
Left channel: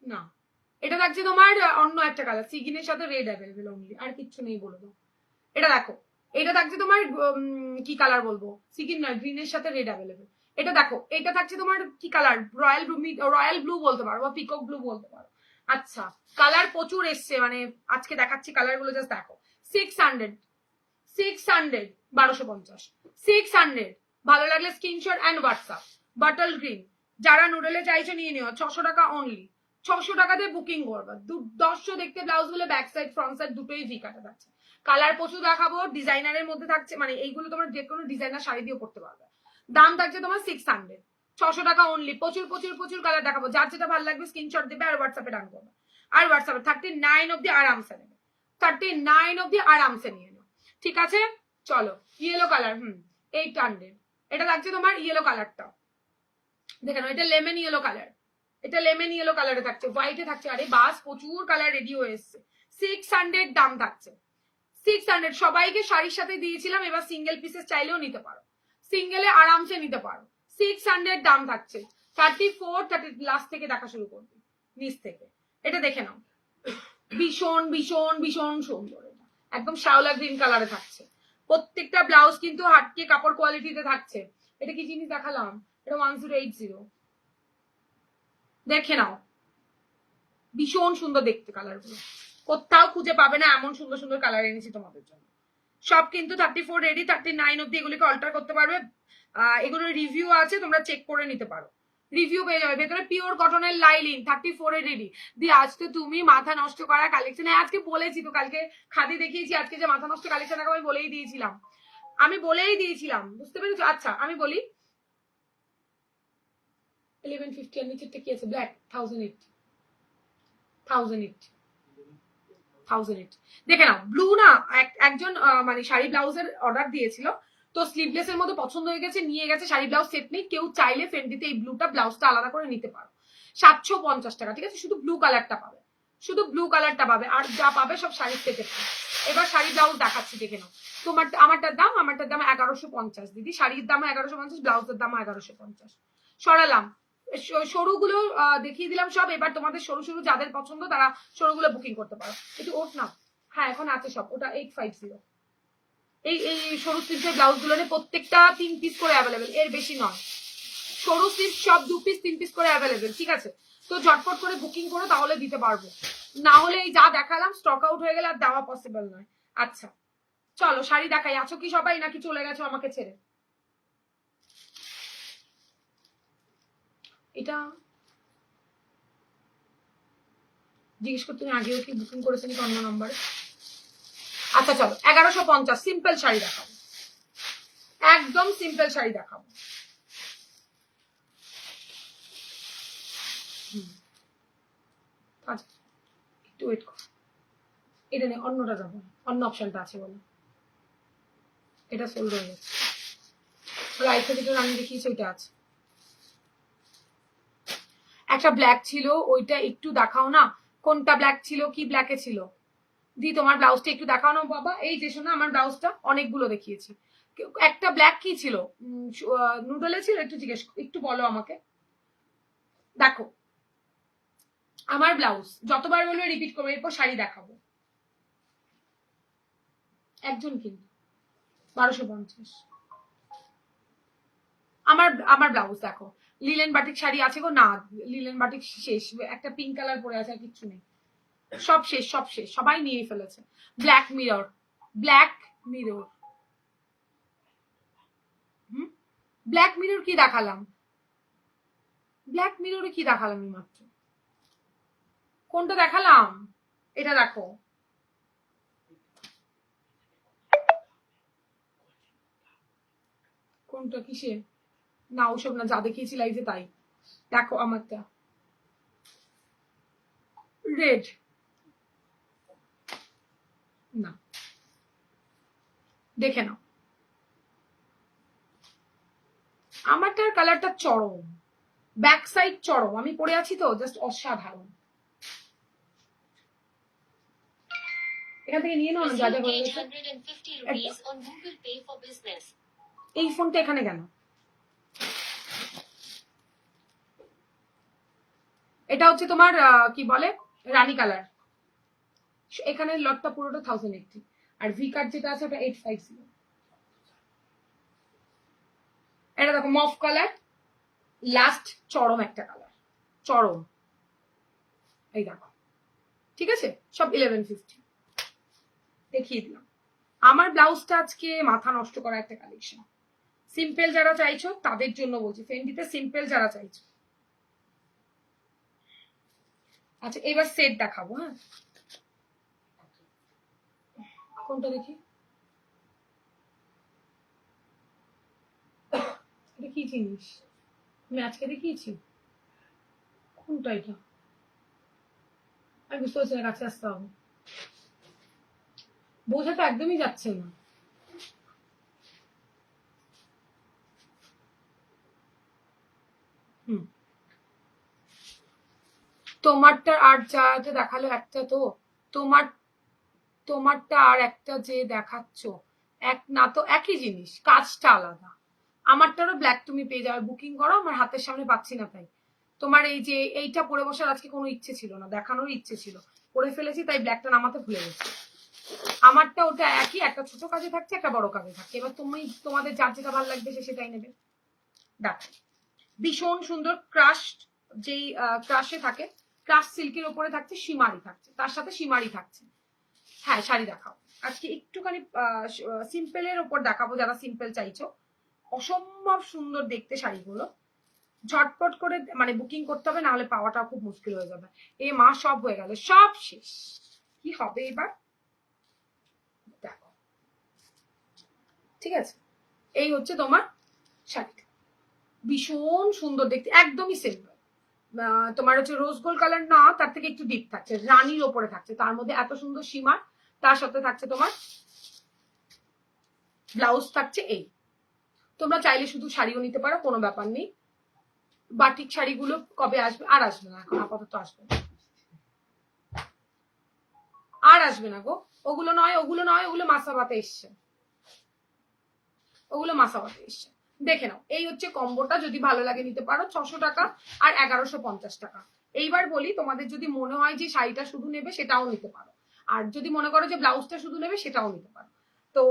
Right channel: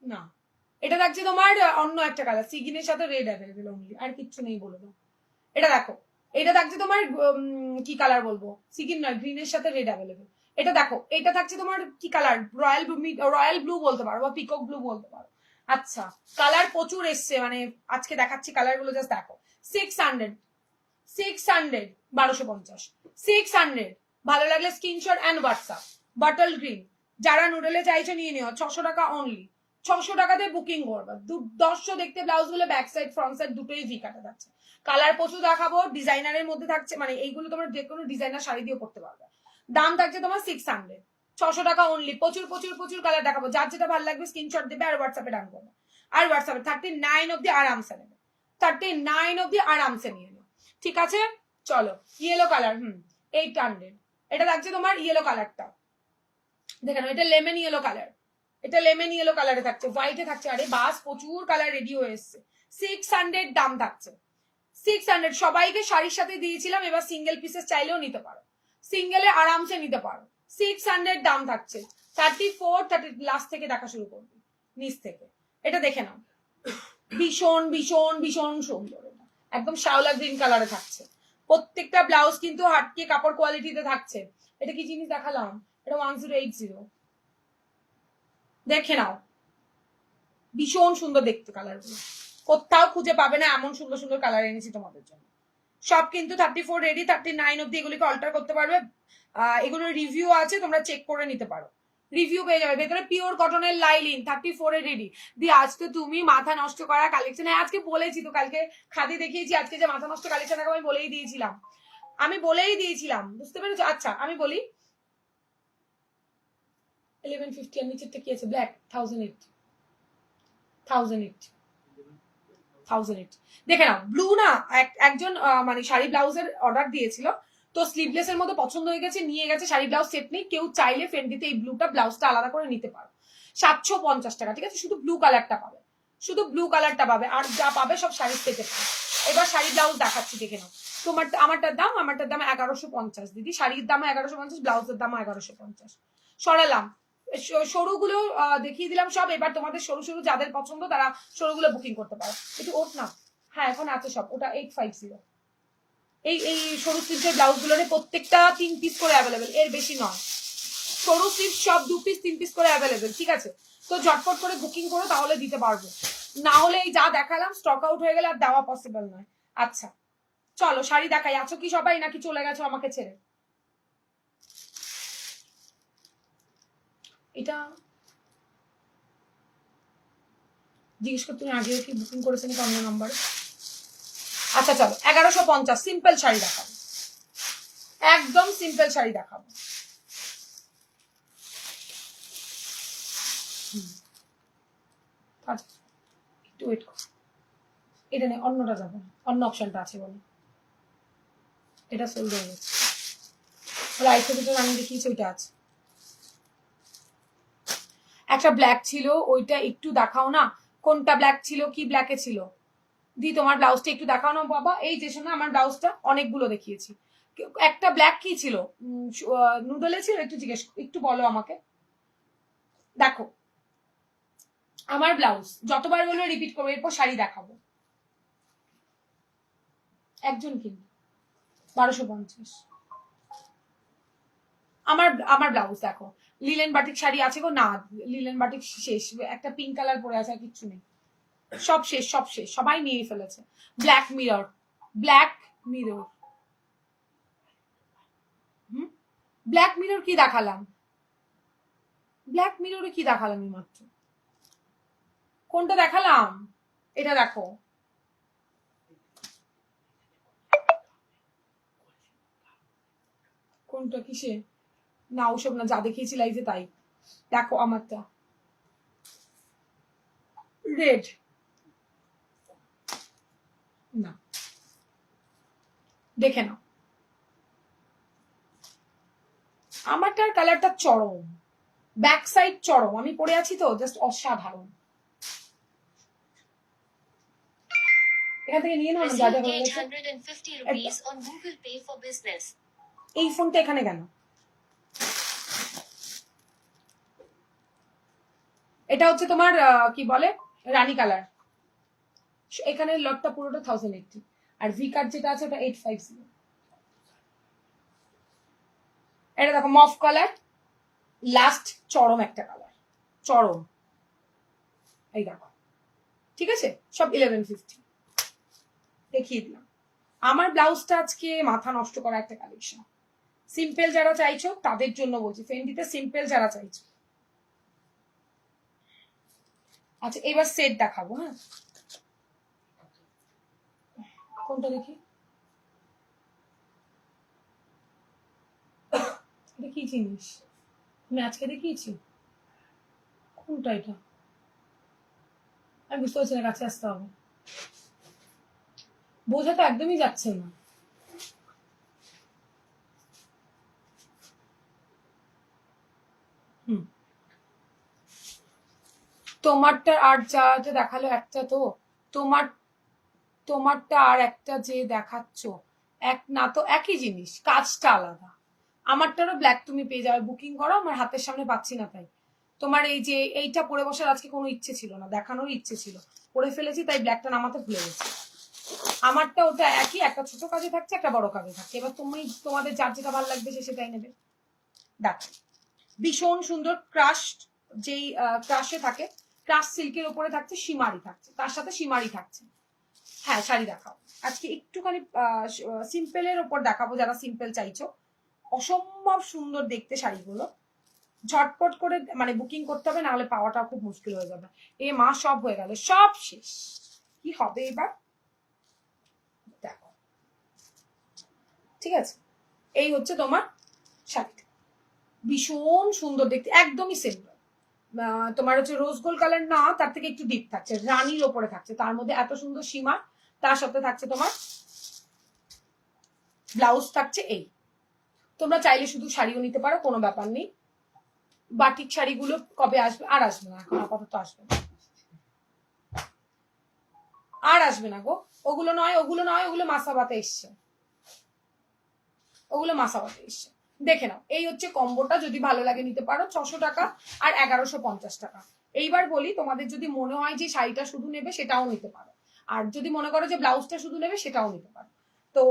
না, এটা থাকছে তোমার অন্য একটা কালার, সিগিনের সাথে রেড অ্যাভেলেবেল অনলি, আর কিচ্ছু নেই বলে দাও। এটা দেখো, এটা থাকছে তোমার কি কালার বলবো, সিগিন নয়, গ্রিনের সাথে রেড অ্যাভেলেবেল। এটা দেখো, এটা থাকছে তোমার কি colour, royal blue, royal blue বলতে পারো বা পিকক ব্লু বলতে পারো। আচ্ছা, কালার প্রচুর এসছে, মানে আজকে দেখাচ্ছি কালার গুলো, জাস্ট দেখো। 600, 1250, 600। ভালো লাগলে screenshot and WhatsApp. Bottle green, যারা নুডলে চাইছো নিয়ে নিও, 600 টাকা অনলি। 600 টাকাতে বুকিং করবে। দর্শো দেখতে ব্লাউজ গুলো ব্যাক সাইড ফ্রন্ট সাইড দুটোই ভি কাটা থাকছে। কালার প্রচুর দেখাবো, ডিজাইনারের মধ্যে থাকছে, মানে এইগুলো তোমার যে কোনো ডিজাইনার শাড়ি দিয়ে করতে পারবে। দাম থাকছে তোমার 600, 600 টাকা অনলি। প্রচুর প্রচুর প্রচুর কালার দেখাবো, যার যেটা ভালো লাগবে স্ক্রিনশট দেবে আর হোয়াটসঅ্যাপে ডান করবে। আর হোয়াটসঅ্যাপে 39 অব্দি আরামসে নেবে, 39 অব্দি আরামসে নিয়ে নেবে, ঠিক আছে? চলো ইয়েলো কালার, 800, এটা লাগছে তোমার ইয়েলো কালারটা, দেখে নাও, এটা লেমন ইয়েলো কালার, এটা লেমন ইয়েলো কালারে থাকছে, হোয়াইটে থাকছে। আরে বাস প্রচুর কালার রেডি হয়ে এসছে। 600 দাম থাকছে, 600। সবাইকে শাড়ির সাথে দিয়েছিলাম, এবার সিঙ্গেল পিসেস চাইলেও নিতে পারো, সিঙ্গেলে আরামসে নিতে পারো। 600 দাম থাকছে। 34, 30 লাস্ট থেকে দেখা শুরু করবি, নিচ থেকে। এটা দেখে নাও, ভীষণ ভীষণ ভীষণ সুন্দর, একদম শ্যাওলা গ্রিন কালারে থাকছে। প্রত্যেকটা ব্লাউজ কিন্তু হাটকে কাপড় কোয়ালিটিতে থাকছে। এটা কি জিনিস দেখালাম? এটা 1080, দেখে নাও, ভীষণ সুন্দর দেখতে কালারগুলো, কোথাও খুঁজে পাবে না এমন সুন্দর সুন্দর কালার এনেছি তোমাদের জন্য। সব কিন্তু 34 রেডি, 39 অব্দি এগুলিকে অল্টার করতে পারবে। এগুলোর রিভিউ আছে, তোমরা চেক করে নিতে পারো, রিভিউ পেয়ে যাবে। ভেতরে পিওর কটনের লাইলিন 34 এ রেডি। দিয়ে আজকে তুমি মাথা নষ্ট করা কালেকশন, আজকে বলেছি তো, কালকে খাদি দেখিয়েছি, আজকে যে মাথা নষ্ট কালেকশন আমি বলেই দিয়েছিলাম, বুঝতে পেরেছো? আচ্ছা আমি বলি, 1150 এর নিচেরটা কি আছে? ব্ল্যাক 1008, 1008 দেখে নাও। ব্লু না, একজন মানে শাড়ি ব্লাউজের অর্ডার দিয়েছিল, তো স্লিভলেস এর মধ্যে পছন্দ হয়ে গেছে, নিয়ে গেছে। শাড়ি ব্লাউজ সেট নেই, কেউ চাইলে ফেন্ডিতে এই ব্লুটা ব্লাউজটা আলাদা করে নিতে পারো, 750 টাকা, ঠিক আছে? শুধু ব্লু কালারটা পাবে, শুধু ব্লু কালারটা পাবে, আর যা পাবে সব শাড়ির সেটে পাবে। এবার শাড়ি ব্লাউজ দেখাচ্ছি, দেখে নাও। আমারটার দাম 1150 দিদি, শাড়ির দাম 1150, ব্লাউজের দাম 1150। সরালাম, সরুগুলো দেখিয়ে দিলাম সব। এবার তোমাদের সরু সরু যাদের পছন্দ তারা সরুগুলো বুকিং করতে পারো। একটু ওঠ না, হ্যাঁ এখন আছে সব, ওটা 850। এই সরু স্লিভসের ব্লাউজ গুলোর প্রত্যেকটা 3 পিস করে অ্যাভেলেবেল, এর বেশি নয়। সরু স্লিভ সব 2 পিস 3 পিস করে অ্যাভেলেবেল, ঠিক আছে? তো ঝটপট করে বুকিং করো, তাহলে দিতে পারবো, না হলে এই যা দেখালাম স্টক আউট হয়ে গেলে আর দেওয়া পসিবল নয়। আচ্ছা চলো শাড়ি দেখাই। আছো কি সবাই, নাকি চলে গেছো আমাকে ছেড়ে? এটা জিজ্ঞেস করতে, তুমি আগেও কি বুকিং করেছেন কি অন্য নম্বরে? আচ্ছা চলো 1150 সিম্পল শাড়ি দেখাবো, একদম সিম্পল শাড়ি দেখাবো। আচ্ছা একটু ওয়েট করো, এটা নেই, অন্যটা যাবো, অন্য অপশনটা আছে বলো। এটা সোল্ড হয়ে গেছে, রাইট যেটা আমি দেখিয়েছি ওইটা আছে। একটা ব্ল্যাক ছিল, ওইটা একটু দেখাও না, কোনটা ব্ল্যাক ছিল, কি ব্ল্যাকে ছিল? দি তোমার ব্লাউজটা একটু দেখাও না বাবা। এই যে শোনো, আমার ব্লাউজটা অনেকগুলো দেখিয়েছি, একটা ব্ল্যাক কি ছিল, নুডলে ছিল, একটু জিজ্ঞেস, একটু বলো আমাকে। দেখো আমার ব্লাউজ যতবার বলবে রিপিট করবো, এরপর শাড়ি দেখাবো। একজন কিনবে 1250। আমার ব্লাউজ দেখো, লিলেন বাটিক শাড়ি আছে গো, না লিলেন বাটিক শেষ, একটা পিঙ্ক কালার পরে আছে, আর কিচ্ছু নেই, সব শেষ, সব শেষ, সবাই নিয়ে ফেলেছে। Black mirror, black mirror, black mirror কি দেখালাম? ব্ল্যাক মিররে কি দেখালাম মাত্র? কোনটা দেখালাম? এটা দেখো, কোনটা কিসে? না ওসব না, যা দেখিয়েছি লাইভে তাই দেখো। আমারটা রেড, না দেখে নাও, আমারটার কালারটা চরম, ব্যাক সাইড চরম, আমি পরে আছি তো জাস্ট অসাধারণ। এখান থেকে নিয়ে নাও না, যা যা হয়ে গেছে। এই ফোনটা এখানে কেন? এটা হচ্ছে তোমার কি বলে, রানী কালার। এখানে লটটা পুরোটা 1080, আর ভি কার্ড যেটা আছে ওটা 850। এটা দেখো মফ কালার, লাস্ট চরম একটা কালার, চরম, এই দেখো, ঠিক আছে? সব 1150 দেখিয়ে দিলাম। আমার ব্লাউজটা আজকে মাথা নষ্ট করা একটা কালেকশন, সিম্পল যারা চাইছো তাদের জন্য বলছি, ফেন্ডিতে সিম্পল যারা চাইছো। আচ্ছা এবার সেট দেখাবো, হ্যাঁ কোনটা দেখি, এটা কি জিনিস? আমি আজকে দেখিয়েছি কোনটা এটা, আমি বুঝতে পারছি না, কাছে আসতে হবে, বোঝাতে একদমই যাচ্ছে না। হুম, তোমারটা আর যা যে দেখালো একটা তো, তোমার তোমারটা আর একটা যে দেখাচ্ছ এক না, তো একই জিনিস, কাজটা আলাদা। আমারটারও ব্ল্যাক তুমি পেয়ে যাবে, বুকিং করো, আমার হাতের সামনে পাচ্ছি না তাই। তোমার এই যে এইটা পরে বসার আজকে কোনো ইচ্ছে ছিল না, দেখানোর ইচ্ছে ছিল, পরে ফেলেছি তাই ব্ল্যাকটা নামাতে ভুলে গেছি। আমারটা ওটা একই, একটা ছোট কাজে থাকছে একটা বড় কাজে থাকছে, এবার তুমি তোমাদের যার যেটা ভালো লাগবে সে সেটাই নেবে। দেখো ভীষণ সুন্দর ক্রাশ, যেই ক্রাশে থাকে, ক্রাশ সিল্কের উপরে থাকছে, সীমারি থাকছে, তার সাথে সীমারি থাকছে। হ্যাঁ শাড়ি দেখাও, আজকে একটুখানি সিম্পলের ওপর দেখাবো, যারা সিম্পল চাইছো। অসম্ভব সুন্দর দেখতে শাড়িগুলো, ঝটপট করে মানে বুকিং করতে হবে, নাহলে পাওয়াটা খুব মুশকিল হয়ে যাবে। এ মা সব হয়ে গেল, সব শেষ, কি হবে এবার দেখো। ঠিক আছে, এই হচ্ছে তোমার শাড়িটা, ভীষণ সুন্দর দেখতে, একদমই সিম্পল। তোমার হচ্ছে রোজ গোল্ড কালার না, তার থেকে একটু ডিপ থাকছে, রানির ওপরে থাকছে, তার মধ্যে এত সুন্দর সীমার, তার সাথে থাকছে তোমার ব্লাউজ থাকছে এই। তোমরা চাইলে শুধু শাড়িও নিতে পারো, কোনো ব্যাপার নেই। বাটিক শাড়িগুলো কবে আসবে? আর আসবে না, এখন আপাতত আসবে না, আর আসবে না গো। ওগুলো নয়, ওগুলো নয়, ওগুলো মাসাবাতে এসছে, ওগুলো মাসাবাতে এসছে। দেখে নাও, এই হচ্ছে কম্বোটা, যদি ভালো লাগে নিতে পারো। 600 টাকা আর 1150 টাকা। এইবার বলি, তোমাদের যদি মনে হয় যে শাড়িটা শুধু নেবে সেটাও নিতে পারো, আর যদি মনে করো যে ব্লাউজটা শুধু নেবে সেটাও নিতে পারো। তো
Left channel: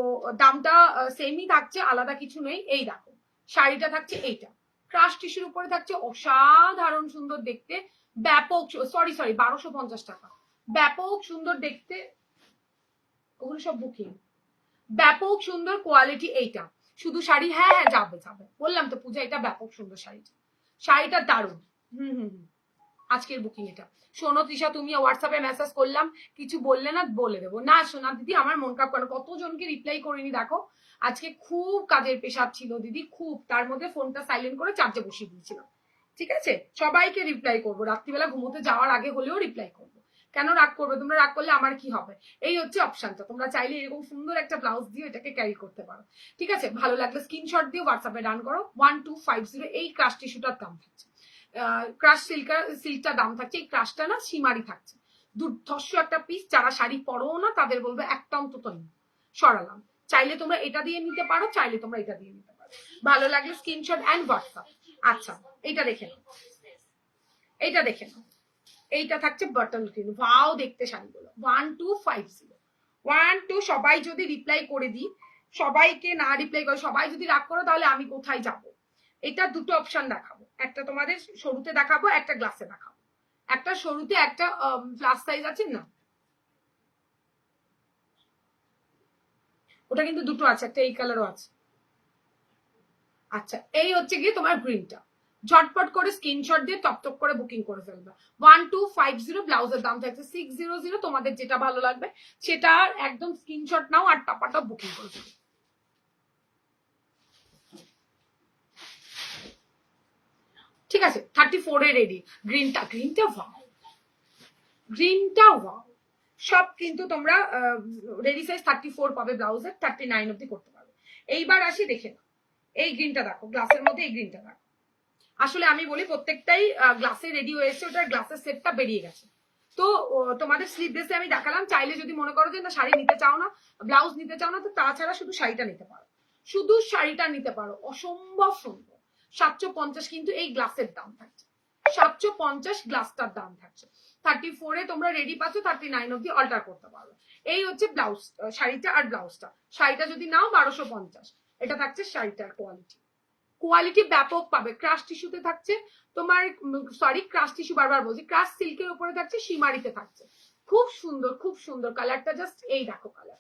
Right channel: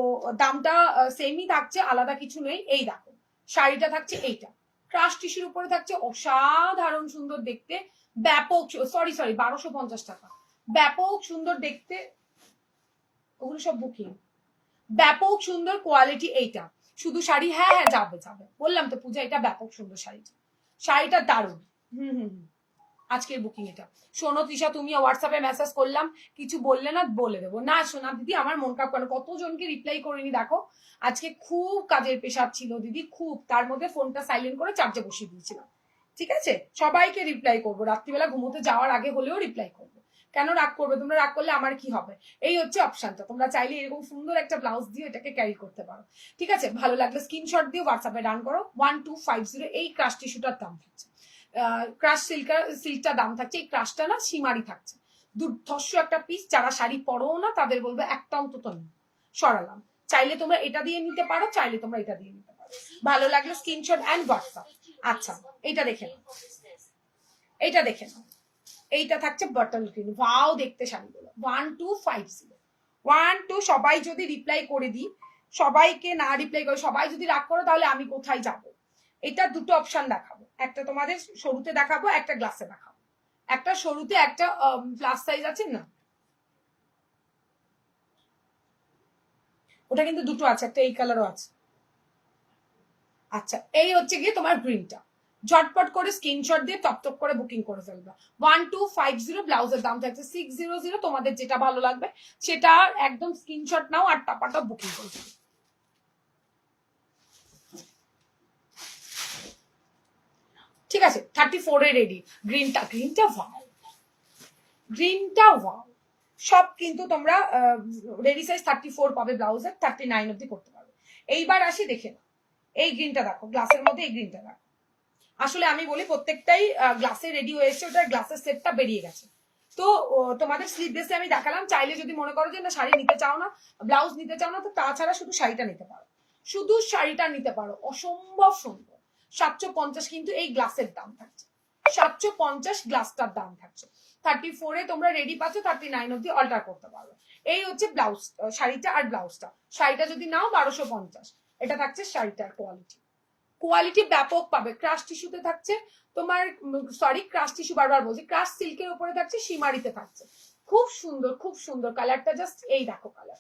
দামটা সেমই থাকছে, আলাদা কিছু নেই। এই দেখো শাড়িটা থাকছে এইটা, ক্রাশ টিস্যুর উপরে থাকছে, অসাধারণ সুন্দর দেখতে, ব্যাপক, সরি 1250 টাকা, ব্যাপক সুন্দর দেখতে। ওগুলো সব বুকিং, ব্যাপক সুন্দর কোয়ালিটি এইটা, শুধু শাড়ি, হ্যাঁ হ্যাঁ যাবে যাবে, বললাম তো পূজা, এটা ব্যাপক সুন্দর শাড়িটা, শাড়িটা দারুণ। হুম হুম হুম, আজকের বুকিং এটা। শোনো তৃষা, তুমি হোয়াটসঅ্যাপে মেসেজ করলাম, কিছু বললে না, বলে দেবো না। শোনা দিদি, আমার মন খারাপ কেন, কতজনকে রিপ্লাই করিনি দেখো, আজকে খুব কাজের প্রেশার ছিল দিদি, খুব, তার মধ্যে ফোনটা সাইলেন্ট করে চার্জে বসিয়ে দিয়েছিলাম। ঠিক আছে, সবাইকে রিপ্লাই করবো, রাত্রিবেলা ঘুমোতে যাওয়ার আগে হলেও রিপ্লাই করবো। কেন রাগ করবে তোমরা? রাগ করলে আমার কি হবে? এই হচ্ছে অপশনটা, তোমরা চাইলে এরকম সুন্দর একটা ব্লাউজ দিয়ে এটাকে ক্যারি করতে পারো। ঠিক আছে, ভালো লাগলে স্ক্রিনশট দিয়ে হোয়াটসঅ্যাপে ডান করো। 1250 এই ক্রাশ টিস্যুটার দাম থাকছে, ক্রাশ সিল্কটা দাম থাকছে, এই ক্রাশটা না সীমারি থাকছে, দুর্ধর্ষ একটা পিস। যারা শাড়ি পরো না তাদের বলবে একটা অন্তত নেই, সরালাম। চাইলে তোমরা এটা দিয়ে নিতে পারো, চাইলে তোমরা এটা দিয়ে নিতে পারো, ভালো লাগলে স্ক্রিনশট অ্যান্ড হোয়াটসঅ্যাপ। আচ্ছা, এইটা দেখে নাও, এইটা দেখে নাও, এইটা থাকছে বাটল গ্রিন, ওয়াও দেখতে শাড়িগুলো। 1250, 12, সবাই যদি রিপ্লাই করে দিই, সবাইকে না রিপ্লাই করে সবাই যদি রাগ করো, তাহলে আমি কোথায় যাব? এটা দুটো অপশন দেখাবো, একটা তোমাদের সরুতে দেখাবো, একটা গ্লাসে দেখাবো। একটা সরুতে, একটা প্লাস সাইজ আছে না, ওটা কিন্তু দুটো আছে, একটা এই কালারও আছে। আচ্ছা, এই হচ্ছে গিয়ে তোমার গ্রিনটা, ঝটপট করে স্ক্রিনশট দিয়ে টপ করে বুকিং করে ফেলবে। 1250, ব্লাউজের দাম থাকছে 600, তোমাদের যেটা ভালো লাগবে সেটা একদম স্ক্রিনশট নাও আর টপাটা বুকিং করে ফেলবে। ঠিক আছে, 34 এ রেডি, গ্রিনটা, গ্রিনটা ওয়াও, গ্রিনটা ওয়াও। সব কিন্তু তোমরা রেডি সাইজ 34 পাবে, ব্লাউজের 39 অব্দি করতে পারবে। এইবার আসি, দেখে নাও এই গ্রিনটা, দেখো গ্লাসের মধ্যে এই গ্রিনটা দেখো। আসলে আমি বলি প্রত্যেকটাই গ্লাসে রেডি হয়েছে, ওটার গ্লাসের সেটটা বেরিয়ে গেছে। তো তোমাদের স্লিভলেসে আমি দেখালাম, চাইলে যদি মনে করো যে না শাড়ি নিতে চাও না, ব্লাউজ নিতে চাও না, তো তাছাড়া শুধু শাড়িটা নিতে পারো, শুধু শাড়িটা নিতে পারো, অসম্ভব সুন্দর। 750 কিন্তু এই গ্লাসের দাম থাকছে, 750 গ্লাসটার দাম থাকছে। 34 তোমরা রেডি পাচ্ছ, 39 অব্দি অল্টার করতে পারো। এই হচ্ছে ব্লাউজ, শাড়িটা আর ব্লাউজটা। শাড়িটা যদি নাও 1250, এটা থাকছে শাড়িটার কোয়ালিটি, কোয়ালিটি ব্যাপক পাবে। ক্রাশ টিস্যুতে থাকছে তোমার, সরি ক্রাশ টিস্যু বারবার বলছি, ক্রাশ সিল্কের উপরে থাকছে, সীমারিতে থাকছে, খুব সুন্দর, খুব সুন্দর কালারটা, জাস্ট এই দেখো কালার।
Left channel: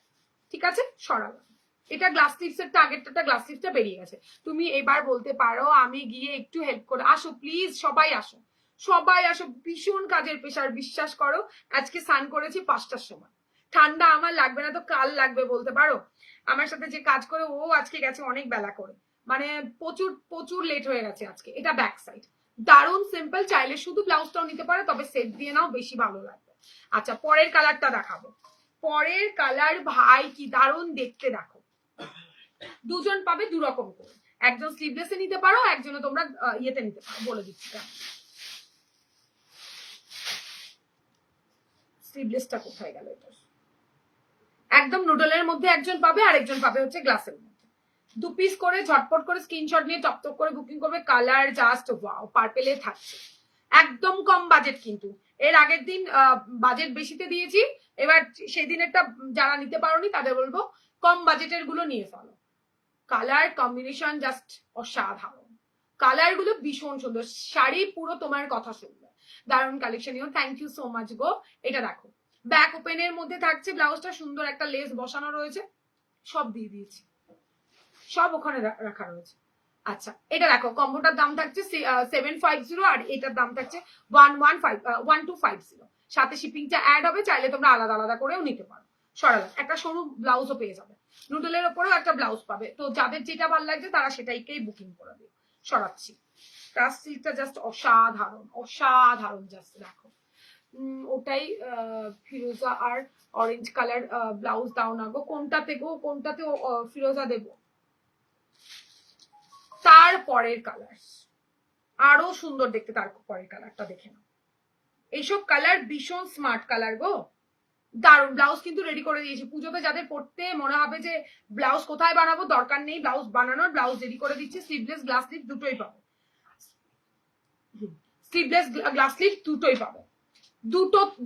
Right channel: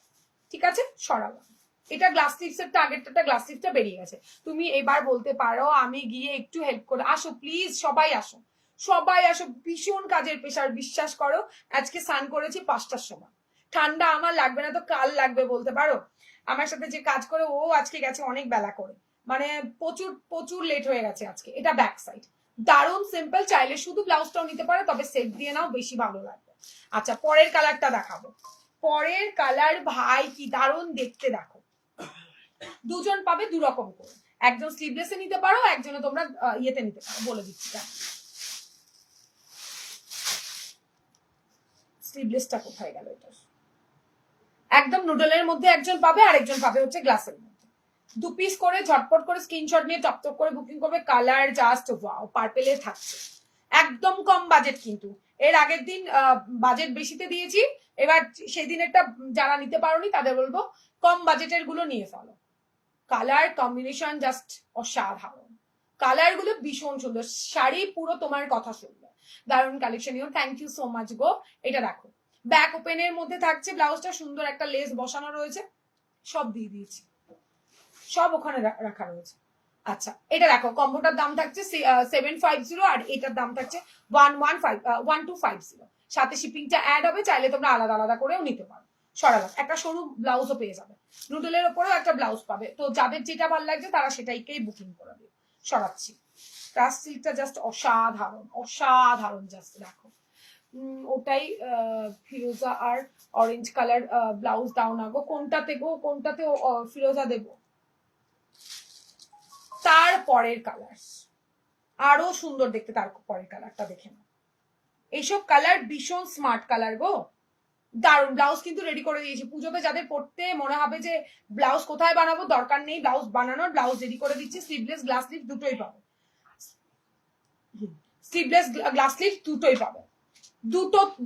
ঠিক আছে, সরালাম। এটা গ্লাস স্লিভসেরটা, আগেরটা গ্লাস স্লিভসটা বেরিয়ে গেছে। তুমি এবার বলতে পারো আমি গিয়ে একটু হেল্প করে, আসো প্লিজ, সবাই আসো, সবাই আসো, ভীষণ কাজের প্রেশার, বিশ্বাস করো। আজকে স্নান করেছি 5টার সময়, ঠান্ডা আমার লাগবে না তো কাল লাগবে বলতে পারো। আমার সাথে যে কাজ করে ও আজকে গেছে অনেক বেলা করে, মানে প্রচুর প্রচুর লেট হয়ে গেছে আজকে। এটা ব্যাক সাইড, দারুণ সিম্পল, চাইলে শুধু ব্লাউজটাও নিতে পারো, তবে সেট দিয়ে নাও, বেশি ভালো লাগবে। আচ্ছা পরের কালারটা দেখাবো। পরের কালার ভাই কি দারুণ দেখতে, দেখো দুজন পাবে দু রকম করে, একজন স্লিভলেসে নিতে পারো, একজনে তোমরা ইয়েতে নিতে পারো, বলে দিচ্ছি। স্লিভলেসটা কোথায় গেল? এটা একদম নুডলের মধ্যে একজন পাবে, আর একজন পাবে হচ্ছে গ্লাসের মধ্যে। 2 পিস করে ঝটপট করে স্ক্রিনশট নিয়ে টপ করে বুকিং করবে। কালার জাস্ট ওয়াও, পার্পেলে থাকছে, একদম কম বাজেট। কিন্তু এর আগের দিন বাজেট বেশিতে দিয়েছি, এবার সেই দিনেরটা যারা নিতে পারোনি তাদের বলবো কম বাজেটের গুলো নিয়ে ফেলো। কালার কম্বিনেশন জাস্ট অসাধারণ, কালার গুলো ভীষণ সুন্দর, শাড়ি পুরো তোমার কথা শুনবে, দারুণ collection. Thank you so much গো। এটা দেখো ব্যাক ওপেনের মধ্যে থাকছে, ব্লাউজটা সুন্দর একটা লেস বসানো রয়েছে, সব দিয়ে দিয়েছি, সব ওখানে রাখা রয়েছে। আচ্ছা এটা দেখো কম্বোটার দাম থাকছে 750, আর এটার দাম থাকছে 1250, সাথে শিপিংটা অ্যাড হবে, চাইলে তোমরা আলাদা আলাদা করেও নিতে পারো। সরালাম, একটা সরু ব্লাউজও পেয়ে যাবে, নুডলের ওপরেও একটা ব্লাউজ পাবে। তো যাদের যেটা ভালো লাগছে তারা সেটাইকেই বুকিং করে দিও। সরাচ্ছি, ক্রাশ সিল্কটা জাস্ট অসাধারণ, অসাধারণ জাস্ট দেখো। ওটাই ফিরোজা আর অরেঞ্জ কালার ব্লাউজ দাও না গো। কোনটাতে গো, কোনটাতে ফিরোজা দেবো? তার পরের কালার আরো সুন্দর দেখতে, তার পরের কালারটা দেখে নাও। এইসব কালার ভীষণ স্মার্ট কালার গো, দারুন। ব্লাউজ কিন্তু রেডি করে দিয়েছি, পুজোতে যাদের পড়তে মনে হবে যে ব্লাউজ কোথায় বানাবো, দরকার নেই ব্লাউজ বানানোর, ব্লাউজ রেডি করে দিচ্ছি। স্লিভলেস গ্লাস স্লিভ দুটোই পাবে, স্লিভলেস গ্লাস স্লিভ দুটোই পাবে,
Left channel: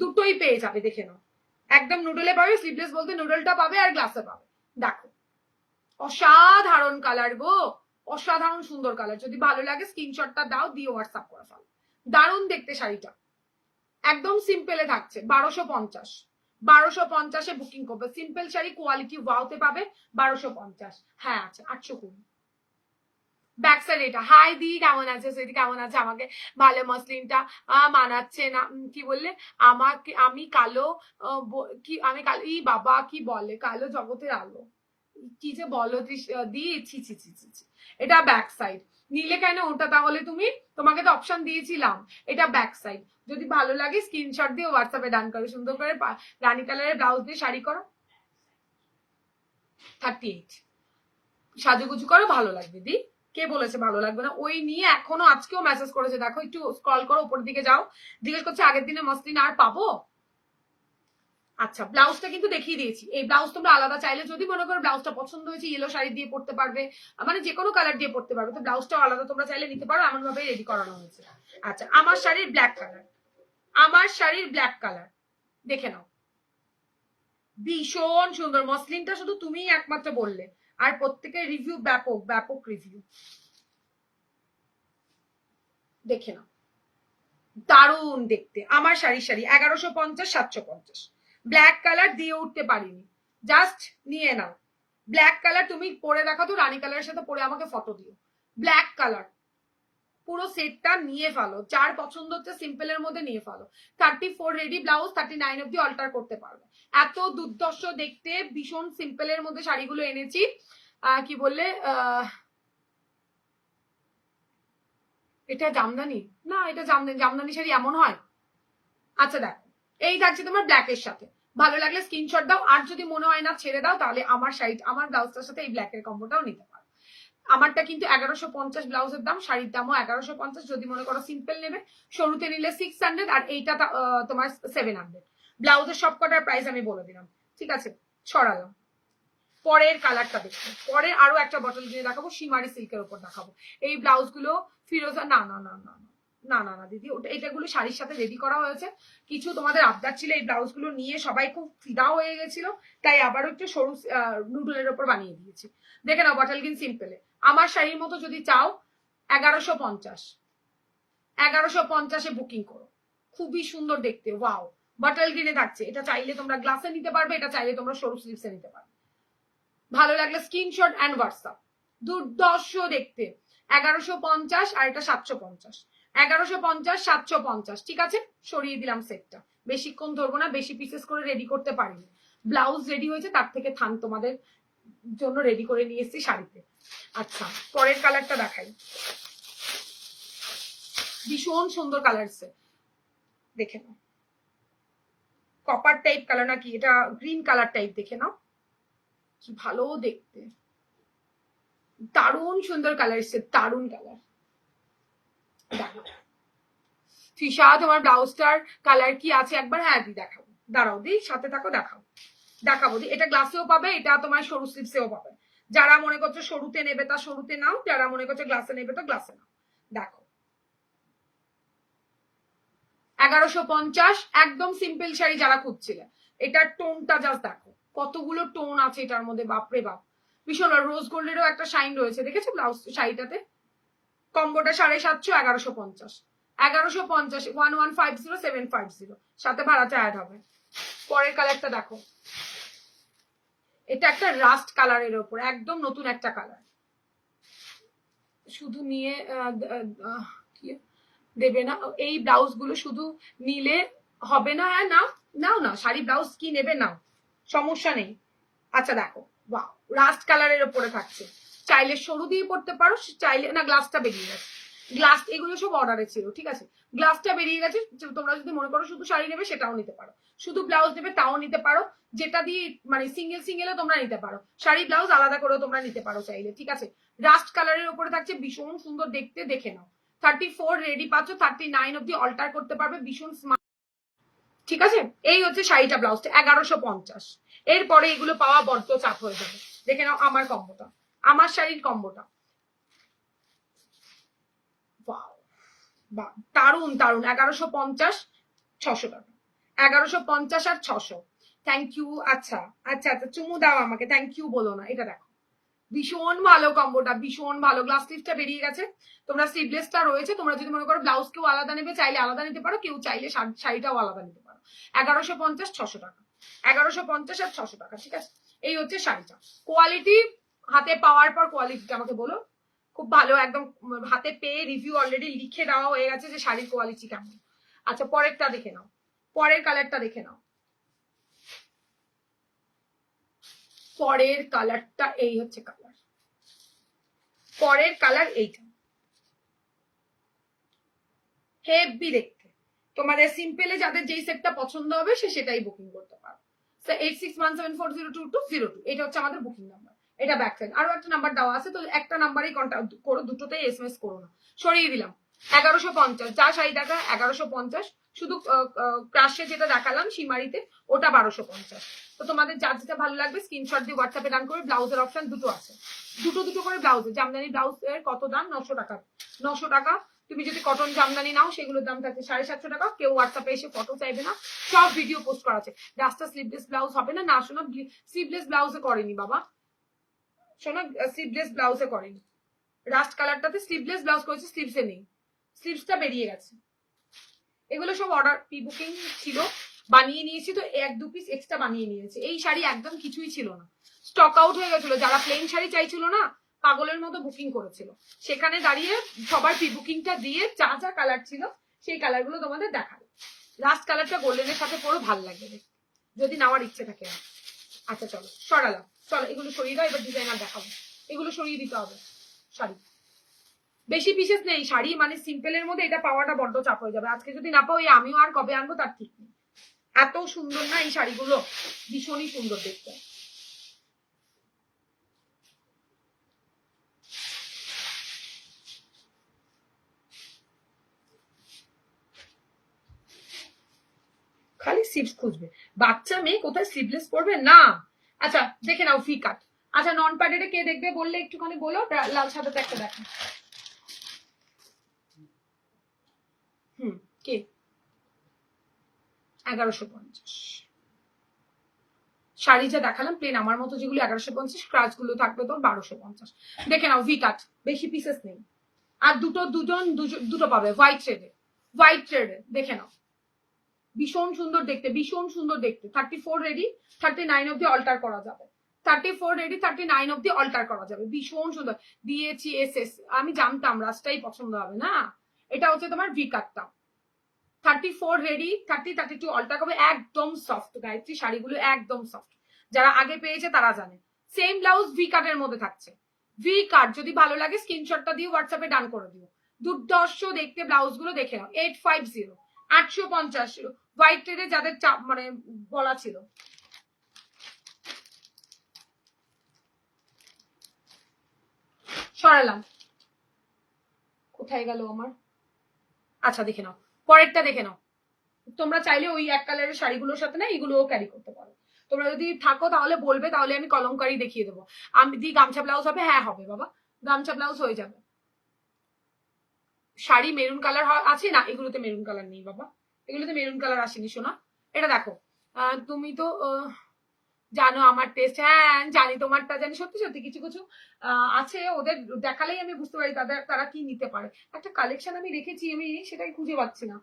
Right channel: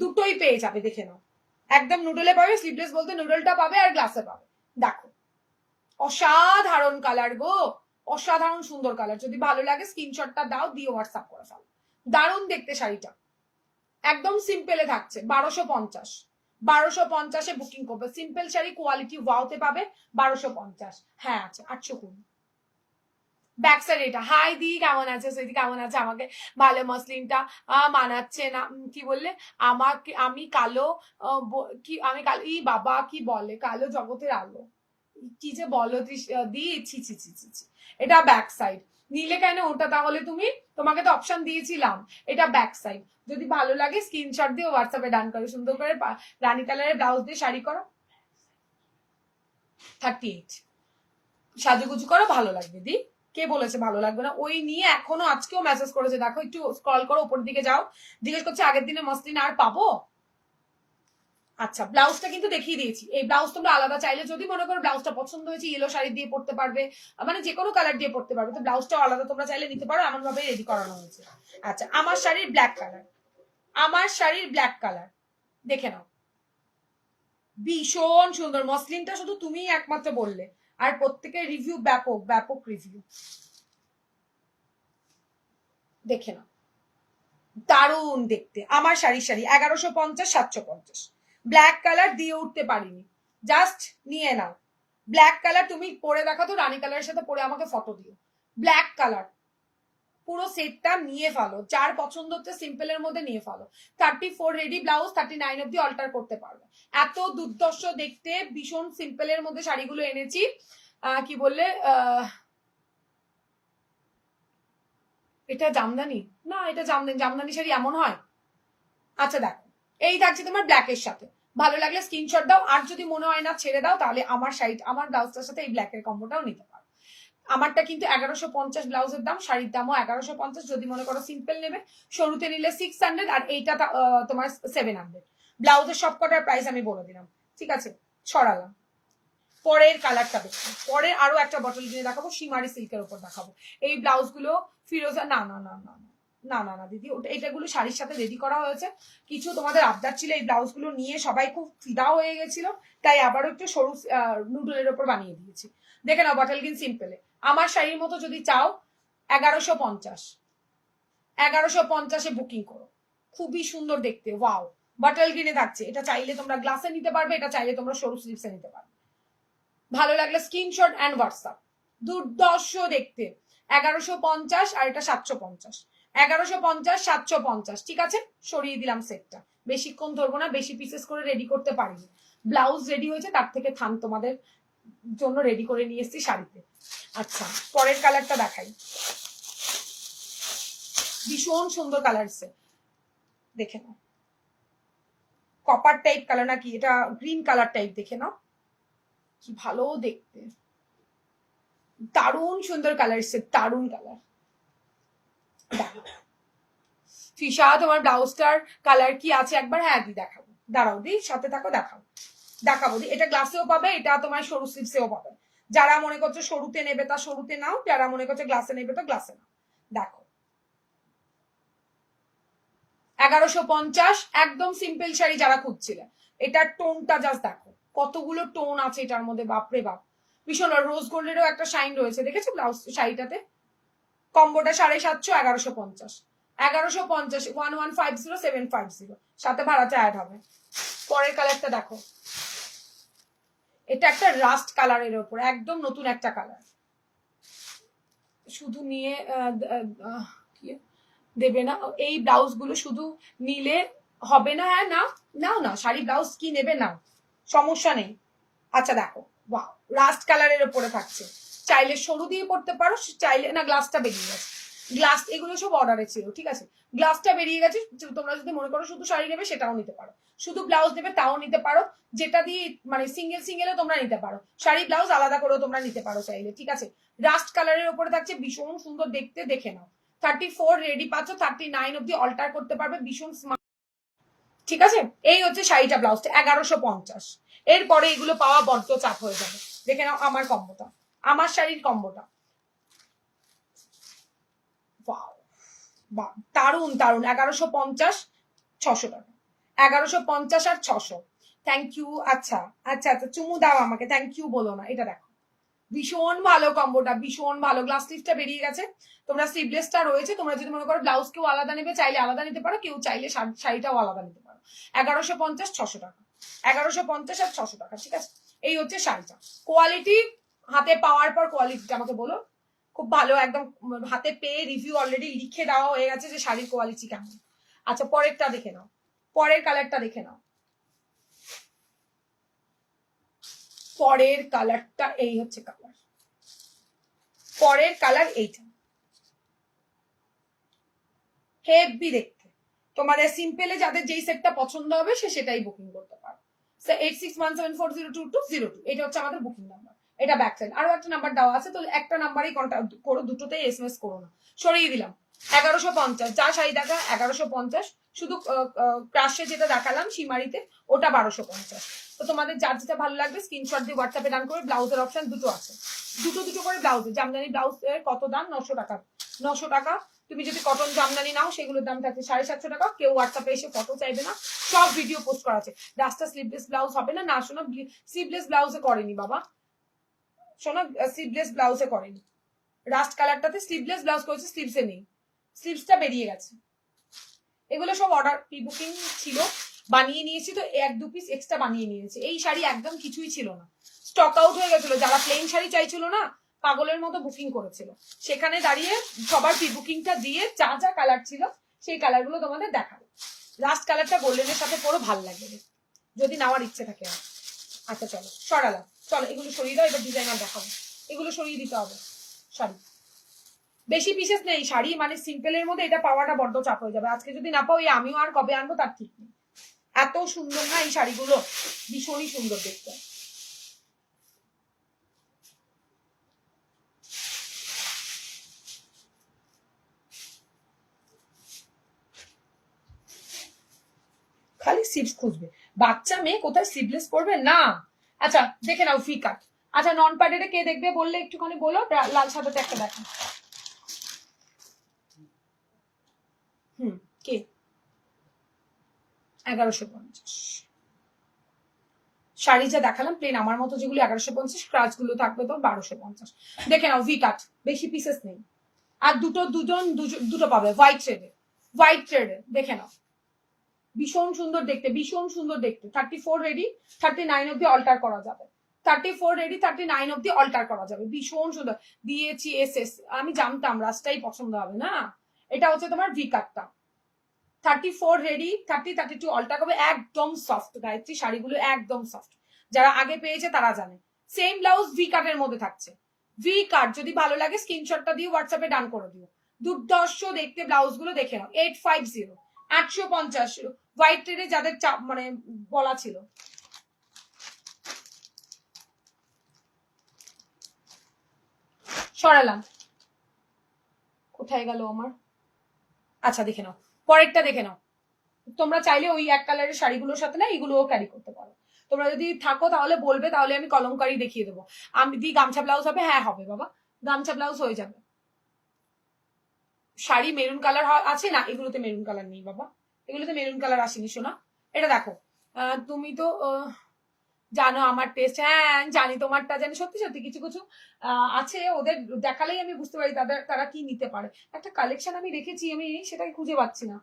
দুটোই পেয়ে যাবে, দেখে নাও। একদম নুডলে পাবে, স্লিভলেস বলতে নুডলটা পাবে আর গ্লাসে পাবে। দেখো অসাধারণ কালার গো, অসাধারণ সুন্দর কালার। যদি ভালো লাগে স্ক্রিনশটটা দাও, দিয়ে হোয়াটসঅ্যাপ করে ফেলো। দারুণ দেখতে শাড়িটা, একদম সিম্পলে থাকছে। 1250 বুকিং করবে। সিম্পল শাড়ি কোয়ালিটি ওয়াওতে পাবে 1250। হ্যাঁ আচ্ছা 820। ব্যাক সাইড এটা। হাই দি, কেমন আছে সুইটি, কেমন আছে? আমাকে ভালো মসলিনটা মানাচ্ছে না, কি বললে? আমাকে আমি কালো কি আমি কালো, ই বাবা কি বলে, কালো জগতের আলো, কি যে বলো দি, ছি ছি ছি ছি ছি। এটা ব্যাক সাইড, নিলে কেন ওটা তাহলে তুমি? তোমাকে তো অপশন দিয়েছিলাম। এটা ব্যাক সাইড, যদি ভালো লাগে স্ক্রিনশট দিয়ে হোয়াটসঅ্যাপে ডান করো। সুন্দর করে রানী কালারের ব্লাউজ দিয়ে শাড়ি করো, 38 সাজুগুজু করো, ভালো লাগবে দি। কে বলেছে ভালো লাগবে না? ওই নিয়ে এখনো আজকেও মেসেজ করেছে, দেখো একটু স্ক্রল করো উপরের দিকে যাও, জিজ্ঞেস করছে আগের দিনে মসলিন আর পাবো। আচ্ছা ব্লাউজটা কিন্তু দেখিয়ে দিয়েছি। এই ব্লাউজ তোমরা আলাদা চাইলে, যদি মনে করো ব্লাউজটা পছন্দ হয়েছে, ইয়েলো শাড়ি দিয়ে পড়তে পারবে, মানে যে কোনো কালার দিয়ে পড়তে পারবে, তো ব্লাউজটাও আলাদা তোমরা চাইলে নিতে পারো, এমন ভাবে রেডি করানো হয়েছে। আচ্ছা আমার শাড়ির ব্ল্যাক কালার, আমার শাড়ির ব্ল্যাক কালার দেখে নাও, ভীষণ সুন্দর। মসলিনটা শুধু তুমিই একমাত্র বললে, আর প্রত্যেকের রিভিউ ব্যাপক ব্যাপক রিভিউ, দেখে নাও দারুণ দেখতে। আমার শাড়ির শাড়ি 1150, 750। ব্ল্যাক কালার দিয়ে উঠতে পারিনি, জাস্ট নিয়ে নাও। ব্ল্যাক কালার তুমি পরে দেখো তো, রানী কালারের সাথে পরে আমাকে ফটো দিও। ব্ল্যাক কালার পুরো সেটটা নিয়ে ফেলো, যার পছন্দ হচ্ছে সিম্পলের মধ্যে নিয়ে ফেলো। 34 রেডি ব্লাউজ, 39 অব্দি অল্টার করতে পারবে। এত দুর্দর্শ দেখতে ভীষণ সিম্পলের মধ্যে শাড়িগুলো এনেছি। কি বললে এটা জামদানি না, এটা জামদানি শাড়ি এমন হয়? আচ্ছা দেখো এই থাকছে তোমার ব্ল্যাকের সাথে, ভালো লাগলে স্ক্রিনশট দাও, আর যদি মনে হয় না ছেড়ে দাও, তাহলে আমার শাড়ি আমার ব্লাউজটার সাথে এই ব্ল্যাকের কম্বোটাও নিতে পারো। আমারটা কিন্তু 1150 ব্লাউজের দাম, শাড়ির দামও 1150। যদি মনে করো সিম্পল নেবে, সরুতে নিলে 600, আর এইটা তোমার 700। ব্লাউজের সব কটার প্রাইস আমি বলে দিলাম, ঠিক আছে? ছড়ালাম। পরের কালারটা দেখো, পরের আরো একটা বটল কিনে দেখাবো, সীমারি সিল্কের উপর দেখাবো। এই ব্লাউজগুলো ফিরোজা, না না না না না না না দিদি, ওটা এটাগুলো শাড়ির সাথে রেডি করা হয়েছে। কিছু তোমাদের আবদার ছিল, এই ব্লাউজগুলো নিয়ে সবাই খুব ফিদা হয়ে গেছিল, তাই আবারও একটু সরু নুডলের ওপর বানিয়ে দিয়েছি। দেখে নাও বটল গ্রিন সিম্পলে। আমার শাড়ির মতো যদি চাও 1150, 1150 বুকিং করো। খুবই সুন্দর দেখতে, ওয়াও। বটল গ্রিনে থাকছে, এটা চাইলে তোমরা গ্লাসে নিতে পারবে, এটা চাইলে তোমরা সরু স্লিভসে নিতে পারবে। ভালো লাগলে স্ক্রিনশট অ্যান্ড হোয়াটসঅ্যাপ। দুর্দর্শ দেখতে, 1150, আর এটা 750। 1150, 750, ঠিক আছে? সরিয়ে দিলাম সেটটা, বেশিক্ষণ ধরবো না, বেশি পিসেস করে রেডি করতে পারিনি। ব্লাউজ রেডি হয়েছে, তার থেকে থান তোমাদের জন্য রেডি করে নিয়ে এসেছি শাড়িতে। আচ্ছা পরের কালারটা দেখাই, ভীষণ সুন্দর কালার এসছে, দেখে নাও। কপার টাইপ কালার নাকি, এটা গ্রিন কালার টাইপ, দেখে নাও কি ভালো দেখতে, দারুণ সুন্দর কালার এসছে, দারুণ কালার। ফিশা তোমার ব্লাউজটার কালার কি আছে একবার? হ্যাঁ দি দেখাবো, দাঁড়াও দি, সাথে থাকো, দেখাবো দি। এটা গ্লাসেও পাবে, এটা তোমার সরু স্লিপসেও পাবে। যারা মনে করছো সরুতে নেবে তা সরুতে নাও, যারা মনে করছো গ্লাসে নেবে তো গ্লাসে নাও। দেখো 1150, একদম সিম্পল শাড়ি যারা খুঁজছিলে। এটার টোনটা জাস্ট দেখো, কতগুলো টোন আছে এটার মধ্যে, বাপরে বাপ। ভীষণ রোজ গোল্ডেরও একটা শাইন রয়েছে, দেখেছো ব্লাউজ শাড়িটাতে। কম্বোটা 750, 1150, 1150, 1150, 750, সাথে ভাড়াটা অ্যাড হবে। পরের কালারটা দেখো, এটা একটা রাস্ট কালারের ওপর, একদম নতুন একটা কালার। শুধু নিয়ে দেবে না, এই ব্লাউজ গুলো শুধু নিলে হবে না। হ্যাঁ নাও নাও না, শাড়ি ব্লাউজ কি নেবে নাও, সমস্যা নেই। আচ্ছা দেখো, বাহ, রাস্ট কালারের ওপরে থাকছে, চাইলে সরু দিয়ে পড়তে পারো, চাইলে না। গ্লাসটা বেরিয়ে গেছে, গ্লাস এগুলো সব অর্ডারে ছিল, ঠিক আছে। গ্লাসটা বেরিয়ে গেছে, তোমরা যদি মনে করো শুধু শাড়ি নেবে সেটাও নিতে পারো, শুধু ব্লাউজ নেবে তাও নিতে পারো, যেটা দিয়ে মানে সিঙ্গেল সিঙ্গেলও তোমরা নিতে পারো, শাড়ি ব্লাউজ আলাদা করেও তোমরা নিতে পারো চাইলে, ঠিক আছে। রাস্ট কালারের উপরে থাকছে, ভীষণ সুন্দর দেখতে, দেখে নাও। 34 রেডি পাচ্ছ, 39 অব্দি অল্টার করতে পারবে, ভীষণ স্মার্ট, ঠিক আছে। এই হচ্ছে শাড়িটা, ব্লাউজটা 1150। এরপরে এগুলো পাওয়া বড্ড চাপ হয়ে যাবে। দেখে নাও আমার কম্বোটা, আমার শাড়ির কম্বোটা, দারুন দারুন। 1150, 600 টাকা, 1150 আর 600। Thank you. আচ্ছা আচ্ছা আচ্ছা, চুমু দাও আমাকে, থ্যাংক ইউ বলো না। এটা দেখো, ভীষণ ভালো কম্বোটা, ভীষণ ভালো। গ্লাস স্লিভসটা বেরিয়ে গেছে, তোমরা স্লিভলেসটা রয়েছে। তোমরা যদি মনে করো ব্লাউজ কেউ আলাদা নেবে, চাইলে আলাদা নিতে পারো, কেউ চাইলে শাড়িটাও আলাদা নিতে পারো। 1150, 600 টাকা, 1150 আর 600 টাকা, ঠিক আছে। এই হচ্ছে শাড়িটা। কোয়ালিটি হাতে পাওয়ার পর কোয়ালিটিটা আমাকে বলো, খুব ভালো, একদম হাতে পেয়ে রিভিউ অলরেডি লিখে দেওয়া হয়ে গেছে যে শাড়ির কোয়ালিটি কেমন। আচ্ছা পরেরটা দেখে নাও, পরের কালারটা দেখে নাও। পরের কালারটা এই হচ্ছে কালার, পরের কালার এইটা, হেভি দেখতে। তোমাদের সিম্পলে যাদের যেই সেটটা পছন্দ হবে সে সেটাই বুকিং করতে পারো। 8617402202, এটা হচ্ছে আমাদের বুকিং নাম্বার, এটা ব্যাক সাইড। আরো একটা নাম্বার দেওয়া আছে, তো একটা নাম্বারেই কন্ট্যাক্ট করো, দুটোতেই এসএমএস করো না। সরিয়ে দিলাম 1150, যা শাড়ি টাকা 1150, শুধু ক্রাশে যেটা দেখালাম সীমারিতে ওটা 1250। তো তোমাদের যার যেটা ভালো লাগবে স্ক্রিনশট দিয়ে হোয়াটসঅ্যাপে ডান করে। ব্লাউজের অপশন দুটো আছে, দুটো করে ব্লাউজে। জামদানি ব্লাউজের কত দাম? 900 টাকা, 900 টাকা। তুমি যদি কটন জামদানি নাও সেগুলোর দাম থাকছে 750 টাকা। কেউ হোয়াটসঅ্যাপে এসে ফটো চাইবে না, সব ভিডিও পোস্ট করা আছে। রাস্তা স্লিভলেস ব্লাউজ হবে না, না শোনো, স্লিভলেস ব্লাউজে করেনি বাবা, শোনো, স্লিভলেস ব্লাউজে করেনি। রাস্ট কালারটাতে স্লিভলেস ব্লাউজ করেছে, স্লিভসে নেই, স্লিভসটা বেরিয়ে গেছে। এগুলো সব অর্ডার প্রি বুকিং ছিল, বানিয়ে নিয়েছি, তো 1-2 পিস এক্সট্রা বানিয়ে নিয়েছি। এই শাড়ি একদম কিছুই ছিল না, স্টক আউট হয়ে গেছিল। যারা প্লেন শাড়ি চাইছিল না, পাগলের মতো বুকিং করেছিল, সেখানে দাঁড়িয়ে সবার প্রি বুকিংটা দিয়ে যা যা কালার ছিল সেই কালারগুলো তোমাদের দেখাবো। লাস্ট কালারটা গোল্ডেনের সাথে পরো, ভালো লাগবে যদি নেওয়ার ইচ্ছে থাকে। আচ্ছা চলো সরালাম, চলো এগুলো সরিয়ে দাও, এবার ডিজাইনার দেখাবো। এগুলো সরিয়ে দিতে হবে। শাড়ি বেশি পিসেস নেই, শাড়ি মানে সিম্পলের মধ্যে এটা পাওয়াটা বড্ড চাপ হয়ে যাবে। আজকে যদি না পাও, আমিও আর কবে আনবো তার ঠিক নেই। এত সুন্দর না এই শাড়িগুলো, ভীষণই সুন্দর দেখতে। খালি স্লিভস খুঁজবে, বাচ্চা মেয়ে কোথায় স্লিভলেস পরবে না। আচ্ছা দেখে নাও ফি কাট। আচ্ছা নন প্যাডেডে কে দেখবে বললে একটুখানি বলো, লাল সাদাতে একটা দেখো। কে? 1150 শাড়ি যা দেখালাম প্লেন আমার মতো যেগুলো 1150, ক্রাচ গুলো থাকবে তোর 1250। দেখে নাও ভি কাট, বেশি পিসেস নেই। আর দুটো পাবে হোয়াইট থ্রেডে, হোয়াইট থ্রেডে, দেখে নাও ভীষণ সুন্দর দেখতে, ভীষণ সুন্দর দেখতে। 34 রেডি, 39 অব্দি অল্টার করা যাবে। 34 রেডি, 39 অব্দি অল্টার করা যাবে, ভীষণ সুন্দর দিয়েছি। এস আমি জানতাম রাস্তাই পছন্দ হবে না। এটা হচ্ছে তোমার ভি কাটটা, 34 রেডি, 30, 32 অল্টার করবে, একদম সফট। গায়ত্রী শাড়িগুলো একদম সফট, যারা আগে পেয়েছে তারা জানে। সেম ব্লাউজ ভি কাটের মধ্যে থাকছে, ভি কাট। যদি ভালো লাগে স্ক্রিনশটটা দিয়ে হোয়াটসঅ্যাপে ডান করে দিও। দুর্ধর্ষ দেখতে ব্লাউজ গুলো দেখে নাও। 850 850 হোয়াইট রেডে যাদের মানে বলা ছিল। সরালাম, কোথায় গেল আমার? আচ্ছা দেখে নাও, পরেরটা দেখে নাও। তোমরা চাইলে ওই এক কালারের শাড়িগুলোর সাথে না এগুলোও ক্যারি করতে পারো। তোমরা যদি থাকো তাহলে বলবে, তাহলে আমি কলমকারি দেখিয়ে দেবো। আমি দি গামছা ব্লাউজ হবে? হ্যাঁ হবে বাবা, গামছা ব্লাউজ হয়ে যাবে। শাড়ি মেরুন কালার আছে না? এগুলোতে মেরুন কালার নেই বাবা, এগুলোতে মেরুন কালার আসেনি সোনা। এটা দেখো, তুমি তো জানো আমার টেস্ট। হ্যাঁ জানি, তোমারটা জানি। সত্যি সত্যি কিছু কিছু আছে, ওদের দেখালেই আমি বুঝতে পারি তারা কি নিতে পারে। একটা কালেকশন আমি রেখেছি, আমি সেটাই খুঁজে পাচ্ছি না।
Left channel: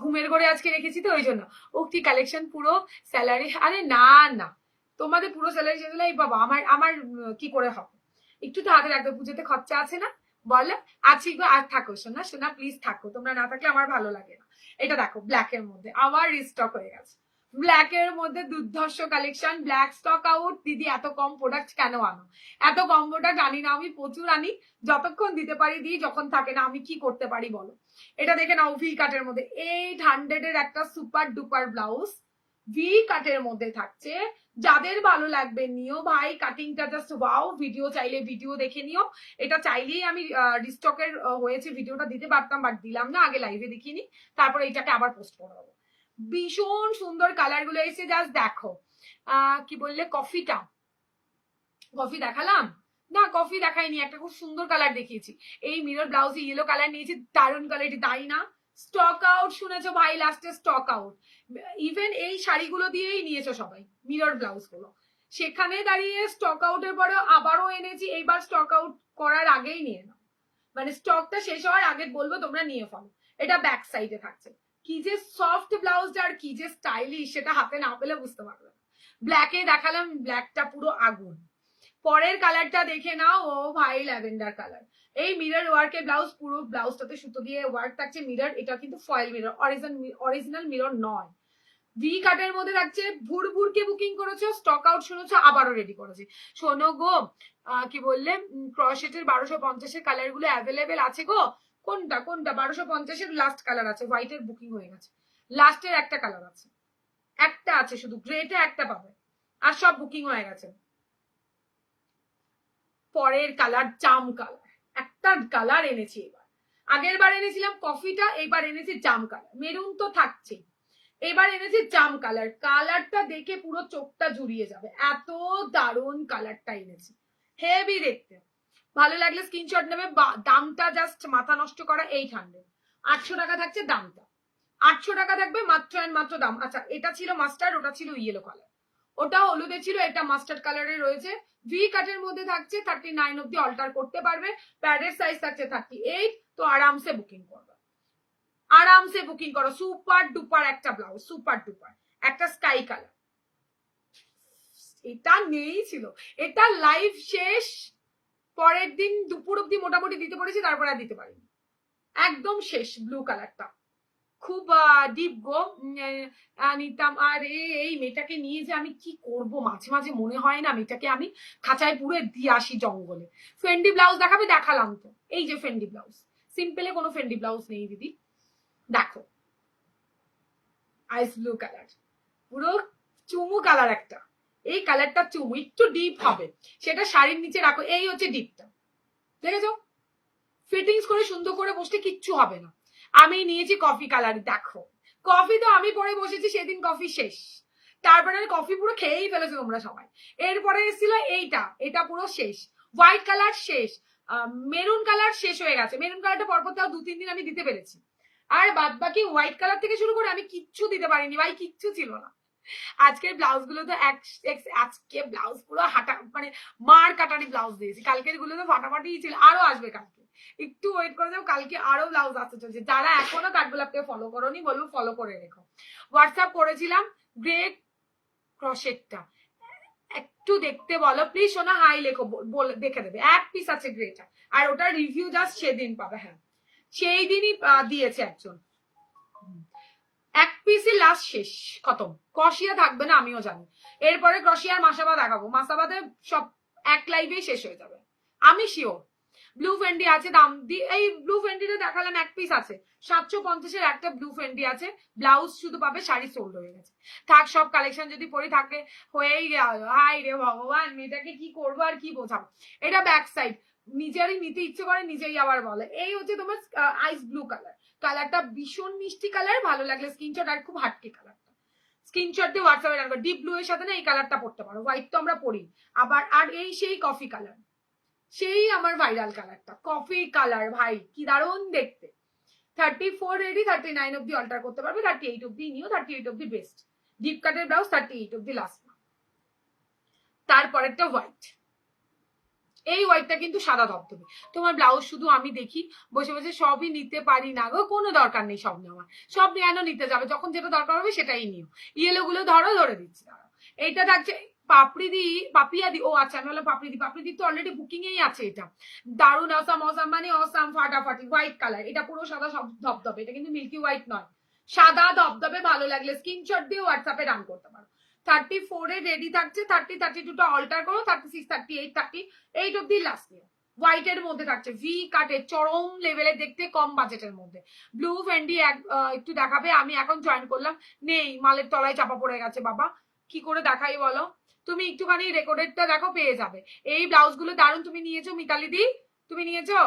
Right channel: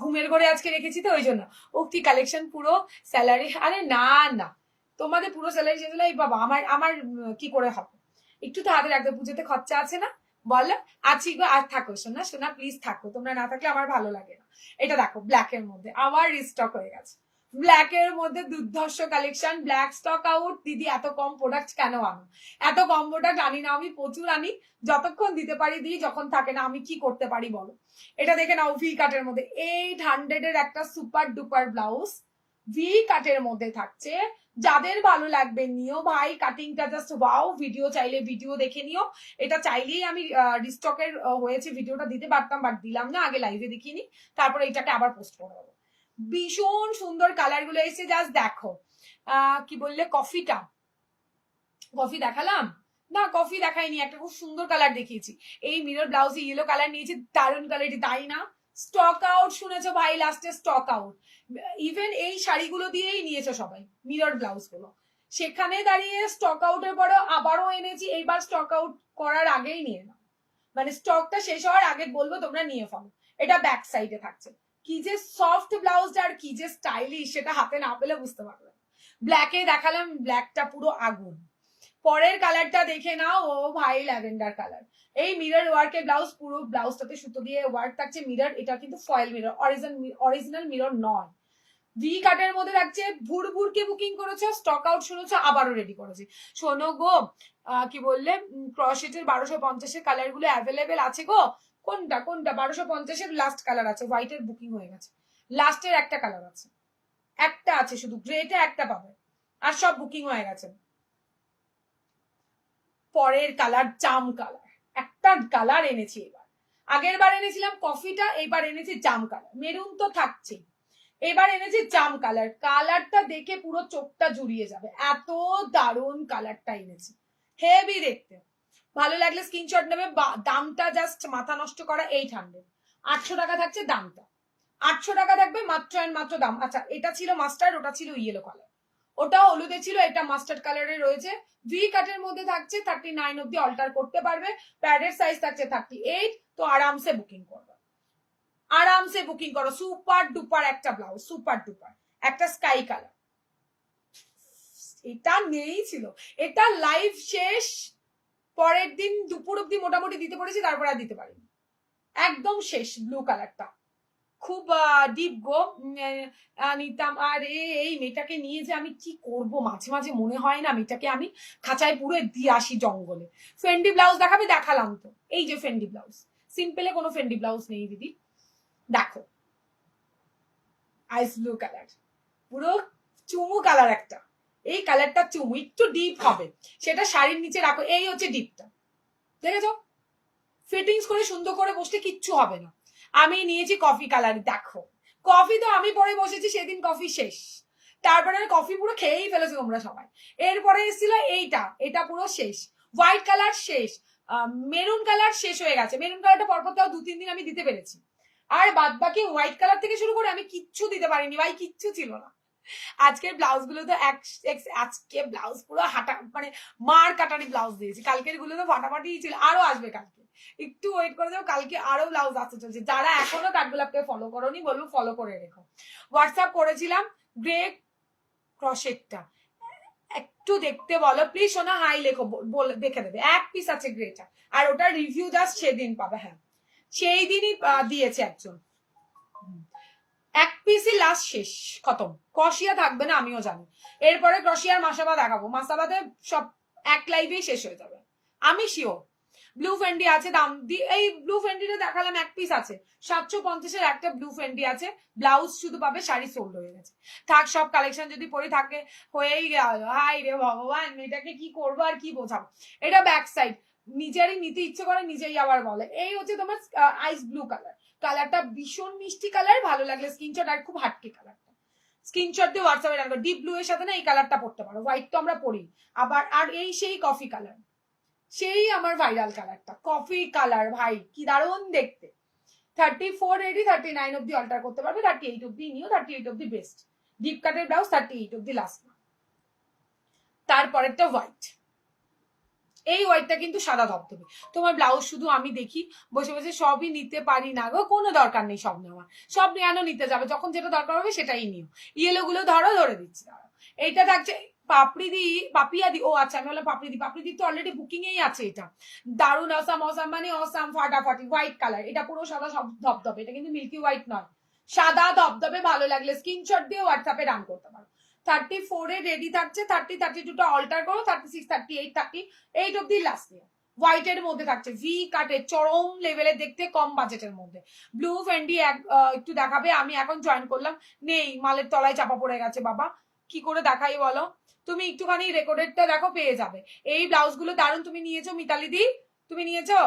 ঘুমের ঘরে আজকে রেখেছি তো ওই জন্য। উক্তি কালেকশন পুরো স্যালারি। আরে না না, তোমাদের পুরো স্যালারি শেষ হলে এই বাবা আমার আমার কি করে হবে? একটু তো হাতে রাখবে, পুজোতে খরচা আছে না? বলো আছি গো। আর থাকো সোনা, সোনা প্লিজ থাকো, তোমরা না থাকলে আমার ভালো লাগে না। এটা দেখো ব্ল্যাক এর মধ্যে আবার রিস্টক হয়ে গেছে। ব্ল্যাক এর মধ্যে দুর্ধর্ষ কালেকশন, ব্ল্যাক স্টক আউট। দিদি এত কম প্রোডাক্ট কেন আনো? এত কম প্রোডাক্ট আনি না আমি, প্রচুর আনি, যতক্ষণ দিতে পারি দিই, যখন থাকে না আমি কি করতে পারি বলো। এটা দেখে নাও, ভি কাটের মধ্যে 800 এর একটা সুপার ডুপার ব্লাউজ, ভি কাটের মধ্যে থাকছে। যাদের ভালো লাগবে নিও ভাই, কাটিংটা জাস্ট ওয়াও। ভিডিও চাইলে ভিডিও দেখে নিও। এটা চাইলেই আমি রিস্টকের হয়েছে ভিডিওটা দিতে পারতাম, বাট দিলাম না, আগে লাইভে দেখিয়ে নি, তারপরে এটাকে আবার পোস্ট করে দেবো। ভীষণ সুন্দর কালার গুলো এসে, জাস্ট দেখো। কি বললে? কফিটা, কফি দেখালাম না? কফি দেখাইনি, একটা খুব সুন্দর কালার দেখিয়েছি। এই মিরর ব্লাউজে ইয়েলো কালার নিয়েছি, দারুণ কালারটি, তাই না? স্টক আউট শুনেছো ভাই, লাস্টে স্টক আউট। ইভেন এই শাড়িগুলো দিয়েই নিয়েছো সবাই মিরর ব্লাউজ গুলো, সেখানে দাঁড়িয়ে স্টক আউটের পরে আবারও এনেছি। এইবার স্টক আউট করার আগেই নিয়ে নাও, মানে স্টকটা শেষ হওয়ার আগে বলবো তোমরা নিয়ে ফেলো। এটা ব্যাক সাইডে থাকছে। কি যে সফট ব্লাউজটা আর কি যে স্টাইলিশ, সেটা হাতে না পেলে বুঝতে পারবে। ব্ল্যাকে দেখালাম, ব্ল্যাকটা পুরো আগুন। পরের কালারটা দেখে নাও, ও ভাই ল্যাভেন্ডার কালার। এই মিরর ওয়ার্কের ব্লাউজ, পুরো ব্লাউজটাতে সুতো দিয়ে ওয়ার্ক থাকছে। মিরর, এটা কিন্তু ফয়েল মিরর, অরিজিনাল মিরর নয়। ভি কাটের মধ্যে থাকছে। ভুরভুরকে বুকিং করেছো, স্টক আউট শুনেছো, আবারও রেডি করেছি। শোনো গো, কি বললে? ক্রসেটের 1250 কালার গুলো অ্যাভেলেবেল আছে গো। কোনটা কোনটা? 1250 লাস্ট কালার আছে, হোয়াইটের বুকিং হয়ে গেছে। লাস্টের একটা কালার আছে, একটা আছে শুধু, গ্রেটা একটা পাবে, আর সব বুকিং হয়ে গেছে। পরের কালার জাম কালার, একটা কালার এনেছি এবার। আগের বার এনেছিলাম কফিটা, এবার এনেছি জাম কালার। মেরুন তো থাকছে, এবার এনেছি জাম কালার। কালারটা দেখে পুরো চোখটা জুড়িয়ে যাবে, এত দারুণ কালারটা এনেছি, হেভি দেখতে। ভালো লাগলে স্ক্রিনশট নেবে। দামটা জাস্ট মাথা নষ্ট করা, 800, 800 টাকা থাকছে দামটা। 800 টাকা থাকবে মাত্র অ্যান্ড মাত্র দাম। আচ্ছা, এটা ছিল মাস্টার্ড, ওটা ছিল ইয়েলো কালার, ওটা হলুদে ছিল, এটা মাস্টার্ড কালারে রয়েছে। ভি কাটের মধ্যে থাকছে, 39 অব্দি অল্টার করতে পারবে। প্যাডের সাইজ থাকছে 38। তো আরামসে বুকিং করবে, আরামসে বুকিং করো। সুপার ডুপার একটা ব্লাউজ, সুপার ডুপার একটা স্কাই কালার। এটা নেই ছিল, এটা লাইভ শেষ। পরের দিন দুপুর অব্দি মোটামুটি দিতে পেরেছি, তারপর আর দিতে পারিনি, একদম শেষ। ব্লু কালারটা খুব ডিপ গো, নিতাম। আর এই মেয়েটাকে নিয়ে যে আমি কি করব, মাঝে মাঝে মনে হয় না মেয়েটাকে আমি খাঁচায় পুরে দিয়ে আসি জঙ্গলে। ফেন্ডি ব্লাউজ দেখাবে? দেখালাম তো, এই যে ফেন্ডি ব্লাউজ। সিম্পলে কোনো ফেন্ডি ব্লাউজ নেই দিদি, দেখো আইস ব্লু কালার, পুরো চুমু কালার একটা। এই কালারটা চুমু, একটু ডিপ হবে, সেটা শাড়ির নিচে রাখো। এই হচ্ছে ডিপটা, দেখেছো? ফিটিংস করে সুন্দর করে বসলে কিচ্ছু হবে না। আমি নিয়েছি কফি কালার, দেখো কফি তো আমি পরে বসেছি সেদিন, কফি শেষ, তারপরে কফি পুরো খেয়েই ফেলেছো তোমরা সবাই। এরপরে এসেছিল এইটা, এটা পুরো শেষ। হোয়াইট কালার শেষ, মেরুন কালার শেষ হয়ে গেছে। মেরুন কালারটা পরপর তাও 2-3 দিন আমি দিতে পেরেছি, আর বাদ বাকি হোয়াইট কালার থেকে শুরু করে আমি কিচ্ছু দিতে পারিনি ভাই, কিচ্ছু ছিল না। আজকের ব্লাউজ গুলো তো আজকে ব্লাউজ পুরো হাঁটা, মানে মার কাটারি ব্লাউজ দিয়েছি। কালকের গুলো তো ফাটাফাটি ছিল, আরো আসবে কালকে, একটু ওয়েট করে যাও, কালকে আরো ব্লাউজ আসতে চলছে। যারা এখনো কাঠগোলাপকে ফলো করোনি বলবো ফলো করে রেখো। হোয়াটসঅ্যাপ করেছিলাম গ্রে ক্রসেটটা, একটু দেখতে বলো প্লিজ সোনা, হাই লেখো, দেখে দেবে। এক পিস আছে গ্রেটা, আর ওটার রিভিউ জাস্ট সেদিন পাবে। হ্যাঁ সেই দিনই দিয়েছে একজন, এক পিসই লাস্ট শেষ, খতম। ক্রসিয়া থাকবে না আমিও জানি, এরপরে ক্রসিয়ার মাসাবা দেখাবো। মাসাবাদে সব এক লাইভেই শেষ হয়ে যাবে, আমি শিওর। ব্লু ফেন্ডি আছে, দাম দিয়ে এই ব্লু ফেন্ডিটা দেখালাম, এক পিস আছে 750-এর একটা ব্লু ফেন্ডি আছে, ব্লাউজ শুধু পাবে, শাড়ি সোল্ড হয়ে গেছে। থাক, সব কালেকশন যদি পরে থাকে হয়েই গেল। হাই রে ভগবান, মেয়েটাকে কি করবো আর কি বোঝাবো। এটা ব্যাক সাইড, নিজেরই নিতে ইচ্ছে করে নিজেই আবার বলে। এই হচ্ছে তোমার আইস ব্লু কালার, কালারটা ভীষণ মিষ্টি কালার, ভালো লাগলে স্ক্রিনশট, আর খুব হাটকে কালারটা, স্ক্রিনশট দিয়ে হোয়াটসঅ্যাপে রাখবে। ডিপ ব্লু এর সাথে না এই কালারটা পড়তে পারো, হোয়াইট তো আমরা পরি আবার। আর এই সেই কফি কালার, সেই আমার ভাইরাল কালারটা কফি কালার, ভাই কি দারুণ দেখতে। 34 রেডি, 39 অব্দি অল্টার করতে পারবে, 38 অব্দি নিও, 38 অব্দি বেস্ট। ডিপ কাটের ব্লাউজ 38 অব্দি লাস্ট। তারপরেরটা হোয়াইট, এই হোয়াইটটা কিন্তু সাদা ধবধবে। তোমার ব্লাউজ শুধু আমি দেখি বসে বসে, সবই নিতে পারি না গো, কোনো দরকার নেই সব নেওয়ার, সব নেওয়ানো নিতে যাবে, যখন যেটা দরকার হবে সেটাই নিও। ইয়েলো গুলো ধরো, ধরে দিচ্ছি দাঁড়াও। এইটা থাকছে পাপড়িদি, পাপিয়াদি, ও আচ্ছা আমি বললাম পাপড়িদি, পাপড়িদি তো অলরেডি বুকিং এই আছে। এটা দারুন অসাম, অসাম মানে অসাম, ফাটাফাটি, হোয়াইট কালার, এটা পুরো সাদা সব ধবধবে, এটা কিন্তু মিল্কি হোয়াইট নয়, সাদা ধবধবে। ভালো লাগলে স্ক্রিনশট দিয়ে হোয়াটসঅ্যাপে রান করতে পারো। 34 এ রেডি থাকছে, 30, 32টা অল্টার করো, 36, 38, 38 অব্দি লাস্ট নিও। হোয়াইট এর মধ্যে থাকছে, ভি কাটের চরম লেভেলে দেখতে, কম বাজেটের মধ্যে। ব্লু ফেন্ডি একটু দেখাবে, আমি এখন জয়েন করলাম, নেই, মালের তলায় চাপা পড়ে গেছে বাবা, কি করে দেখাই বলো। তুমি একটুখানি রেকর্ডেডটা দেখো, পেয়ে যাবে। এই ব্লাউজ গুলো দারুন, তুমি নিয়েছো মিতালি দি, তুমি নিয়েছো?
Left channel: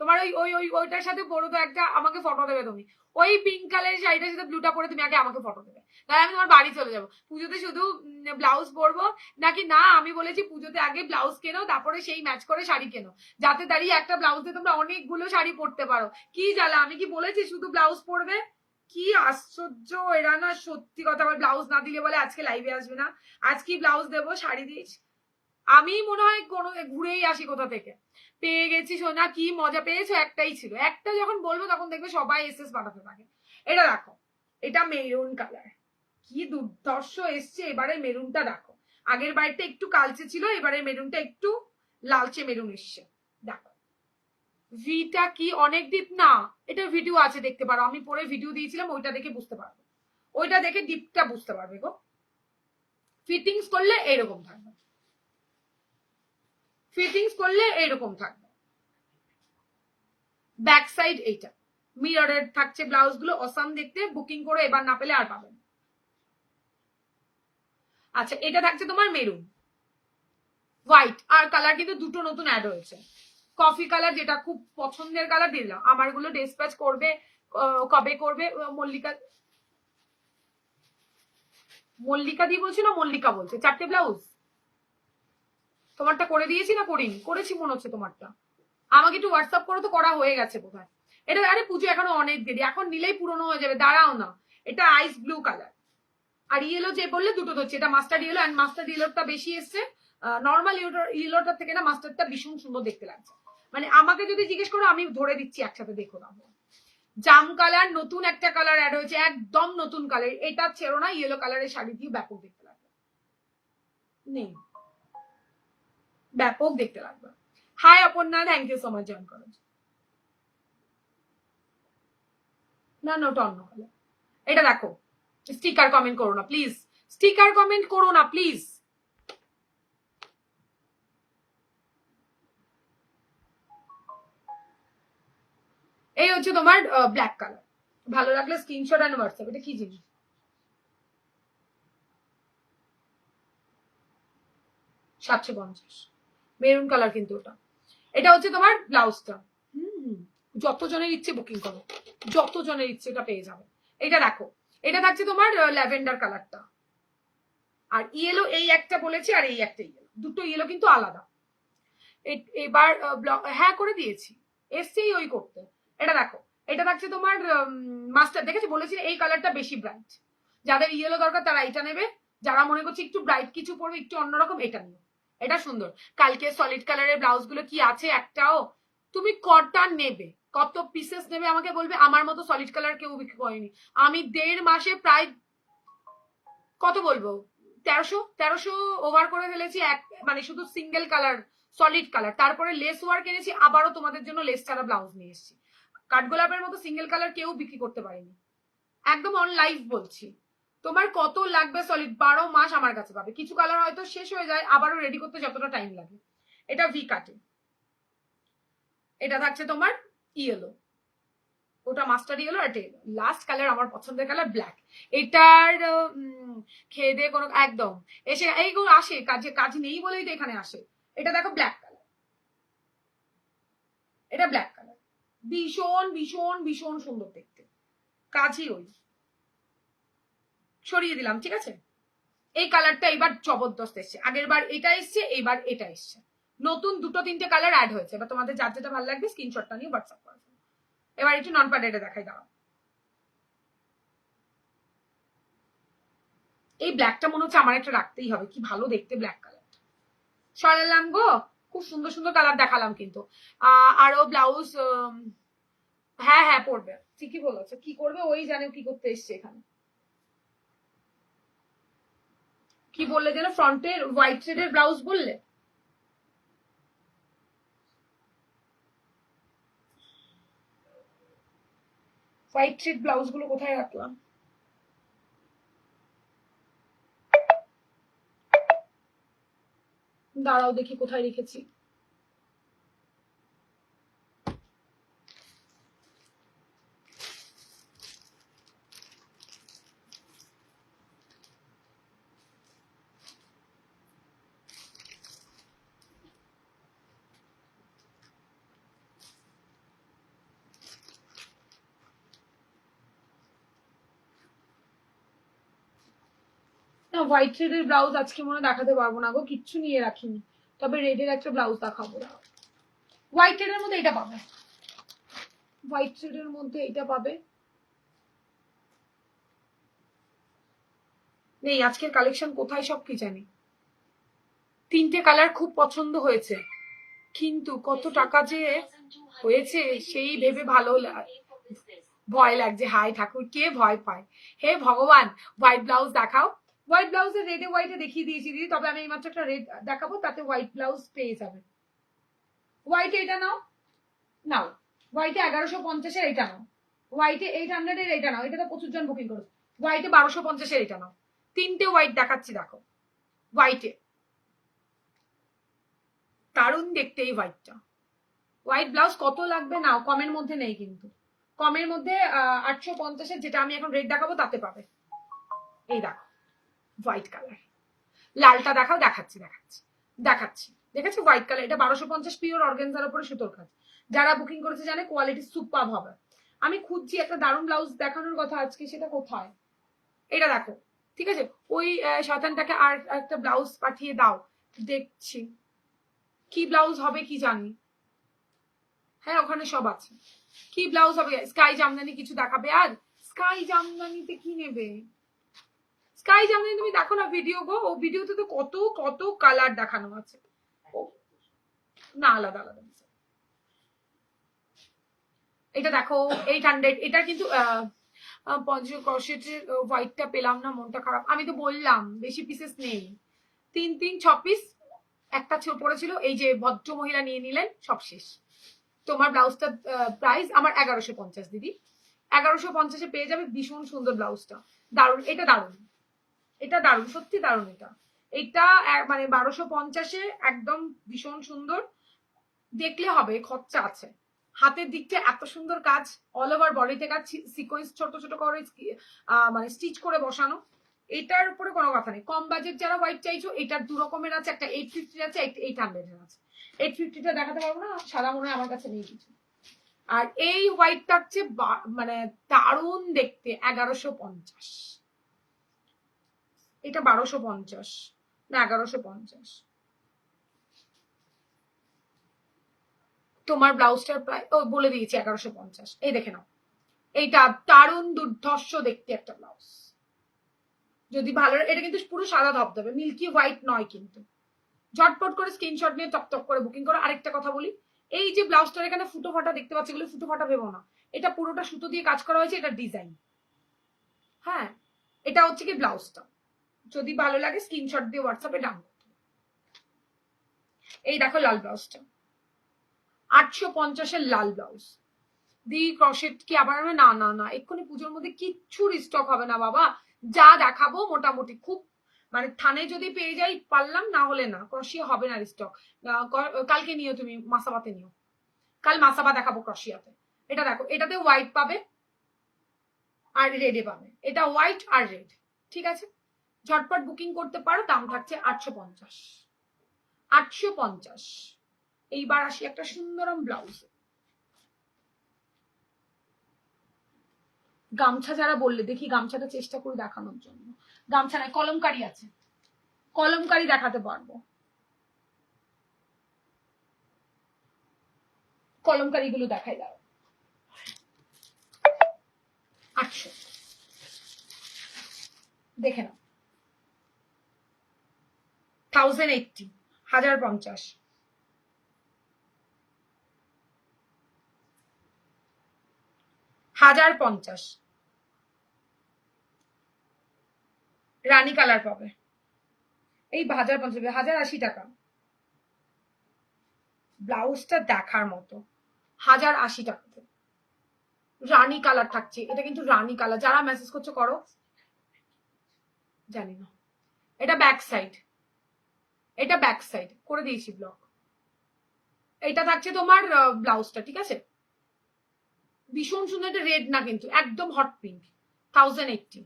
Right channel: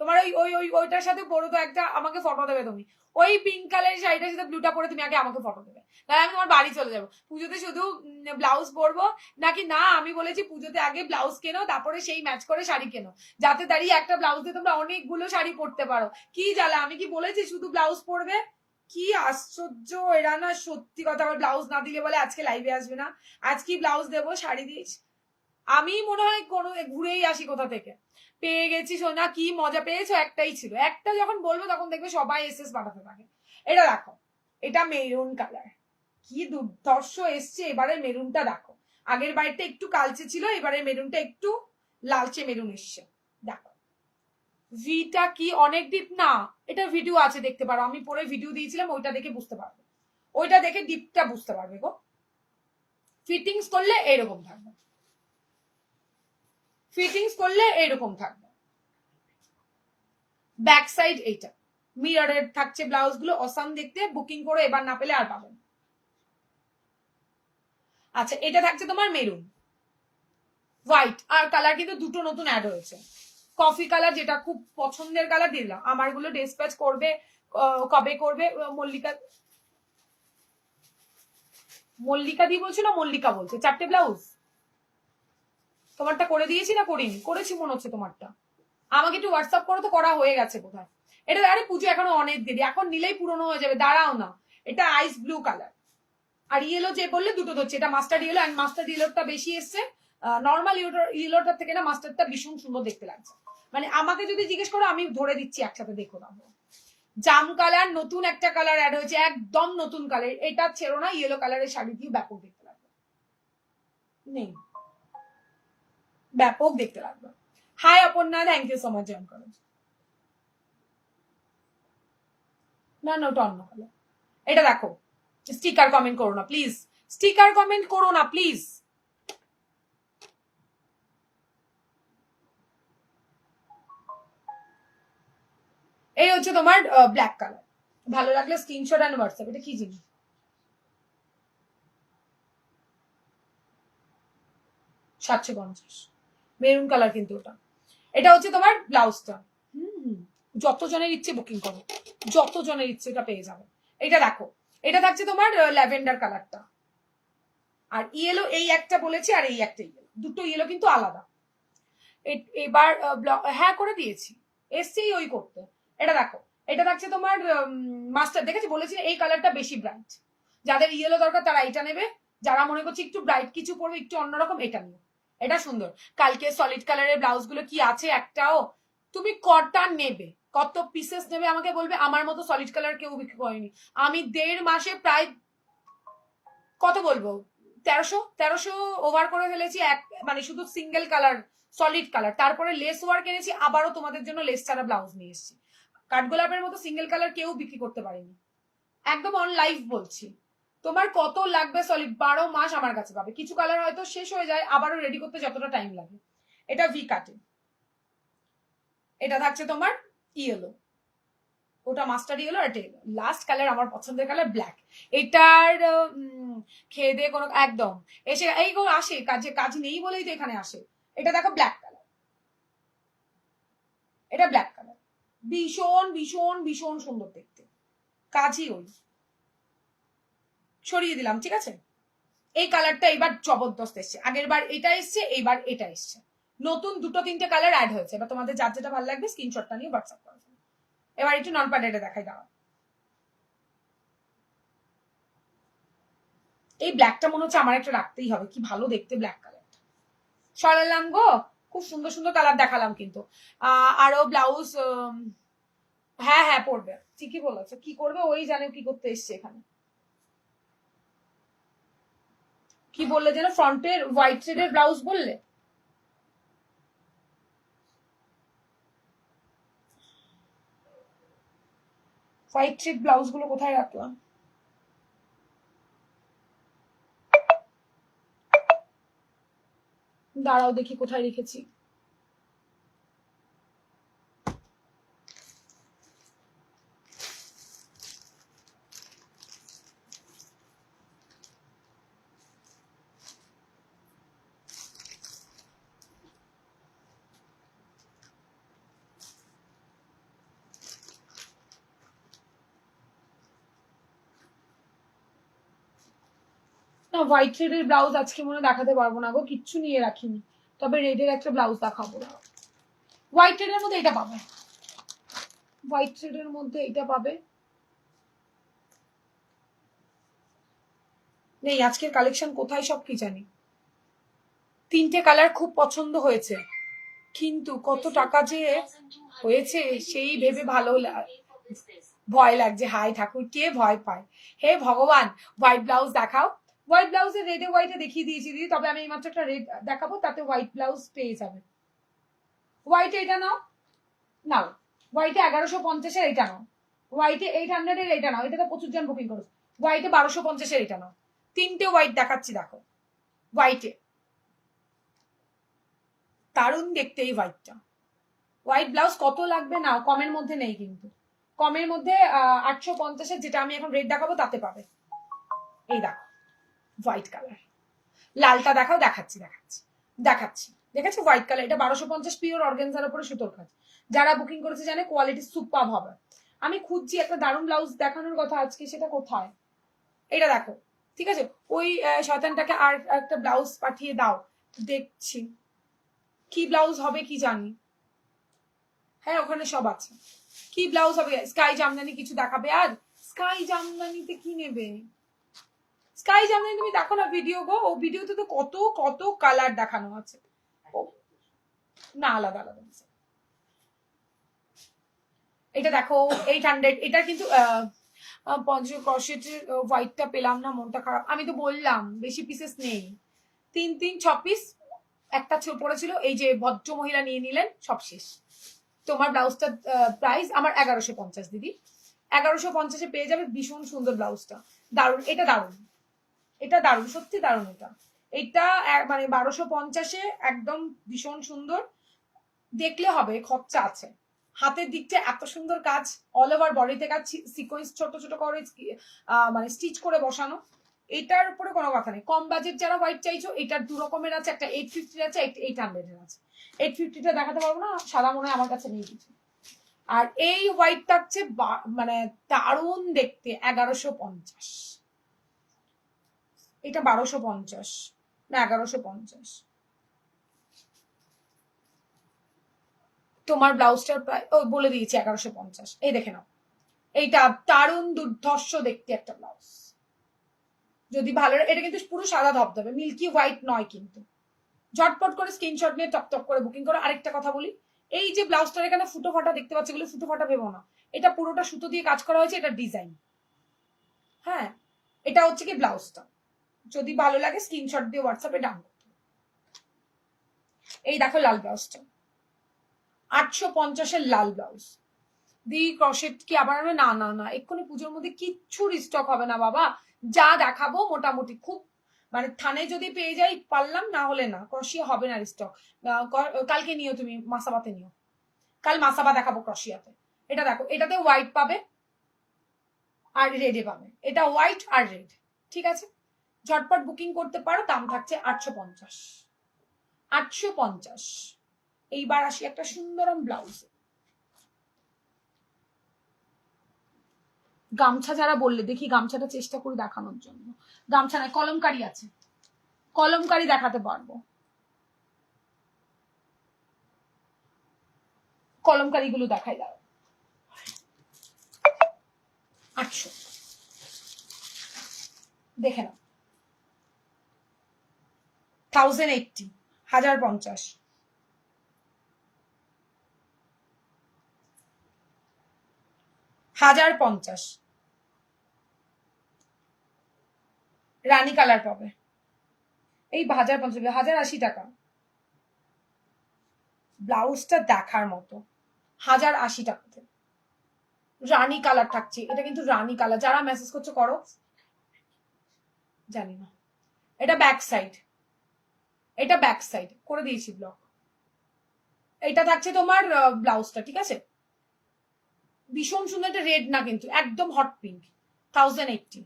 তোমার ওই ওই ওই ওইটার সাথে পরো তো একটা, আমাকে ফটো দেবে তুমি, ওই পিঙ্ক কালারের শাড়িটার সাথে ব্লুটা পরে তুমি আগে আমাকে ফটো দেবে, তাহলে আমি তোমার বাড়ি চলে যাবো। পুজোতে শুধু ব্লাউজ পরবো নাকি না, আমি বলেছি পুজোতে আগে ব্লাউজ কেনো, তারপরে সেই ম্যাচ করে শাড়ি কেনো, যাতে দাঁড়িয়ে একটা ব্লাউজে তোমরা অনেকগুলো শাড়ি পরতে পারো। কি জ্বালা, আমি কি বলেছি শুধু ব্লাউজ পরবে? কি আশ্চর্য এরা না, সত্যি কথা। আবার ব্লাউজ না দিলে বলে আজকে লাইভে আসবে না, আজকে ব্লাউজ দেবো, শাড়ি দিস। আমি মনে হয় কোনো ঘুরেই আসি কোথা থেকে, পেয়ে গেছি সোনা, কি মজা পেয়েছো? একটাই ছিল, একটা যখন বলবো তখন দেখবে সবাই এসএস পাঠাতে থাকে। এটা দেখো, এটা মেরুন কালার, কি দুর্ধর্ষ এসছে এবারে মেরুনটা দেখো। আগের বাইরটা একটু কালচে ছিল, এবারে মেরুনটা একটু লালচে মেরুন এসছে, দেখো। ভিটা কি অনেক ডিপ না, এটা ভিডিও আছে দেখতে পারো, আমি পরে ভিডিও দিয়েছিলাম, ওইটা দেখে বুঝতে পারবে, ওইটা দেখে ডিপটা বুঝতে পারবে গো। ফিটিংস করলে এরকম থাকবে, ফিটিংস করলে এরকম থাকবে। ব্যাক সাইড এইটা মিররের থাকছে, ব্লাউজ গুলো অসাম দেখতে, বুকিং করে এবার না পেলে আর পাবেন। আচ্ছা, এটা থাকছে তোমার মেরুন, হোয়াইট আর কালার কিন্তু দুটো নতুন অ্যাড হয়েছে। কফি কালার, যেটা খুব পছন্দের কালার, দিলাম। আমার গুলো ডিসপ্যাচ করবে কবে করবে? মল্লিকা, মল্লিকা দি বলছি না মল্লিকা বলছে। 4টে ব্লাউজ তোমারটা করে দিয়েছি না করিনি? করেছি মনে হচ্ছে তোমারটা, আমাকে একটু হোয়াটসঅ্যাপ করো তো, করা হয়ে গেছে বোধহয়। এটা আরে পুজো এখনো অনেক দেরি, এখন নিলেই পুরনো হয়ে যাবে, দাঁড়াও না। এটা আইস ব্লু কালার, আর ইয়েলো যে বললে দুটো ধরছে, এটা মাস্টার্ড ইয়েলো, অ্যান্ড মাস্টার্ড ইয়েলোটা বেশি এসছে, নর্মাল ইয়েলোটার থেকে না মাস্টার্ডটা ভীষণ সুন্দর দেখতে লাগছে। মানে আমাকে যদি জিজ্ঞেস করো আমি ধরে দিচ্ছি একসাথে, দেখো না। জাম কালার, নতুন একটা কালার অ্যাড হয়েছে, একদম নতুন কালার, এটা ছেড়ো না, ইয়েলো কালারের শাড়ি দিয়ে ব্যাপক দেখতে লাগবে, নেই ব্যাপক দেখতে লাগবে। Hi Aparna, thank you so much join করার। না না, ওটা অন্য কালার। এটা দেখো, স্টিকার কমেন্ট করো না প্লিজ, স্টিকার কমেন্ট করো না প্লিজ। এই হচ্ছে তোমার ব্ল্যাক কালার, ভালো লাগলে স্ক্রিনশট অ্যান্ড হোয়াটসঅ্যাপ। এটা কি জিনিস? 750 মেরুন কালার কিন্তু ওটা। এটা হচ্ছে তোমার ব্লাউজটা, যত জনের ইচ্ছে বুকিং করো, যত জনের ইচ্ছে এটা পেয়ে যাবে। এটা দেখো, এটা থাকছে তোমার ল্যাভেন্ডার কালারটা, আর ইয়েলো এই একটা বলেছি, আর এই একটা ইয়েলো, দুটো ইয়েলো কিন্তু আলাদা। এবার হ্যাঁ করে দিয়েছি, এসছি ওই করতে। এটা দেখো, এটা থাকছে তোমার মাস্টার, দেখেছি বলেছি এই কালারটা বেশি ব্রাইট, যাদের ইয়েলো দরকার তারা এটা নেবে, যারা মনে করছে একটু ব্রাইট কিছু পরবে, একটু অন্যরকম, এটা নিও, এটা সুন্দর। কালকে সলিড কালারের ব্লাউজ গুলো কি আছে একটাও? তুমি কটা নেবে, কত পিসেস নেবে আমাকে বলবে। আমার মতো সলিড কালার কেউ বিক্রি করেনি, আমি 1.5 মাসে প্রায় কত বলবো 1300 ওভার করে ফেলেছি, মানে শুধু সিঙ্গেল কালার সলিড কালার। তারপরে লেস ওয়ার্ক এনেছি, আবারও তোমাদের জন্য লেস ছাড়া ব্লাউজ নিয়ে এসেছি। কাঠগোলাপের মতো সিঙ্গেল কালার কেউ বিক্রি করতে পারেনি, একদম অন লাইভ বলছি। তোমার কত লাগবে সলিড 12 মাস আমার কাছে পাবে। কিছু কালার হয়তো শেষ হয়ে যায়, আবারও রেডি করতে যতটা টাইম লাগে, এটা ভি কাটে, এটা থাকছে তোমার ইয়েলো, ওটা মাস্টার ইয়েলো আর এটা ইয়েলো। লাস্ট কালার আমার পছন্দের কালার ব্ল্যাক। এটার খেয়ে দিয়ে কোনো একদম এসে এইগুলো আসে কাজে, কাজ নেই বলেই তো এখানে আসে। এটা দেখো ব্ল্যাক কালার, এটা ব্ল্যাক কালার, ভীষণ ভীষণ ভীষণ সুন্দর দেখতে, কাজই ওই। সরিয়ে দিলাম, ঠিক আছে। এই কালারটা এবার জবরদস্ত এসছে, আগের বার এটা এসছে, এইবার এটা এসছে, নতুন 2-3টে কালার অ্যাড হয়েছে। এবার তোমাদের যার যেটা ভালো লাগবে স্ক্রিনশটটা নিয়ে হোয়াটসঅ্যাপ করো। এবার একটু নন প্যাডেডে দেখাই, দাঁড়াও। এই ব্ল্যাকটা মনে হচ্ছে আমার একটা রাখতেই হবে, কি ভালো দেখতে ব্ল্যাক কালারটা। সরালাম গো, খুব সুন্দর সুন্দর কালার দেখালাম কিন্তু। আরো ব্লাউজ, হ্যাঁ হ্যাঁ পড়বে, ঠিকই বলেছে, কি করবে ওই জানে কি করতে এসছে এখানে। কি বললে যেন, ফ্রন্টের হোয়াইট থ্রেডের ব্লাউজ বললে? হোয়াইট থ্রেড ব্লাউজ গুলো কোথায় রাখলাম? দাঁড়াও দেখি কোথায় রেখেছি। না, হোয়াইট থ্রেডের ব্লাউজ আজকে মনে দেখাতে পারবো না গো, কিচ্ছু নিয়ে রাখিনি। তবে রেডের একটা ব্লাউজ দেখাবো। হোয়াইট থ্রেডের মধ্যে এটা পাবে, হোয়াইট থ্রেডের মধ্যে এটা পাবে। নেই আজকের কালেকশন কোথায় সব কি জানি। 3টে কালার খুব পছন্দ হয়েছে, কিন্তু কত টাকা যে হয়েছে সেই ভেবে ভালো ভয় লাগছে। হাই ঠাকুর, কে ভয় পায়, হে ভগবান। হোয়াইট ব্লাউজ দেখাও, হোয়াইট ব্লাউজে রেডে হোয়াইটে দেখিয়ে দিয়েছি দিদি, তবে আমি এইমাত্র একটা রেড দেখাবো, তাতে হোয়াইট ব্লাউজ পেয়ে যাবে। হোয়াইটে এটা নাও, নাও হোয়াইটে 1150-এর এটা নাও, হোয়াইটে 800-এর এটা নাও, এটা তো প্রচুর জন বুকিং করো। হোয়াইটে 1250-এর এটা নাও, 3টে হোয়াইট দেখাচ্ছি দেখো। হোয়াইটে দারুণ দেখতে এই হোয়াইটটা। হোয়াইট ব্লাউজ কত লাগবে নাও, কমের মধ্যে নেই কিন্তু, কমের মধ্যে 850-এর যেটা আমি এখন রেড দেখাবো তাতে পাবে। এই দেখো হোয়াইট কালার, লালটা দেখাও, দেখাচ্ছি দেখাচ্ছি দেখাচ্ছি, দেখেছি হোয়াইট কালার। এটা 1250 পিওর অর্গানজার উপরে সুতোর কাজ। যারা বুকিং করেছে জানে কোয়ালিটি সুপার হবে। আমি খুঁজছি একটা দারুণ ব্লাউজ দেখানোর কথা আজকে, সেটা কোথায়? এটা দেখো, ঠিক আছে। ওই শয়তানটাকে আর একটা ব্লাউজ পাঠিয়ে দাও, দেখছি কি ব্লাউজ হবে কি জানি। হ্যাঁ ওখানে সব আছে, কি ব্লাউজ হবে। স্কাই জামদানি কিছু দেখাবে? আর স্কাই জামদানিতে কি নেবে? স্কাই জামদানি তুমি দেখো না ভিডিও গো, ও ভিডিওতে তো কত কত কালার দেখানো আছে। না আলাদা আলাদা। এটা দেখো 800, এটা কিন্তু ক্রশেটের হোয়াইটটা পেলাম না, মনটা খারাপ। আমি তো বললাম বেশি পিসেস নেই, 3-6 পিস, একটা পড়েছিল, এই যে ভদ্র মহিলা নিয়ে নিলেন, সব শেষ। তোমার ব্লাউজটা প্রাইস আমার 1150 দিদি, 1150-এ পেয়ে যাবে। ভীষণ সুন্দর ব্লাউজটা, দারুণ, এটা দারুণ, এটা দারুণ, সত্যি দারুণ। এটা মানে 1250-এ একদম ভীষণ সুন্দর, দেখলে হবে খরচা আছে। হাতের দিকটা এত সুন্দর কাজ, অল ওভার বডিতে কাজ, সিকোয়েন্স ছোট ছোট করে মানে স্টিচ করে বসানো। এটার উপরে কোনো কথা নেই। কম বাজেট যারা হোয়াইট চাইছো, এটার 2 রকমের আছে, একটা 850 আছে, একটা 800 আছে। 850-টা দেখাতে পারবো না, সাদা মনে হয় আমার কাছে নেই কিছু। আর এই হোয়াইট থাকছে মানে দারুণ দেখতে, 1150। এটা 1250 না 1150। তোমার ব্লাউজটার প্রায় বলে দিয়েছি 1150। এই দেখে নাও, এইটা দারুণ দুর্ধর্ষ দেখতে একটা ব্লাউজ, যদি ভালো। এটা কিন্তু পুরো সাদা ধবধবে, মিল্কি হোয়াইট নয় কিন্তু। ঝটপট করে স্ক্রিনশট নিয়ে টক করে বুকিং করো। আরেকটা কথা বলি, এই যে ব্লাউজটার এখানে ফুটো ফাটা দেখতে পাচ্ছি, এগুলো ফুটো ফাটা ভেবো না, এটা পুরোটা সুতো দিয়ে কাজ করা হয়েছে, এটা ডিজাইন। হ্যাঁ এটা হচ্ছে কি ব্লাউজটা, যদি ভালো লাগে স্ক্রিনশট দিয়ে হোয়াটসঅ্যাপে ডাউন করতে। এই দেখো লাল ব্লাউজটা, 850-এর লাল ব্লাউজ। দি ক্রশেট কি আবার না না না, এক্ষুনি পুজোর মধ্যে কিচ্ছু রিস্টক হবে না বাবা, যা দেখাবো মোটামুটি খুব মানে থানে যদি পেয়ে যাই পারলাম, না হলে না, ক্রশিয়া হবে না স্টক। কালকে নিও তুমি, মাসাবাতে নিও, কাল মাসাবা দেখাবো ক্রশিয়াতে। এটা দেখো, এটাতে হোয়াইট পাবে আর রেডে পাবে, এটা হোয়াইট আর রেড, ঠিক আছে। ঝটপট বুকিং করতে পারো, দাম থাকছে 850। 850। এইবার আসি একটা সুন্দরম ব্লাউজ। গামছা যারা বললে, দেখি গামছাটা চেষ্টা করি দেখানোর জন্য। গামছা নাই, কলমকারি আছে, কলমকারি দেখাতে পারবো। কলমকারি গুলো দেখাই দাও। 800 দেখে নাও। 1080, 1050। 1050 রানী কালার পাবে, এই 1050, 1080 টাকা। ব্লাউজটা দেখার মতো, 1080 টাকাতে রানী কালার থাকছে। এটা কিন্তু রানী কালার, যারা মেসেজ করছো করো, জানি না। এটা ব্যাক সাইড, এটা ব্যাক সাইড করে দিয়েছি ব্লক। এটা থাকছে তোমার ব্লাউজটা, ঠিক আছে। ভীষণ সুন্দর, এটা রেড না কিন্তু, একদম হট পিঙ্ক। 1080,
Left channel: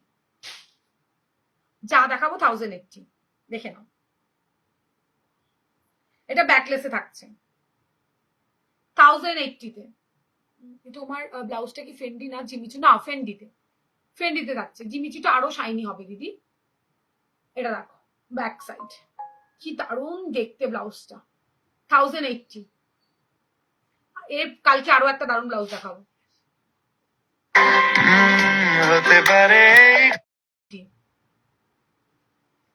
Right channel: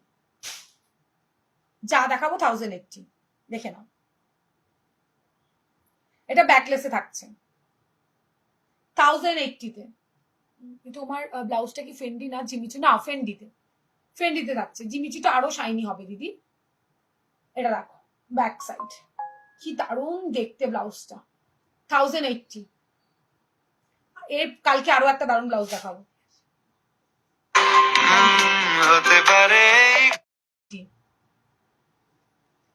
যা দেখাবো 1080, দেখে নাও। এটা ব্যাকলেসে থাকছে 1080-তে। তোমার ব্লাউজটা কি ফেন্ডি না জিমিচু? না, ফেন্ডিতে, ফেন্ডিতে থাকছে। জিমিচুটা আরো শাইনি হবে দিদি। এটা দেখো ব্যাক সাইড, কি দারুণ দেখতে ব্লাউজটা। 1080। এর কালকে আরো একটা দারুণ ব্লাউজ দেখাবো। হতে পারে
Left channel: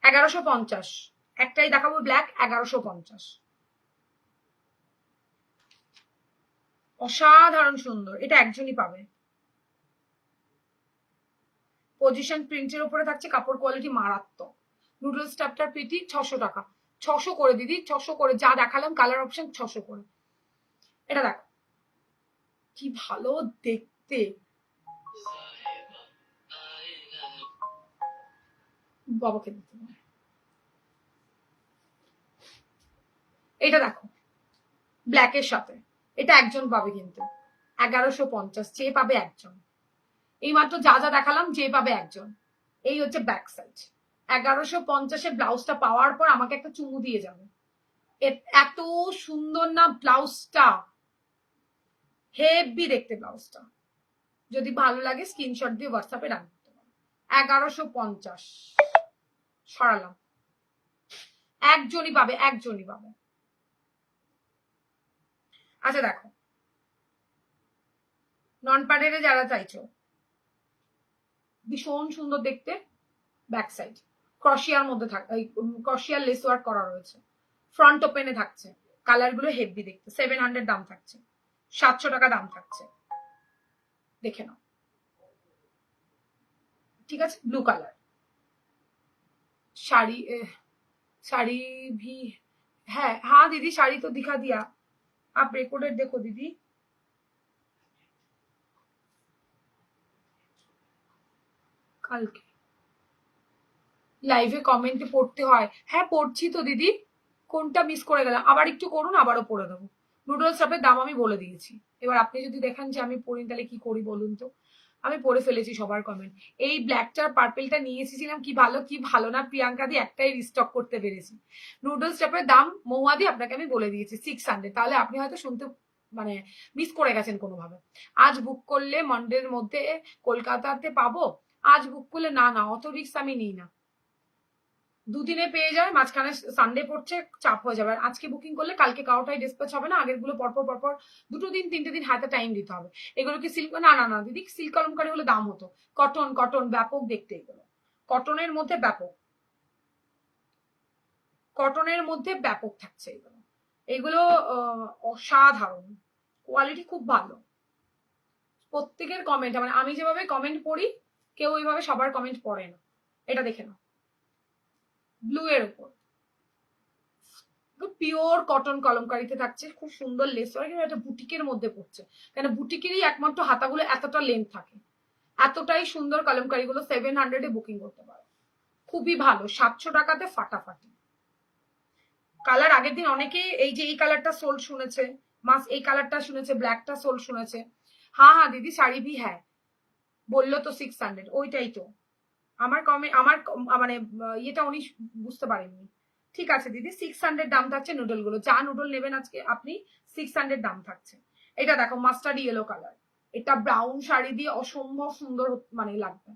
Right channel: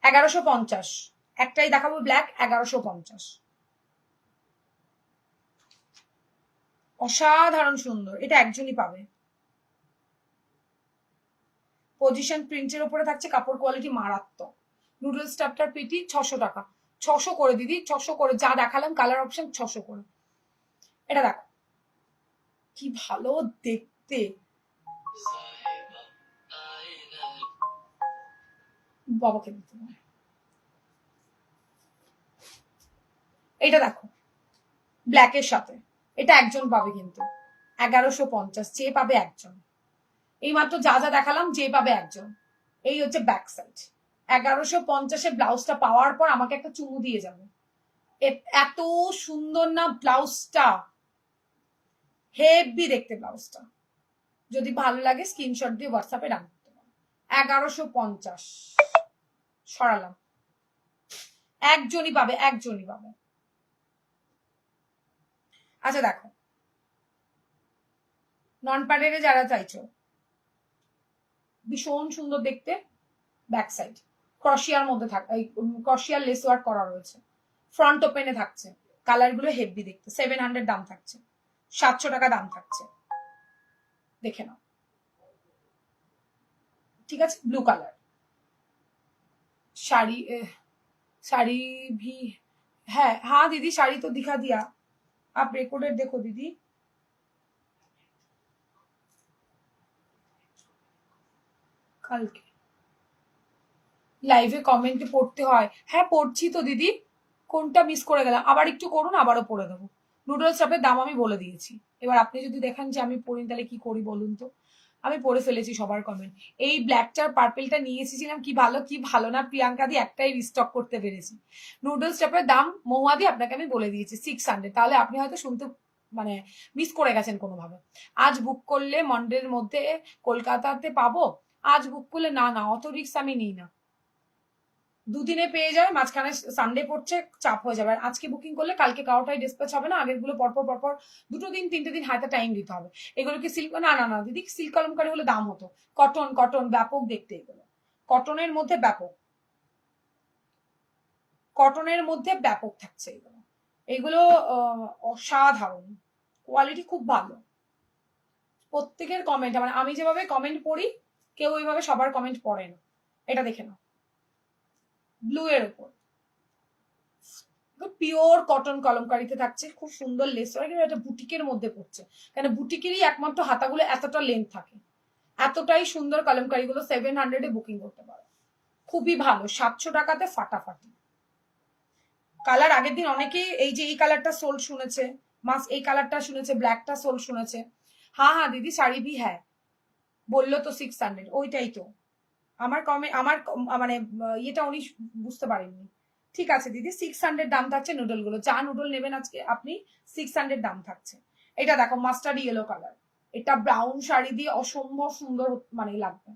1150, একটাই দেখাবো ব্ল্যাক, 1150। অসাধারণ সুন্দর, এটা একজনই পাবে। পজিশন প্রিন্টের উপরে থাকছে, কাপড় কোয়ালিটি মারাত্মক। নুডল স্টাফটার পেটি 600 টাকা। 600 করে দিদি, 600 করে, যা দেখালাম কালার অপশন 600 করে। এটা দেখো কি ভালো দেখতে, বাবাকে দিতে হবে। এটা দেখো ব্ল্যাকের সাথে, এটা একজন পাবে কিন্তু 1150, যে পাবে একজন। এই মাত্র যা যা দেখালাম, যে পাবে একজন। এই হচ্ছে ব্যাক সাইড। 1150-এর ব্লাউজটা পাওয়ার পর আমাকে একটা চুমু দিয়ে যাবে। এত সুন্দর না ব্লাউজটা, হেভি দেখতে ব্লাউজটা। যদি ভালো লাগে স্ক্রিনশট দিয়ে হোয়াটসঅ্যাপে রান করতে পারো। 1150 সরালাম, একজনই পাবে, একজনই পাবে। আচ্ছা দেখো, নন প্যাডেডে যারা চাইছো, ভীষণ সুন্দর দেখতে ব্যাক সাইড, ক্রশিয়ার মধ্যে ক্রশিয়ার লেস ওয়ার্ক করা রয়েছে, ফ্রন্ট ওপেনে থাকছে। কালার গুলো হেভি দেখতে, 700 দাম থাকছে, 700 টাকা দাম থাকছে, দেখে নাও, ঠিক আছে। ব্লু কালার শাড়ি, শাড়ি भी है। हाँ दीदी শাড়ি तो दिखा दिया, आप रिकॉर्डेड देखो दीदी। কালকে লাইভে কমেন্টে পড়তে হয়, হ্যাঁ পড়ছি তো দিদি। কোনটা মিস করে গেলাম, আবার একটু করুন, আবারও পড়ে দেবো। নুডলস শপের দাম আমি বলে দিয়েছি, এবার আপনি যদি দেখেন যে আমি পড়িনি তাহলে কি করি বলুন তো। আমি পড়ে ফেলেছি সবার কমেন্ট। এই ব্ল্যাকটার পার্পেলটা নিয়ে এসেছিলাম, কি ভালো কি ভালো না, প্রিয়াঙ্কা দি একটাই রিস্টক করতে পেরেছি। নুডলস শপের দাম মহুয়া দি আপনাকে আমি বলে দিয়েছি 600, তাহলে আপনি হয়তো শুনতে মানে মিস করে গেছেন কোনোভাবে। আজ বুক করলে মন্ডের মধ্যে কলকাতাতে পাবো, আজ বুক করলে না না, অত রিস্ক আমি নিই না। দুদিনে পেয়ে যায়, মাঝখানে সানডে পড়ছে, চাপ হয়ে যাবে। আজকে বুকিং করলে কালকে কারোটাই ডিসপ্যাচ হবে না, আগের গুলো পরপর পরপর 2 দিন 3 দিন হাতে টাইম দিতে হবে। এগুলো কি সিল্ক? না না না দিদি, সিল্ক কলমকারি হলে দাম হতো। কটন, কটন ব্যাপক দেখতে এগুলো, কটনের মধ্যে ব্যাপক, কটনের মধ্যে ব্যাপক থাকছে এগুলো। এগুলো অসাধারণ, কোয়ালিটি খুব ভালো। প্রত্যেকের কমেন্ট, মানে আমি যেভাবে কমেন্ট পড়ি, কেউ ওইভাবে সবার কমেন্ট পড়ে না। এটা দেখে নাও, ব্লু এর উপর পিওর কটন কলমকারিতে থাকছে, খুব সুন্দর লেস ওয়ার্ক। এটা বুটিকের মধ্যে পড়ছে, কেন বুটিকেরই একমাত্র হাতাগুলো এতটা লেন্থ থাকে। এতটাই সুন্দর কলমকারিগুলো, 700-এ বুকিং করতে পারো। খুবই ভালো, 700 টাকাতে ফাটাফাটি কালার। আগের দিন অনেকেই এই যে এই কালারটা সোল শুনেছে, মাস এই কালারটা শুনেছে, ব্ল্যাকটা সোল শুনেছে। হ্যাঁ হ্যাঁ দিদি শাড়ি ভি হ্যাঁ বললো তো 600, ওইটাই তো আমার মানে ইয়েটা উনি বুঝতে পারেননি। ঠিক আছে দিদি, 600 দাম থাকছে নুডল গুলো, যা নুডল নেবেন আজকে আপনি 600 দাম থাকছে। এটা দেখো মাস্টার্ড ইয়েলো কালার, এটা ব্রাউন শাড়ি দিয়ে অসম্ভব সুন্দর মানে লাগবে।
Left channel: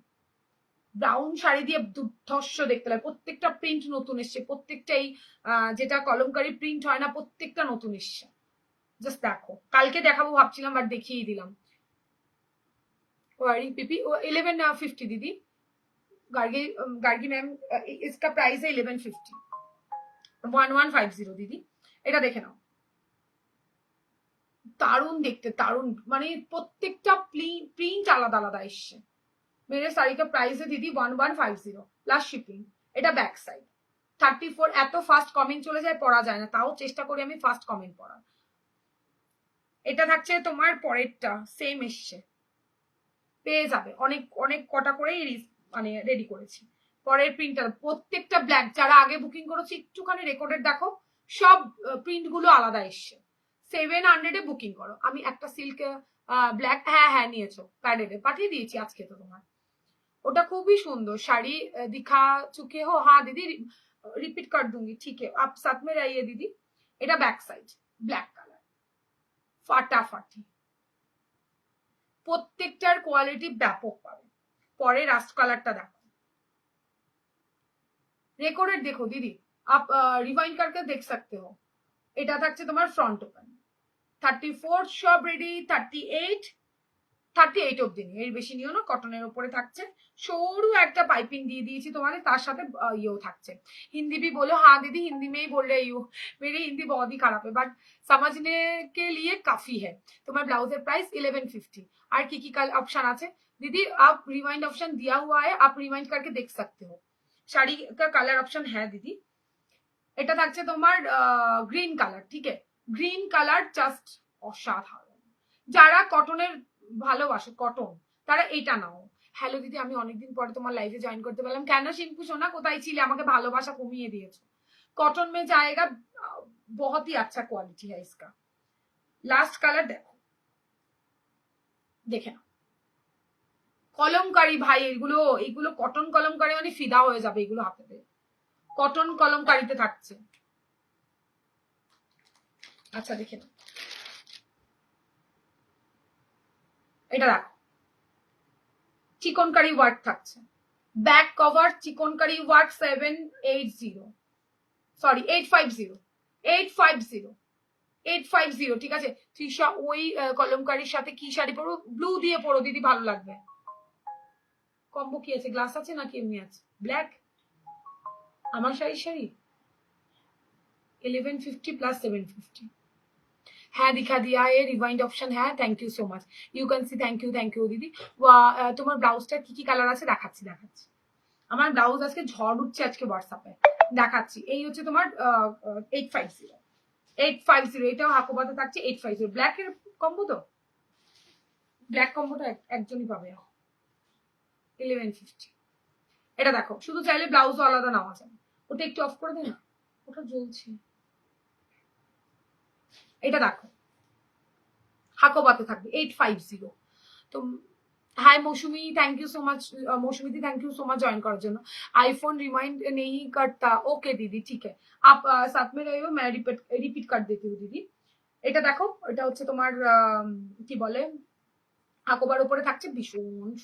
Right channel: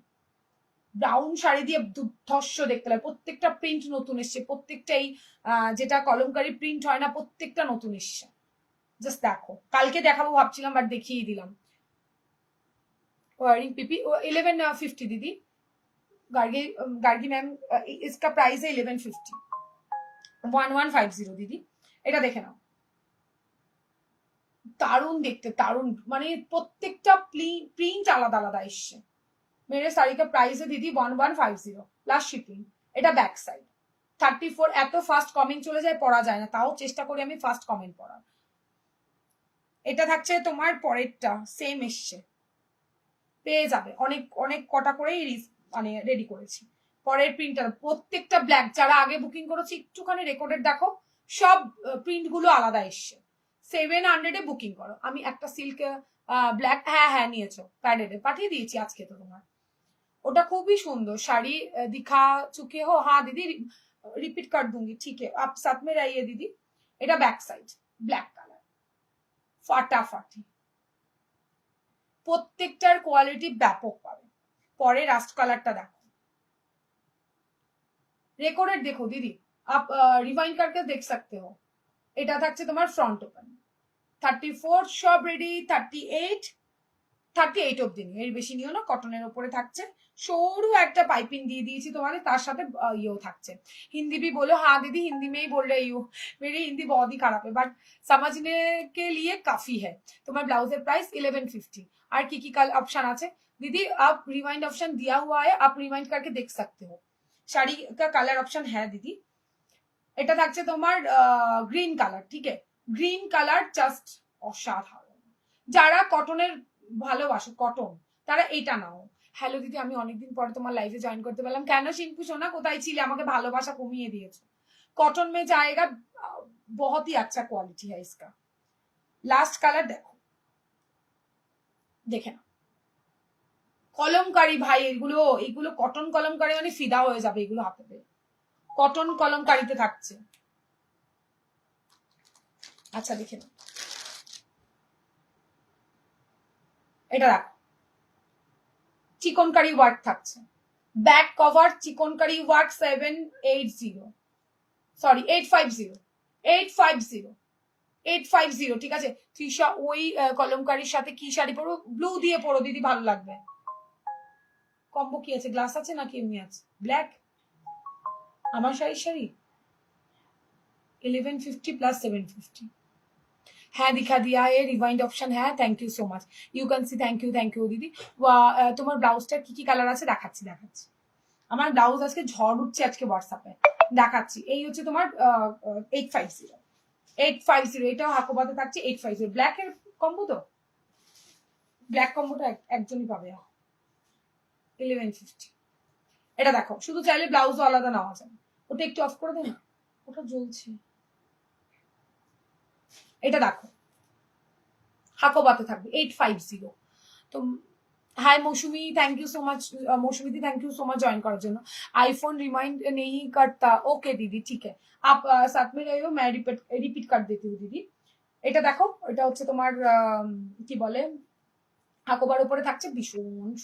ব্রাউন শাড়ি দিয়ে দুর্ধর্ষ দেখতে লাগে, প্রত্যেকটা প্রিন্ট নতুন এসছে, প্রত্যেকটাই যেটা কলমকারি প্রিন্ট হয় না, প্রত্যেকটা নতুন এসছে। জাস্ট দেখো, কালকে দেখাবো ভাবছিলাম বাট দেখিয়ে দিলাম। পিপি 1150 दीदी, गार्गी मैम इसका प्राइस है 1150, 1150 दीदी। এটা দেখে নাও, দারুণ দেখতে, দারুণ মানে প্রত্যেকটা প্রিন্ট আলাদা আলাদা এসছে। मेरे साड़ी का प्राइस है दीदी 1150 প্লাস শিপিং। এটা ব্যাক সাইড 34। এত ফাস্ট কমেন্ট চলে যায়, পড়া যায় না, তাও চেষ্টা করি আমি ফাস্ট কমেন্ট পড়ার। এটা থাকছে তোমার পরেরটা, সেম এসছে, পেয়ে যাবে অনেক অনেক কটা করেই মানে রেডি করেছি। পরের প্রিন্টার প্রত্যেকটা ব্ল্যাক, যারা আগে বুকিং করেছি একটুখানি রেকর্ডেড দেখো, সব প্রিন্ট গুলো আলাদা এসছে। 700 বুকিং করো। আমি একটা সিল্ক ব্ল্যাক, হ্যাঁ হ্যাঁ নিয়েছো, প্যাডেডে পাঠিয়ে দিয়েছি আজকে তো তোমার। ওটা খুবই সুন্দর শাড়ি, দিখা চুকে হো? হ্যাঁ দিদি রিপিট कर दूंगी, ठीक है आप साथ में रहिए दीदी। এটা ব্যাক সাইড ব্ল্যাক কালার, ফাটাফাটি, প্রত্যেকটার কোয়ালিটি ব্যাপক পাবে। পরে রাস্ট কালারটা দেখো, রেকর্ডেড দেখো दीदी, आप रिवाइंड करके देख सकते हो। এটা থাকছে তোমার ফ্রন্ট ওপেন, 34 সব রেডি, 38 অব্দি নিয়ে, এর বেশি নিও না। কটনের উপরে থাকছে, সরু একটা পাইপিং দিয়ে দিয়েছি তোমার, তার সাথে ইয়েও থাকছে। হিন্দি भी बोलो, हाँ दीदी हिंदी में ही बोल रही हूँ, मेरी हिंदी बहुत ही खराब है बट समझने के लिए काफी है। তোমার ব্লাউজের প্রাইস 1150। আর কি কি ऑप्शन আছে दीदी, आप रिवाइंड ऑप्शन दिया हुआ है, आप रिवाइंड करके देख सकते हो। শাড়ি का कलर ऑप्शन है दीदी। এটা থাকছে তোমার গ্রিন কালার, ঠিক আছে, গ্রিন কালার জাস্ট অসাধারণ। যারা কটনের ভালোবাসে, কটন, তারা এটা নাও। হ্যালো দিদি, আমি অনেকদিন পরে তোমার লাইভে জয়েন করতে পারলাম। কেন শিঙ্কু সোনা, কোথায় ছিলে? আমাকে ভালোবাসা কমিয়ে দিয়েছো। कॉटन में जाएगा, बहुत ही अच्छा क्वालिटी है इसका। लास्ट कलर देखो, দেখে না কলমকারি ভাই, এগুলো এগুলো কটন কলমকারি মানে ফিদা হয়ে যাবে এগুলো হাতে পেয়ে। কটন কলমকারিতে থাকছে। আচ্ছা দেখে না, এটা দেখো চিকনকারি ওয়ার্ক থাকছে, back cover chikankari work 780, sorry 850, 850, ঠিক আছে। তৃষা ওই কলমকারির সাথে কি শাড়ি পরো? ব্লু দিয়ে পরো দিদি, ভালো লাগবে। কম্বো কি আছে, গ্লাস আছে নাকি এমনি আছে? ব্ল্যাক আমার শাড়ি 1150 प्लस 750। হ্যাঁ দিখা দিয়া, এ রিভাইন্ড অপশন হ্যাঁ, thank you so much, you can see, thank you দিদি। তোমার ব্লাউজটা কি কি কালার আছে দেখাচ্ছি। আমার ব্লাউজ আজকে ঝড় উঠছে আজকে হোয়াটসঅ্যাপে, দেখাচ্ছি। এই হচ্ছে তোমার 850, এটাও হাকোবাতে থাকছে 850। ব্ল্যাকের কম্বো তো, ব্ল্যাক কম্বোটা একজনই পাবে 1150। এটা দেখো, শুধু চাইলে ব্লাউজও আলাদা নেওয়া যায়। ওটা একটু অফ করে দে না, ওটা জ্বলছে। এটা দেখো হাকোবাতে থাকবে 850। তো हाय मौसमी, thank you so much Mousumi di, thank you so much join कराর জন্য। आईफोन रिमाइंड नहीं करता, ओके दीदी ठीक है, आप साथ में रहिए, मैं रिपीट कर देती हूँ दीदी। এটা দেখো, এটা হচ্ছে তোমার কি বলে, হাকোবার উপরে থাকছে, ভীষণ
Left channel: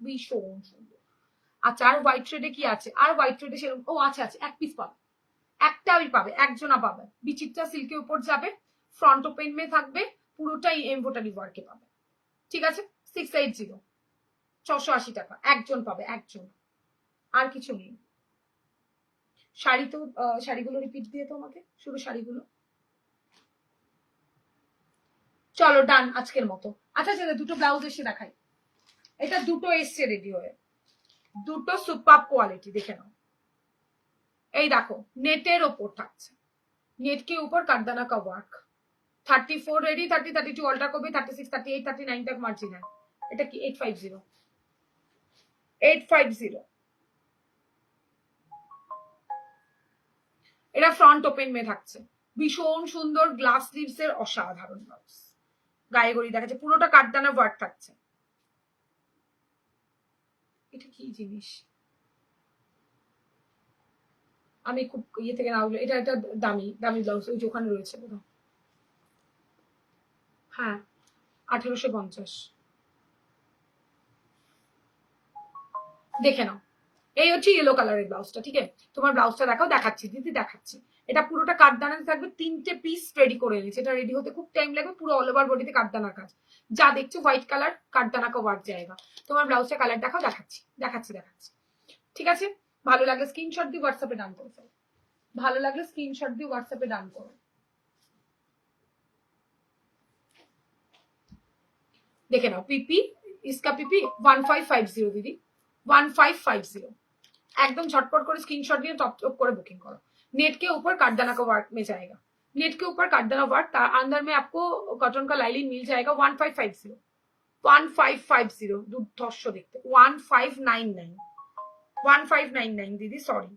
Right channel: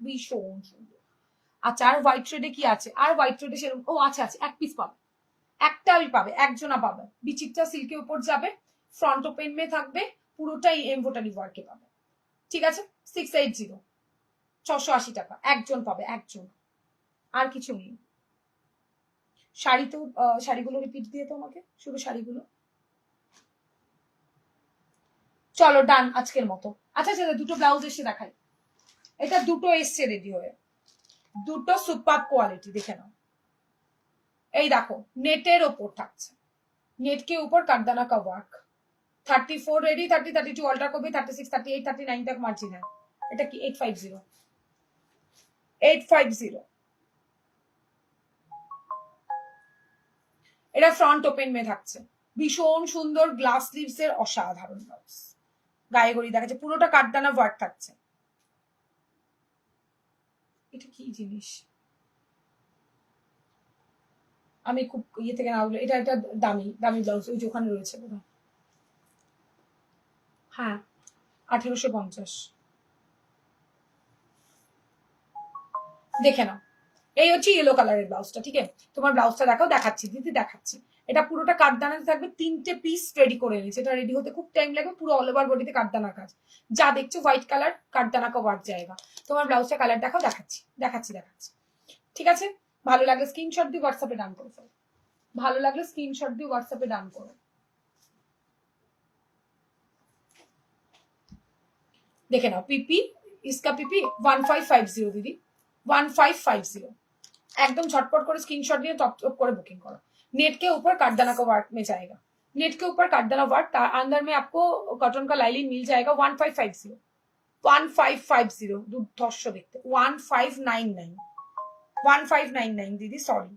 ভীষণ সুন্দর। আচ্ছা আর হোয়াইট ট্রেডে কি আছে? আর হোয়াইট ট্রেডে সেরকম, ও আচ্ছা আচ্ছা, এক পিস পাবে, একটাই পাবে, একজনা পাবে। বিচিত্রা সিল্কের উপর যাবে, ফ্রন্ট ওপেন মে থাকবে, পুরোটাই এমব্রয়ডারি ওয়ার্কে পাবে, ঠিক আছে। 680, 680 টাকা, একজন পাবে, একজন, আর কিছু নেই। শাড়ি তো শাড়িগুলো রিপিট দিয়ে তো আমাকে, শুধু শাড়িগুলো। চলো ডান আজকের মতো। আচ্ছা আচ্ছা, দুটো ব্লাউজ এসে দেখাই। এটা দুটো এসছে রেডি হয়ে, দুটো সুপার কোয়ালিটি, দেখে নাও। এই দেখো নেটের ওপর থাকছে, नेट के ऊपर करदाना का वर्क। 34 रेडी, 30, 32 अल्ट्रा को भी, 36, 38, 39 तक मार्जिन है। এটা কি 850, 850 এটা ফ্রন্ট ওপেন মে থাকছে, ভীষণ সুন্দর গ্লাস স্লিভস এর অসাধারণ ব্লাউজ, গায়ে গড়ি দেখাচ্ছে, পুরোটা কাঠদানা ওয়ার্ক থাকছে। এটা কি জিনিস, আমি খুব ইয়ে থেকে না, এটা একটা দামি দামি ব্লাউজ, ওই যে ওখানে রয়েছে বোধ হয়। হ্যাঁ 1850, দেখে নাও। এই হচ্ছে ইয়েলো কালারের ব্লাউজটা, ঠিক আছে? তোমার ব্লাউজটা দেখাও, দেখাচ্ছি দিদি দেখাচ্ছি। এটা পুরোটা কাঠদানাতে থাকবে, 3টে পিস রেডি করে এনেছে, এটা রেডি হতে খুব টাইম লাগবে, পুরো অল ওভার বডিতে কাঠদানার কাজ, যা দেখছো হোয়াইট কালার কাঠদানা কা ওয়ার্ক জায়গা। তোমার ব্লাউজটা কালার দেখাও, দেখাচ্ছি দেখাচ্ছি দেখাচ্ছি, ঠিক আছে? ভালো লাগলে স্ক্রিনশট দিয়ে হোয়াটসঅ্যাপে ডান করো, ভালো লাগলে স্ক্রিনশট দিয়ে হোয়াটসঅ্যাপে ডান করো। দেখে নাও পিপি, इसका পিপি 1550 দিদি, 1550, एकदम झटपट করে स्क्रीनशॉट নিয়ে टॉप टॉप করে बुकिंग करो। नेट के ऊपर काठदाना का वर्क में जाएगा, नेट के ऊपर काठदाना वर्क, अंदर में आपको कॉटन का लाइनिंग मिल जाएगा 1550, 1550 दुर्धर्ष देखते, 1599, 1599 दीदी सॉरी,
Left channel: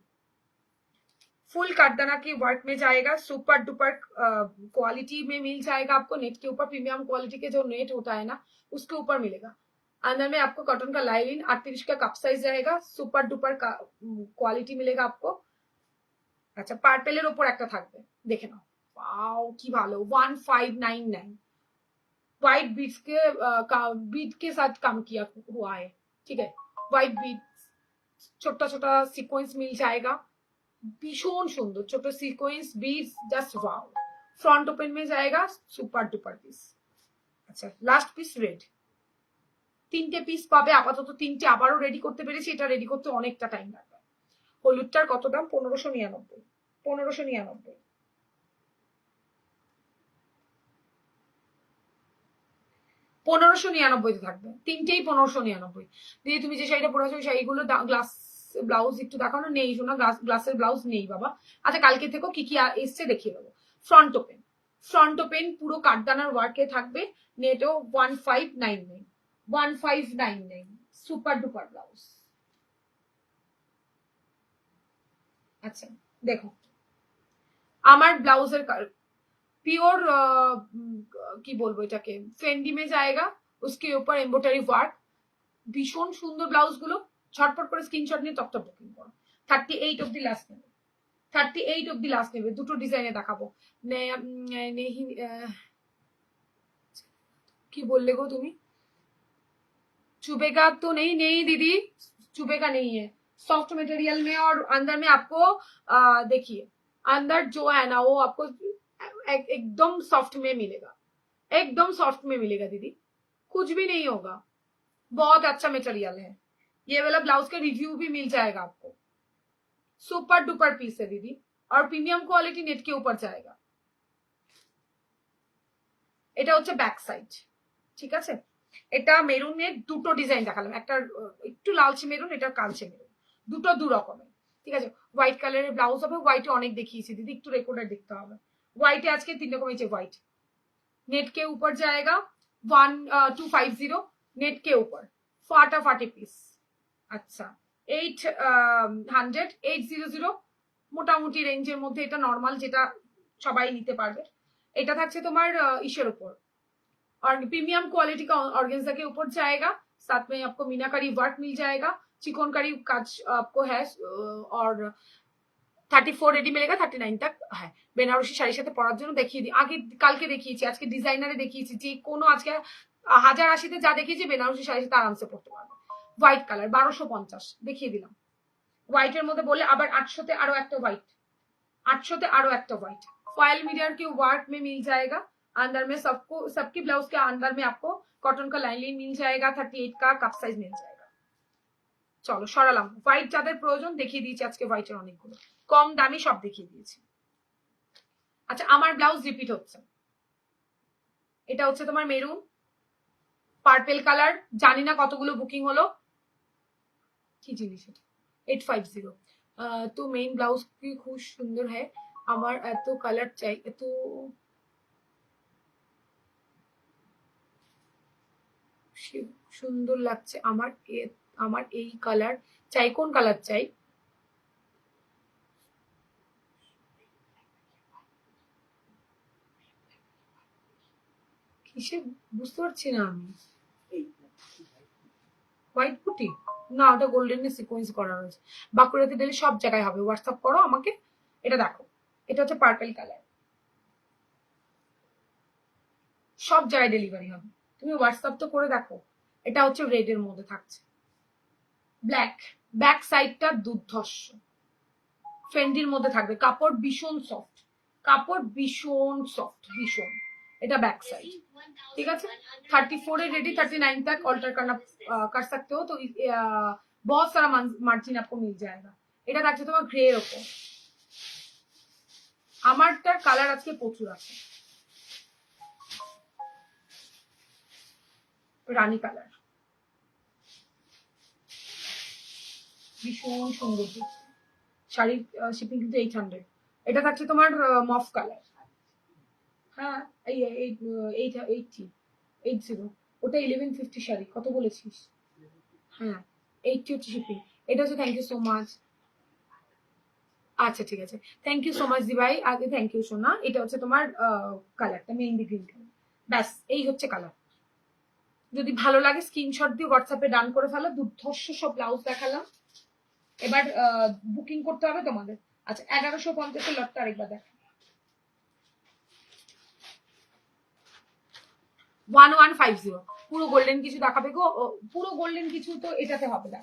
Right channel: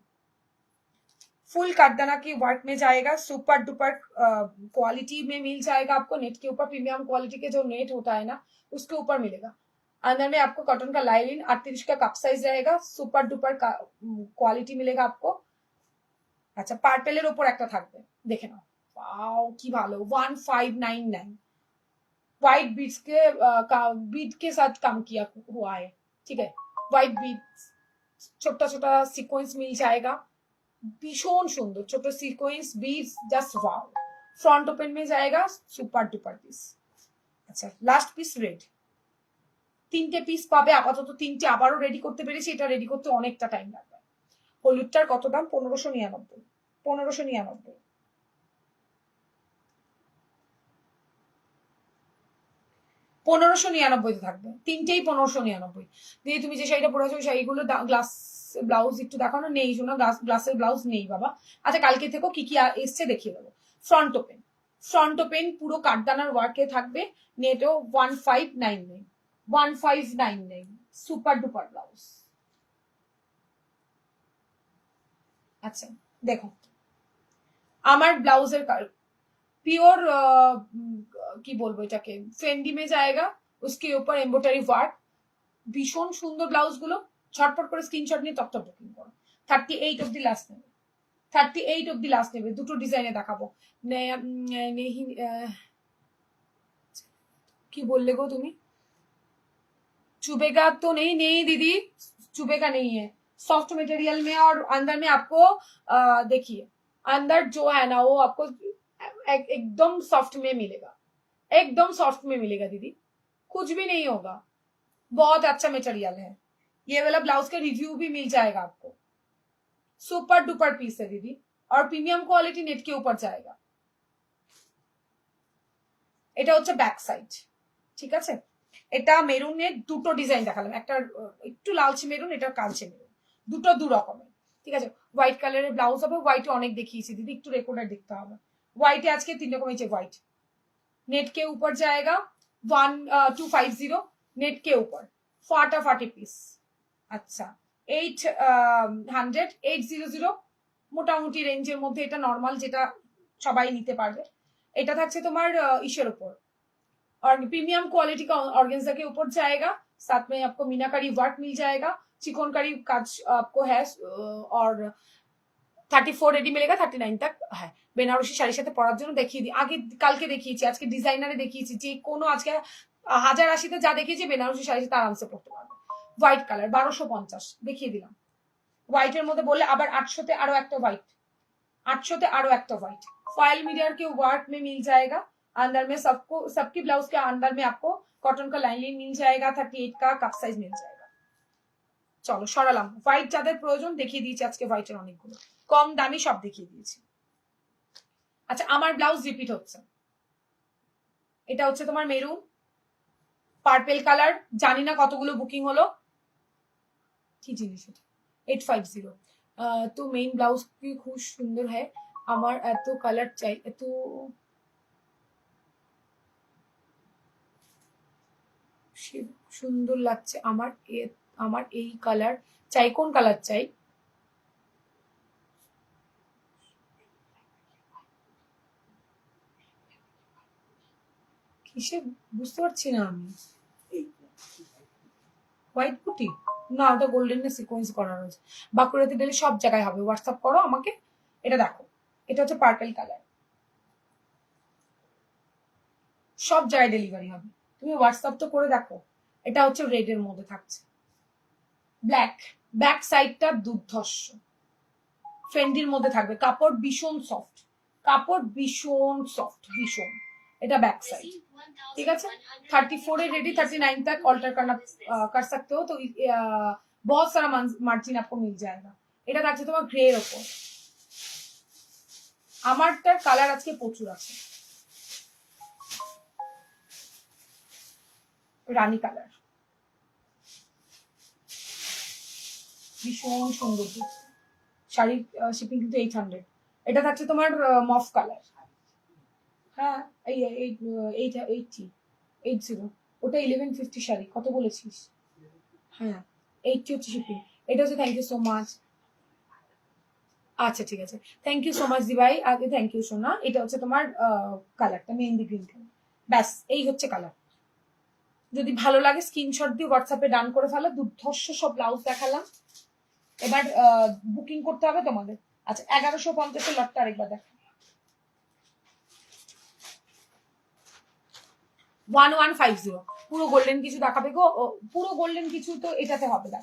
फुल काठदाना की वर्क में जाएगा, सुपर डुपर क्वालिटी में मिल जाएगा आपको, नेट के ऊपर प्रीमियम क्वालिटी के जो नेट होता है ना उसके ऊपर मिलेगा। अंदर में आपको कॉटन का लाइनिंग 38 का कप साइज रहेगा, सुपर डुपर क्वालिटी मिलेगा आपको। अच्छा पार्पेलेर ऊपर একটা থাকবে, দেখে নাও, वाओ কি ভালো, 1599, व्हाइट बीड्स के बीड के साथ काम किया हुआ है, ठीक है? व्हाइट बीड, छोटा छोटा सीक्वेंस मिल जाएगा, भीषण सुंदर छोटे sequence beads, just wow. Front open में जाएगा, सुपर डुपर पीस। अच्छा लास्ट पीस रेड, 3টে পিস পাবে আপাতত, 3টে আবারও রেডি করতে পেরেছি, এটা রেডি করতে অনেকটা টাইম লাগবে। হলুদটার কত দাম? 1599, 1599, 1599 থাকবে, 3টেই 1599। দিদি তুমি যে শাড়িটা পরে আছো ওই শাড়িগুলো গ্লাস ব্লাউজ একটু দেখানো নেই, শোনা গ্লাসের ব্লাউজ নেই বাবা। আচ্ছা কালকে থেকেও কি কি এসছে দেখিয়ে দেবো। ফ্রন্ট ওপেন, ফ্রন্ট ওপেন পুরো কাঠদানার ওয়ার্কে থাকবে, নেটও 1599, 1599, সুপার ডুপার ব্লাউজ। আচ্ছা দেখো আমার ব্লাউজের प्योर কি বলবো এটাকে, ফেন্ডি में जाएगा, उसके ऊपर एम्ब्रॉयडरी वर्क, ভীষণ সুন্দর ব্লাউজ গুলো, ছটপট করে স্ক্রিনশট নিয়ে টপ টপ বুকিং করো। 38 অবধি লাস্ট নেবে, 38 অবধি লাস্ট নেবে, দুটো ডিজাইনে দেখাবো। কি বললে গো তুমি? चुभेगा तो नहीं, नहीं दीदी चुभेगा नहीं है, सॉफ्ट मटेरियल में, और अंदर में आपको देखिए अंदर जो है ना वो आपको एकदम सॉफ्ट में मिलेगा, एकदम सॉफ्ट में मिलेगा दीदी, कुछ भी नहीं होगा, बहुत अच्छा मटेरियल है। ये वाला ब्लाउज का रिव्यू भी मिल जाएगा आपको, सुपर डुपर पीस है दीदी, और प्रीमियम क्वालिटी नेट के ऊपर जाएगा। এটা হচ্ছে ব্যাক সাইড, ঠিক আছে? এটা মেরুনের দুটো ডিজাইন দেখালাম, একটা একটু লালচে মেরুন, এটা কালচে মেরুন, দুটো দু রকমের, ঠিক আছে? হোয়াইট কালারের ব্লাউজ হবে, হোয়াইটে অনেক দেখিয়েছি দিদি, একটু রেকর্ডার দেখতে হবে। হোয়াইটে আজকে 3 রকম হয়েছে, হোয়াইট नेट के ऊपर जाएगा 1250, नेट के ऊपर फाटाफाटी पीस। अच्छा 800, 800 মোটামুটি রেঞ্জের মধ্যে, এটা নর্মাল যেটা সবাই নিতে পারবে। এটা থাকছে তোমার ইসের উপর, और प्रीमियम क्वालिटी का ऑर्गेन्जा के ऊपर जाएगा, साथ में आपको मीनाकारी वर्क मिल जाएगा, चिकनकारी काज आपको है, और 34 রেডি মিলেগা, 39 तक है। বেনারসি শাড়ির সাথে পরার জন্য দেখিয়ে দিই, আগে কালকে দেখিয়েছি, আজকে ডিজাইনারে দেখিয়েছি, যে কোনো আজকে 1080-তে যা দেখিয়েছি বেনারসি শাড়ির সাথে আরামসে পড়তে পারবে। হোয়াইট কালার 1250 দেখিয়ে দিলাম। হোয়াইটের মধ্যে বললে আবার 800-তে আরো একটা হোয়াইট, 800-তে আরো একটা হোয়াইট, फॉयल मिरर के वर्क में मिल जाएगा, अंदर में सबको सबकी ब्लाउज के अंदर में आपको कॉटन का लाइनिंग मिल जाएगा, 38 का कप साइज मिल जाएगा। চলো সরালাম, হোয়াইট যাদের প্রয়োজন দেখিয়ে দিয়েছি আজকে, হোয়াইটের অনেকগুলো কম দামি সব দেখিয়ে দিয়েছি। আচ্ছা আমার ব্লাউজ রিপিট হচ্ছে, এটা হচ্ছে তোমার মেরুন পার্পেল কালার, জানি না কতগুলো বুকিং হলো, কি জিনিস এটা 850। তো মেইন ব্লাউজ কি খুব সুন্দর হয়, আমার এত কালার চাই, এত সুন্দর লাগছে আমার, আমার এই কালার চাই, কোন কালার চাই? কিসে বুঝতে পারছি না আমি। হোয়াইট পুটি না, ওটা গোল্ডেন সিকোয়েন্স করা রয়েছে। বাঁকুড়াতে ডেলি সব জায়গায় হবে, হোয়াটসঅ্যাপ করো আমাকে। এটা দেখো, এটা হচ্ছে পার্পল কালার, সব জায়গায় ডেলিভারি হবে। তুমি হোয়াটসঅ্যাপ তো করে দেখো। এটা হচ্ছে রেড এর মধ্যে থাকছে, ব্ল্যাক, ব্যাক সাইডটা দুর্ধর্ষ ফ্রেন্ডির মধ্যে থাকবে, কাপড় ভীষণ সফট, কাপড় ভীষণ সফট ভীষণ। এটা बैक साइड, ठीक है। 34 है रेडी, 39 तक ऑल्टर करना कर सकते हो, तो बहुत सारा मार्जिन आपको मिल जाएगा। এটা থাকছে তোমার গ্রে এর উপর, আমারটার কালার আজকে প্রচুর আছে, রানী কালার, ভীষণ সুন্দর শাড়ি। শিপিং কিন্তু 800। এটা থাকছে তোমার মফ কালার, হ্যাঁ এই 80 ওটা 1150 শাড়ি, কত বলেছিস? হ্যাঁ 80 হচ্ছে শিপিং। এটা হচ্ছে থ্যাংক ইউ সো মাচ। আচ্ছা ঠিক আছে, থ্যাংক ইউ সো মাচ দি ভাই, আগে থ্যাংক ইউ সোনা। এটা হচ্ছে তোমার কালারটা মেহেন্দি গ্রিন কালার, ব্যাস এই হচ্ছে কালার। যদি ভালো লাগে স্ক্রিনশট দিয়ে হোয়াটসঅ্যাপে ডান করে ফেলো। দুর্ধর্ষ সব ব্লাউজ দেখালাম, এবার বুকিং করতে হবে তোমাদের। আচ্ছা 1150 লটটা আরেকবার দেখ, 1150 পুরো গোল্ডেন কিছু দেখাবে গো, পুরো গোল্ডেন কিছু তো এটাতে হবে না।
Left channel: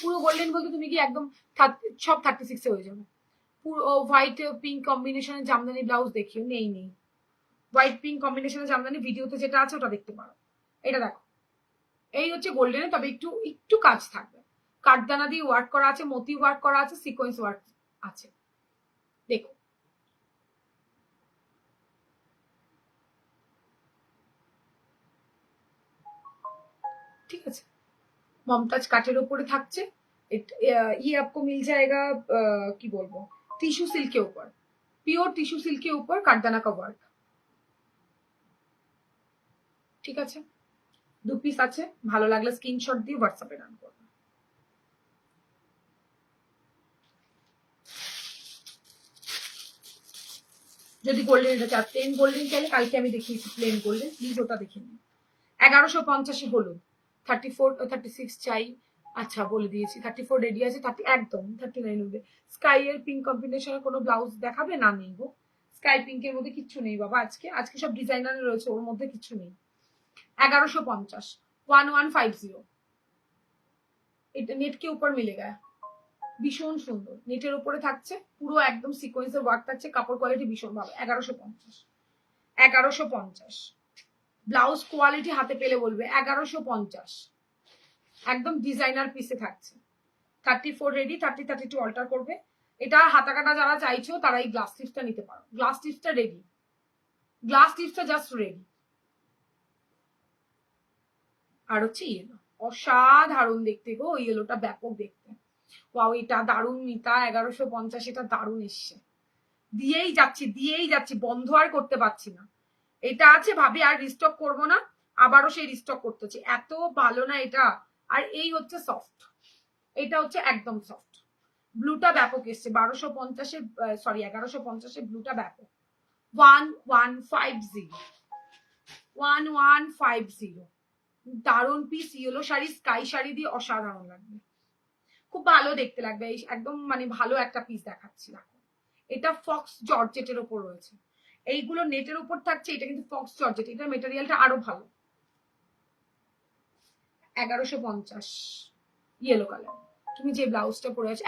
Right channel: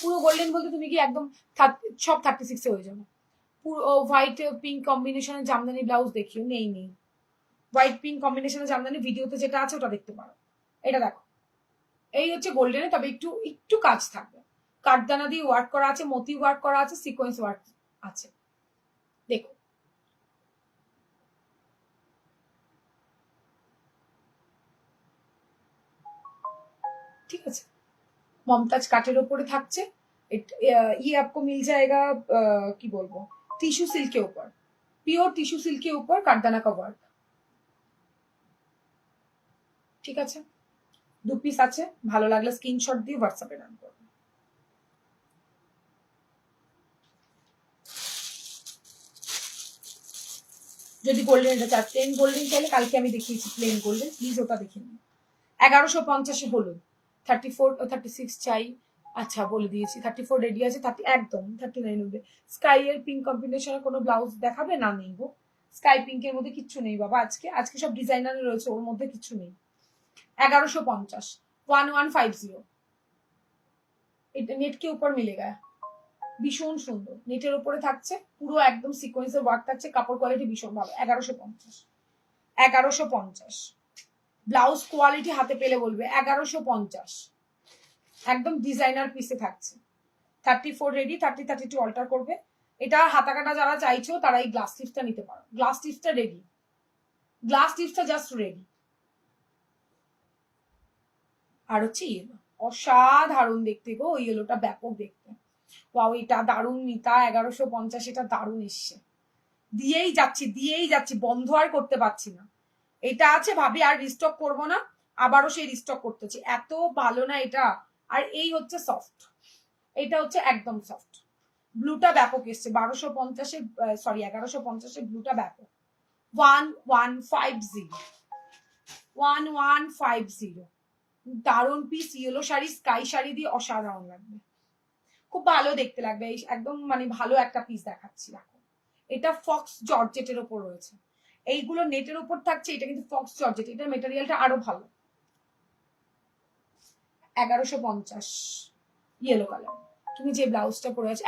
পুরো গোল্ডেন বলতে তুমি কি একদম সব 36 হয়ে যাবে। পুরো হোয়াইট পিঙ্ক কম্বিনেশনের জামদানি ব্লাউজ দেখিও, নেই নেই হোয়াইট পিঙ্ক কম্বিনেশনের জামদানি, ভিডিওতে যেটা আছে ওটা দেখতে পারো। এটা দেখো, এই হচ্ছে গোল্ডেনে, তবে একটু একটু কাজ থাকবে, কাঠদানা দিয়ে ওয়ার্ক করা আছে, মতি ওয়ার্ক করা আছে, সিকোয়েন্স ওয়ার্ক আছে, দেখো। ঠিক আছে, মমতাজ কাটের ওপরে থাকছে, ये आपको मिल जाएगा কি বলবো, টিস্যু সিল্ক के ऊपर, পিওর টিস্যু সিল্ক के ऊपर কাঠদানা का वर्क। ঠিক আছে, 2 পিস আছে, ভালো লাগলে স্ক্রিনশট দিয়ে হোয়াটসঅ্যাপে ডান করবে। যদি গোল্ডেন এটা চার, প্লেন গোল্ডেন চাইলে কালকে আমি দেখিয়েছি প্লেন গোল্ডেন, প্লিজ ওটা দেখে নিন। 1150 হলুদ, 34 36 চাই। আচ্ছা বলে দিয়েছি 34 রেডি আছে, 30 একদম 39 হবে। স্কাই এর পিঙ্ক কম্বিনেশনের কোনো ব্লাউজ দেখাবে না? নেই গো, স্কাই পিঙ্কের মধ্যে কিচ্ছু নেই বাবা, আজকে আজকে সব ডিজাইনার রয়েছে, ওর মধ্যে কিচ্ছু নেই। 1150 1150 এটা নেট কে উপর মিলেগা, ভীষণ সুন্দর নেটের উপরে থাকছে, পুরো একদম সিকোয়েন্সের ওয়ার্ক থাকছে, কাপড় কোয়ালিটি ভীষণ ভালো। 1150 ব্লাউজ কোয়ালিটি হাতে পেলে বলবে 1150, একদম ডিজাইনার পিসে থাকছে। 34 রেডি, 30 32 অল্টার করবে। এটা হাতা কাটা যারা চাইছো তারা এই গ্লাস স্টিচটা নিতে পারো, গ্লাস স্টিচটা রেডি, গ্লাস স্টিচটা জাস্ট রেডি। আর হচ্ছে ইয়েলো, অসাধারণ দেখতে গো, ইয়েলোটা ব্যাপক দেখতে। ওয়াও এটা দারুণ মিতা, 1150 এটা দারুণ এসছে, দিয়েই যাচ্ছি বন্ধ আর করতে পারছি না। এটা আছে ভাবি আর রিস্টক করব না, আবারও সেই রিস্টক করতেছি, এত ভালো না এটা। আর এই হচ্ছে সফট, এটা হচ্ছে একদম সফট, ব্লুটা ব্যাপক এসছে 1250 সরি 1150 ব্লুটা ব্যাপক। 1150 দারুণ piece, yellow sari sky sari দিয়ে অসাধারণ লাগবে, খুব ভালো দেখতে লাগবে, একদম মানে ভালো একটা পিস দেখাচ্ছি। দেখো এটা ফক্স জর্জেটের ওপর রয়েছে, এইগুলো নেটের উপর থাকছে, এটা কিন্তু ফক্স জর্জেট, এটার মেটেরিয়ালটা আরো ভালো। 1150 ইয়েলো কালার, তুমি যে ব্লাউজটা পরে আছো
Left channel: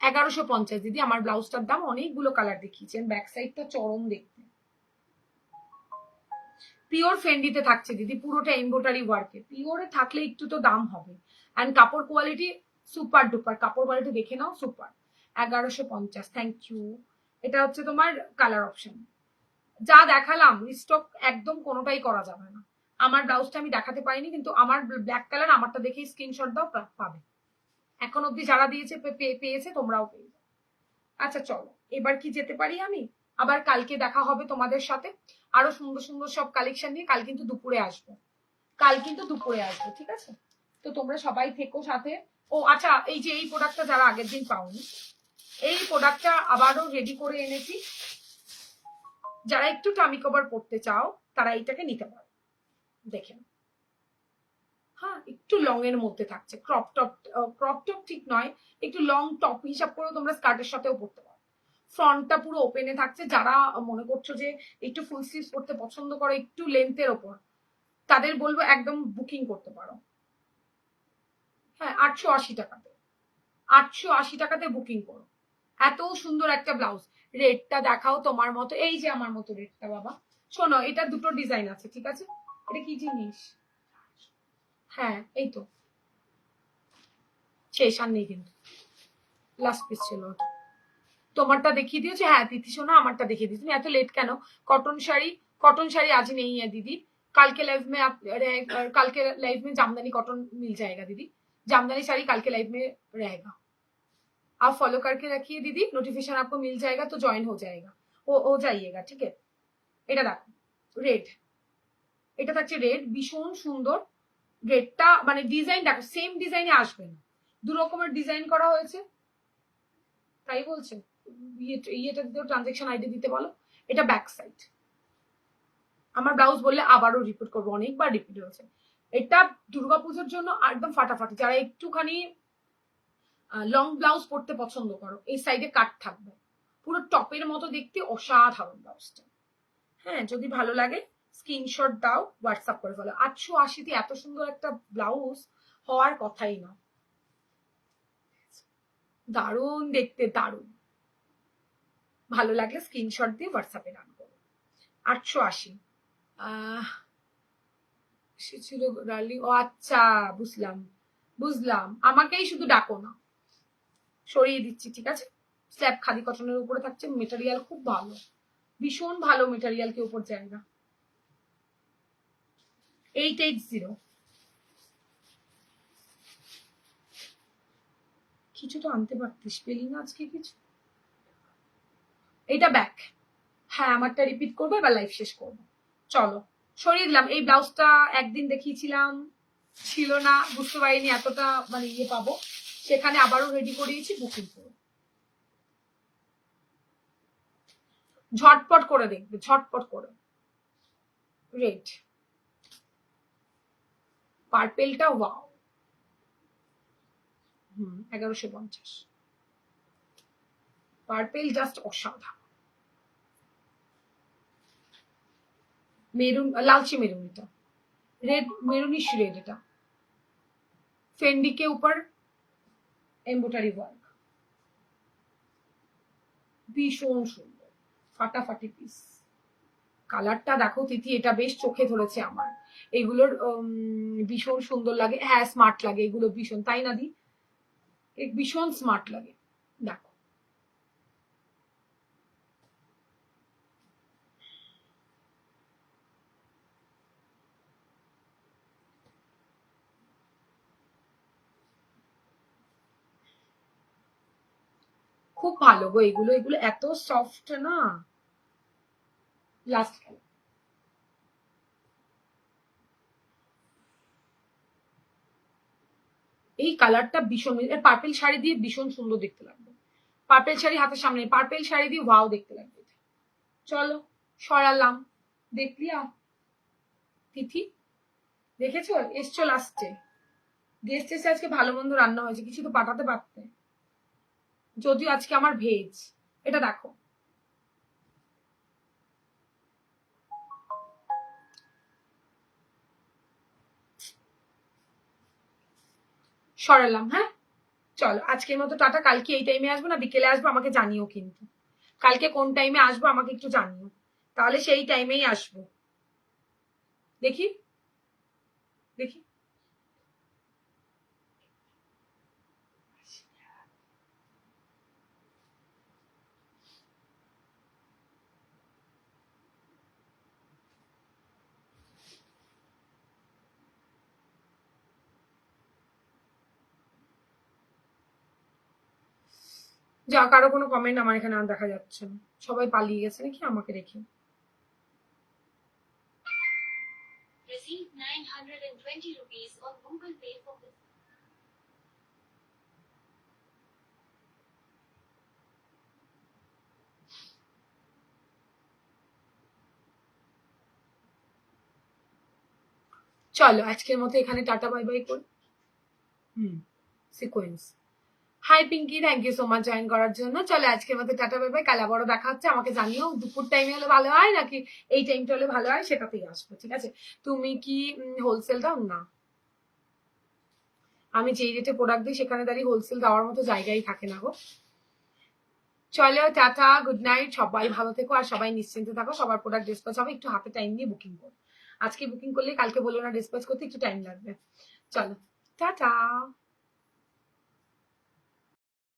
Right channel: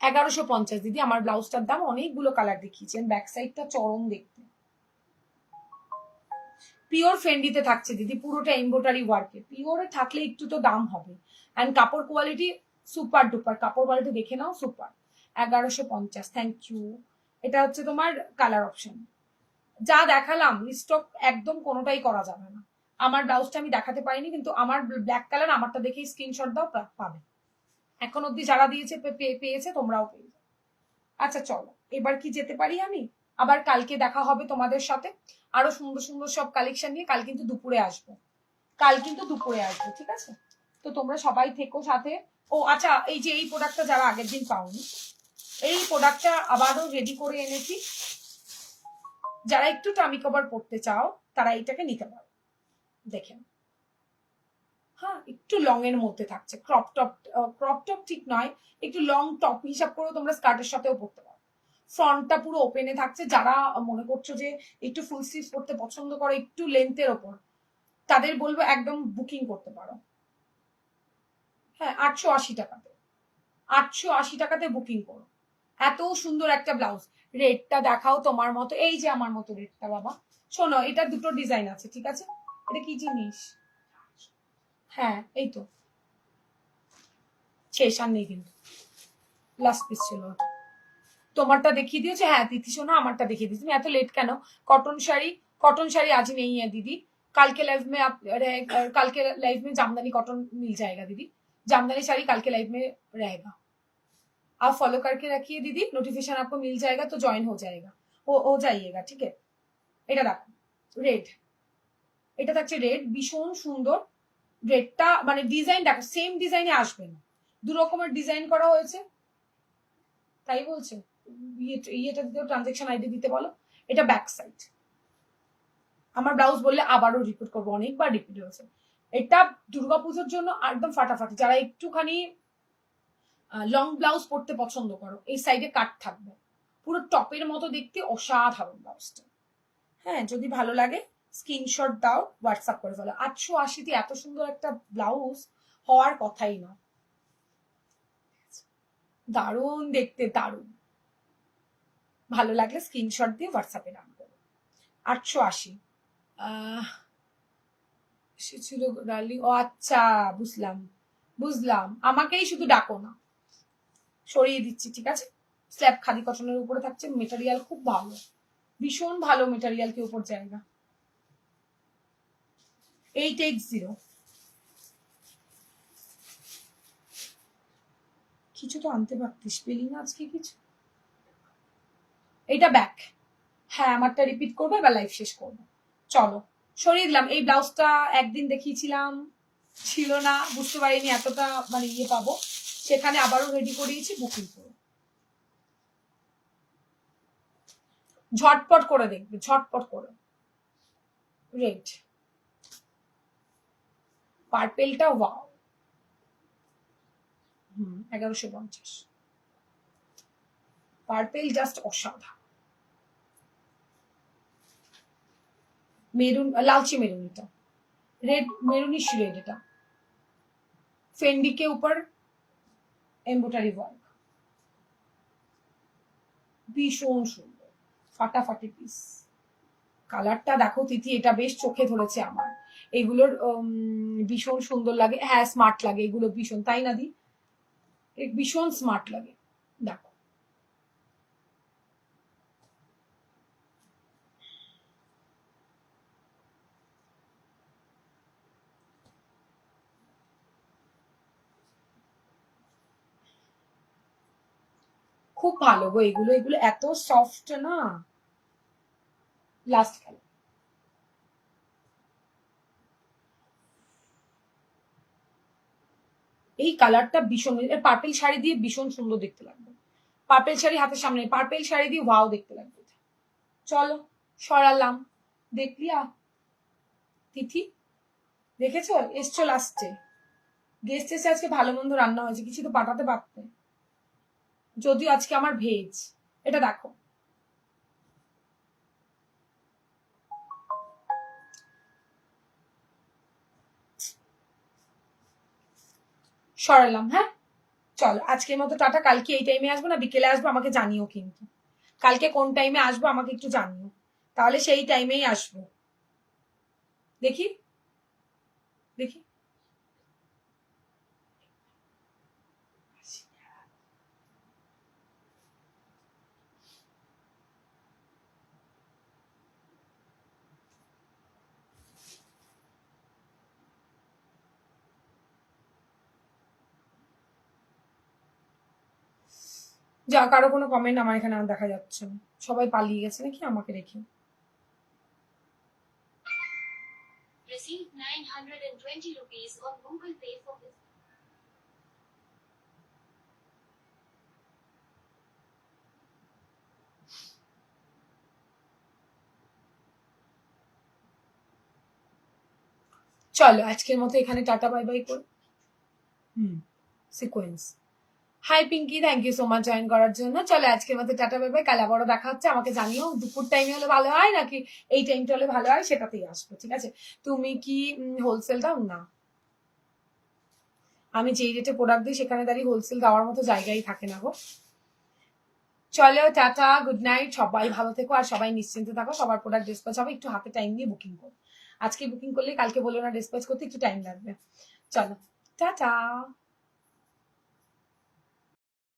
1150 দিদি। আমার ব্লাউজটার দাম অনেকগুলো কালার দেখিয়েছি, ব্যাক সাইডটা চরম দেখতে, পিওর ফেন্ডিতে থাকছে দিদি, পুরোটা এমব্রয়ডারি ওয়ার্কে, পিওরে থাকলে একটু তো দাম হবে। অ্যান্ড কাপড় কোয়ালিটি সুপার ডুপার, কাপড় কোয়ালিটি দেখে নাও সুপার। 1150, thank you. এটা হচ্ছে তোমার কালার অপশন, যা দেখালাম স্টক একদম কোনোটাই করা যাবে না। আমার ব্লাউজটা আমি দেখাতে পারিনি, কিন্তু আমার ব্ল্যাক কালার, আমারটা দেখেই স্ক্রিনশট দাও, পাবে। এখন অব্দি যারা দিয়েছে পেয়েছে, তোমরাও পেয়ে যাও। আচ্ছা চলো এবার কি যেতে পারি আমি, আবার কালকে দেখা হবে তোমাদের সাথে আরো সুন্দর সুন্দর সব কালেকশন নিয়ে। কাল কিন্তু দুপুরে আসবো, ঠিক আছে? তো তোমরা সবাই থেকো সাথে। ও আচ্ছা, এই যে এই প্রোডাক্টটা যারা আগের দিন পাওনি, এই প্রোডাক্টটা আবারও রেডি করে এনেছি, যারা একটু টামি কভার পড়তে চাও তারা এইটাকে নিতে পারো। দেখেন, হ্যাঁ একটু লং এর মধ্যে থাকছে, ক্রপ টপ ঠিক নয়, একটু লং টপ হিসাব করে তোমরা স্কার্টের সাথেও পড়তে পারো। ফ্রন্টটা পুরো ওপেনে থাকছে। যারা মনে করছো যে একটু ফুল স্লিভস পড়তে পছন্দ করো একটু লেন্থের ওপর, তাদের বলবো একদম বুকিং করতে পারো। হ্যাঁ 880 টাকাতে, 880 টাকাতে বুকিং করো। এত সুন্দর একটা ব্লাউজ। রেডটা দেখাও তোমার মতো, এই যে আমার মতো রেডটা বাবা। শোনো, এটা দুটো ডিজাইন আছে, ঠিক আছে? এটা কি জিনিস? হ্যাঁ এই তো শেষ, আর নেই কিন্তু, লাস্ট পিস ছিল। তোমারটা দেখিয়ে দিয়েছে? হ্যাঁ তিথি শোনো, আমারটা দেখিয়ে দিয়েছি। এত লেট কেন? कॉटन শাড়ি आज नहीं है दीदी, कल के लाइव में आप कल के लाइव में जामदानी कॉटन मिल जाएगा दीदी, जामदानी शाड़ी कल के लाइव में रहेगा, आप फॉलो करके रखिए दीदी, नोटिफिकेशन आपको मिल जाएगा तो ज्वाइन हो जाएगा, हो जाइएगा, ठीक है? এটা দেখো রেড, এটা থাকছে রেড, ভীষণ সুন্দর। রেডটা মানে ডিজাইন দেখো, সেম ডিজাইনে আসবে না, দু রকমের ডিজাইন করা হয়েছে, তাই বলছে। ইয়েটা দিতেও ট্রানজেকশন আইডি দিতে বলো। এটা ব্যাক সাইড। আমার ব্লাউজ বললে আবারও রিপিট করবো, অনেকবার রিপিট হয়েছে। এটা দুর্গাপুজোর জন্য একদম ফাটাফাটি। যারা একটুখানি লং ব্লাউজ পরতে পছন্দ করো, এই সাইডে কাট থাকবে, পুরো টপের মতো দেখতে, অসাধারণ ব্লাউজটা। হ্যাঁ যদি ভালো লাগে স্ক্রিনশট দাও, হোয়াটসঅ্যাপ করে ফেলো। 880 এত সুন্দর একটা ব্লাউজ হওয়ার কথাই না। দারুণ দেখতে, দারুণ। ভালো লাগলে স্ক্রিনশট দিয়ে হোয়াটসঅ্যাপে ডান করো। 880 ছিল ডার্লিং। ও আচ্ছা, বুঝলাম বুঝলাম, আমাকেই শুধু ডাকো না, সরিয়ে দিচ্ছি, ঠিক আছে? স্ল্যাব খাদি কটনের উপরে থাকছে, মেটেরিয়াল খুব ভালো, ভীষণ ভালো মেটেরিয়াল, के ऊपर जाएगा। 880। কিছু তো আনতে পারতিস, পেলি না আজকে কিছু। এইটা ব্যাক। হ্যাঁ আমারটা রিপিট করবো, এবার লাইভ শেষ করবো। চলো সরিয়ে দিলাম। এই ব্লাউজটা একদিন দেখিয়েছিলাম, ছিল না, বুঝতে পারিনি এতটা মানে ইয়ে পাবো, সেখানে আবারও রেডি করিয়েছি, বুকিং করো। ঝটপট করে দেখবে, ঝটপট করে। রেড পার্পেলটা ওয়াও। 1150। পার্পেল জাস্ট অসাধারণ। মেরুন, लालची मेरून, এটা रेड मेरूनिश रेड, এটা फेंडी के ऊपर एम्ब्रॉयडरी वर्क, ভীষণ সুন্দর, ফাটাফাটি পিস। কালারটা দেখো তিথি, এটা বেশ চোখে ধরেছে আমার। এগুলোর ভীষণ সুন্দর লাগে, হ্যাঁ স্মার্ট লাগে এগুলো ভীষণ, তাই না দি? ভীষণ স্মার্ট লাগে, দেখো। খুব ভালো গো এগুলো, এগুলো এত সফট না। লাস্ট কালার, এই কালারটা ভীষণ, পার্পেল শাড়ি দিয়ে ভীষণ সুন্দর দেখতে লাগবে। পার্পেল শাড়ি হাতের সামনে, পার্পেল শাড়ি দিয়ে ওয়াও দেখতে লাগবে। চলো সরালাম, দেখলিয়া তিথি? দেখেছো এসছো লাস্টে, গেস্ট এসে আজকে ভালো মন্দ রান্না হয়েছে, কিছু তো পাঠাতে পারতে, যদিও আজকে আমার ভেজ। এটা দেখো, সরালাম। হ্যাঁ চলো আজকের মতো টাটা। কালকে এই টাইমে আসবো না বিকেলে আসবো, আমাকে জানিও কিন্তু, কালকে কোন টাইমে আসবো আমাকে একটু জানিও, তাহলে সেই টাইমেই আসবো। দেখি দেখি, যা কারো কোনো কমেন্ট আমার এখানে আর দেখা যাচ্ছে না, সবাই পালিয়ে গেছে নাকি আমাকে রেখে। Received 920 rupees on Google Pay for this. চলো আজকের মতো এখানে টাটা বাই বাই করি। Sequence. Hi Pinky, thank you so much join করার জন্য। চলো আজকের মতো টাটা বাই বাই, কাল আবারও দেখা হচ্ছে। আমাকে জানিও দুপুর টাইমে হলে ভালো হয় নাকি এই টাইমটা হলে ভালো হয়, সেটাতেই আসবো, ঠিক আছে? তুমি কি হোলসেল দাও? না, আমি যেই রেটে প্রোডাক্ট দিই সেখানে দাঁড়িয়ে হোলসেল দেওয়ার মতো জায়গাই থাকে না গো। চলো টাটা, গুড নাইট, সবাই ভালো থেকো আর সবাই নিশ্চিন্তে থাকো। সবার প্রোডাক্ট ডিসপ্যাচ হবে, একটু হাতে টাইম নিয়ে বুকিং করো। আজকে বুকিং করলে কালকে বলো না ডিসপ্যাচ করতে, একটু টাইম লাগবে। চলো টাটা।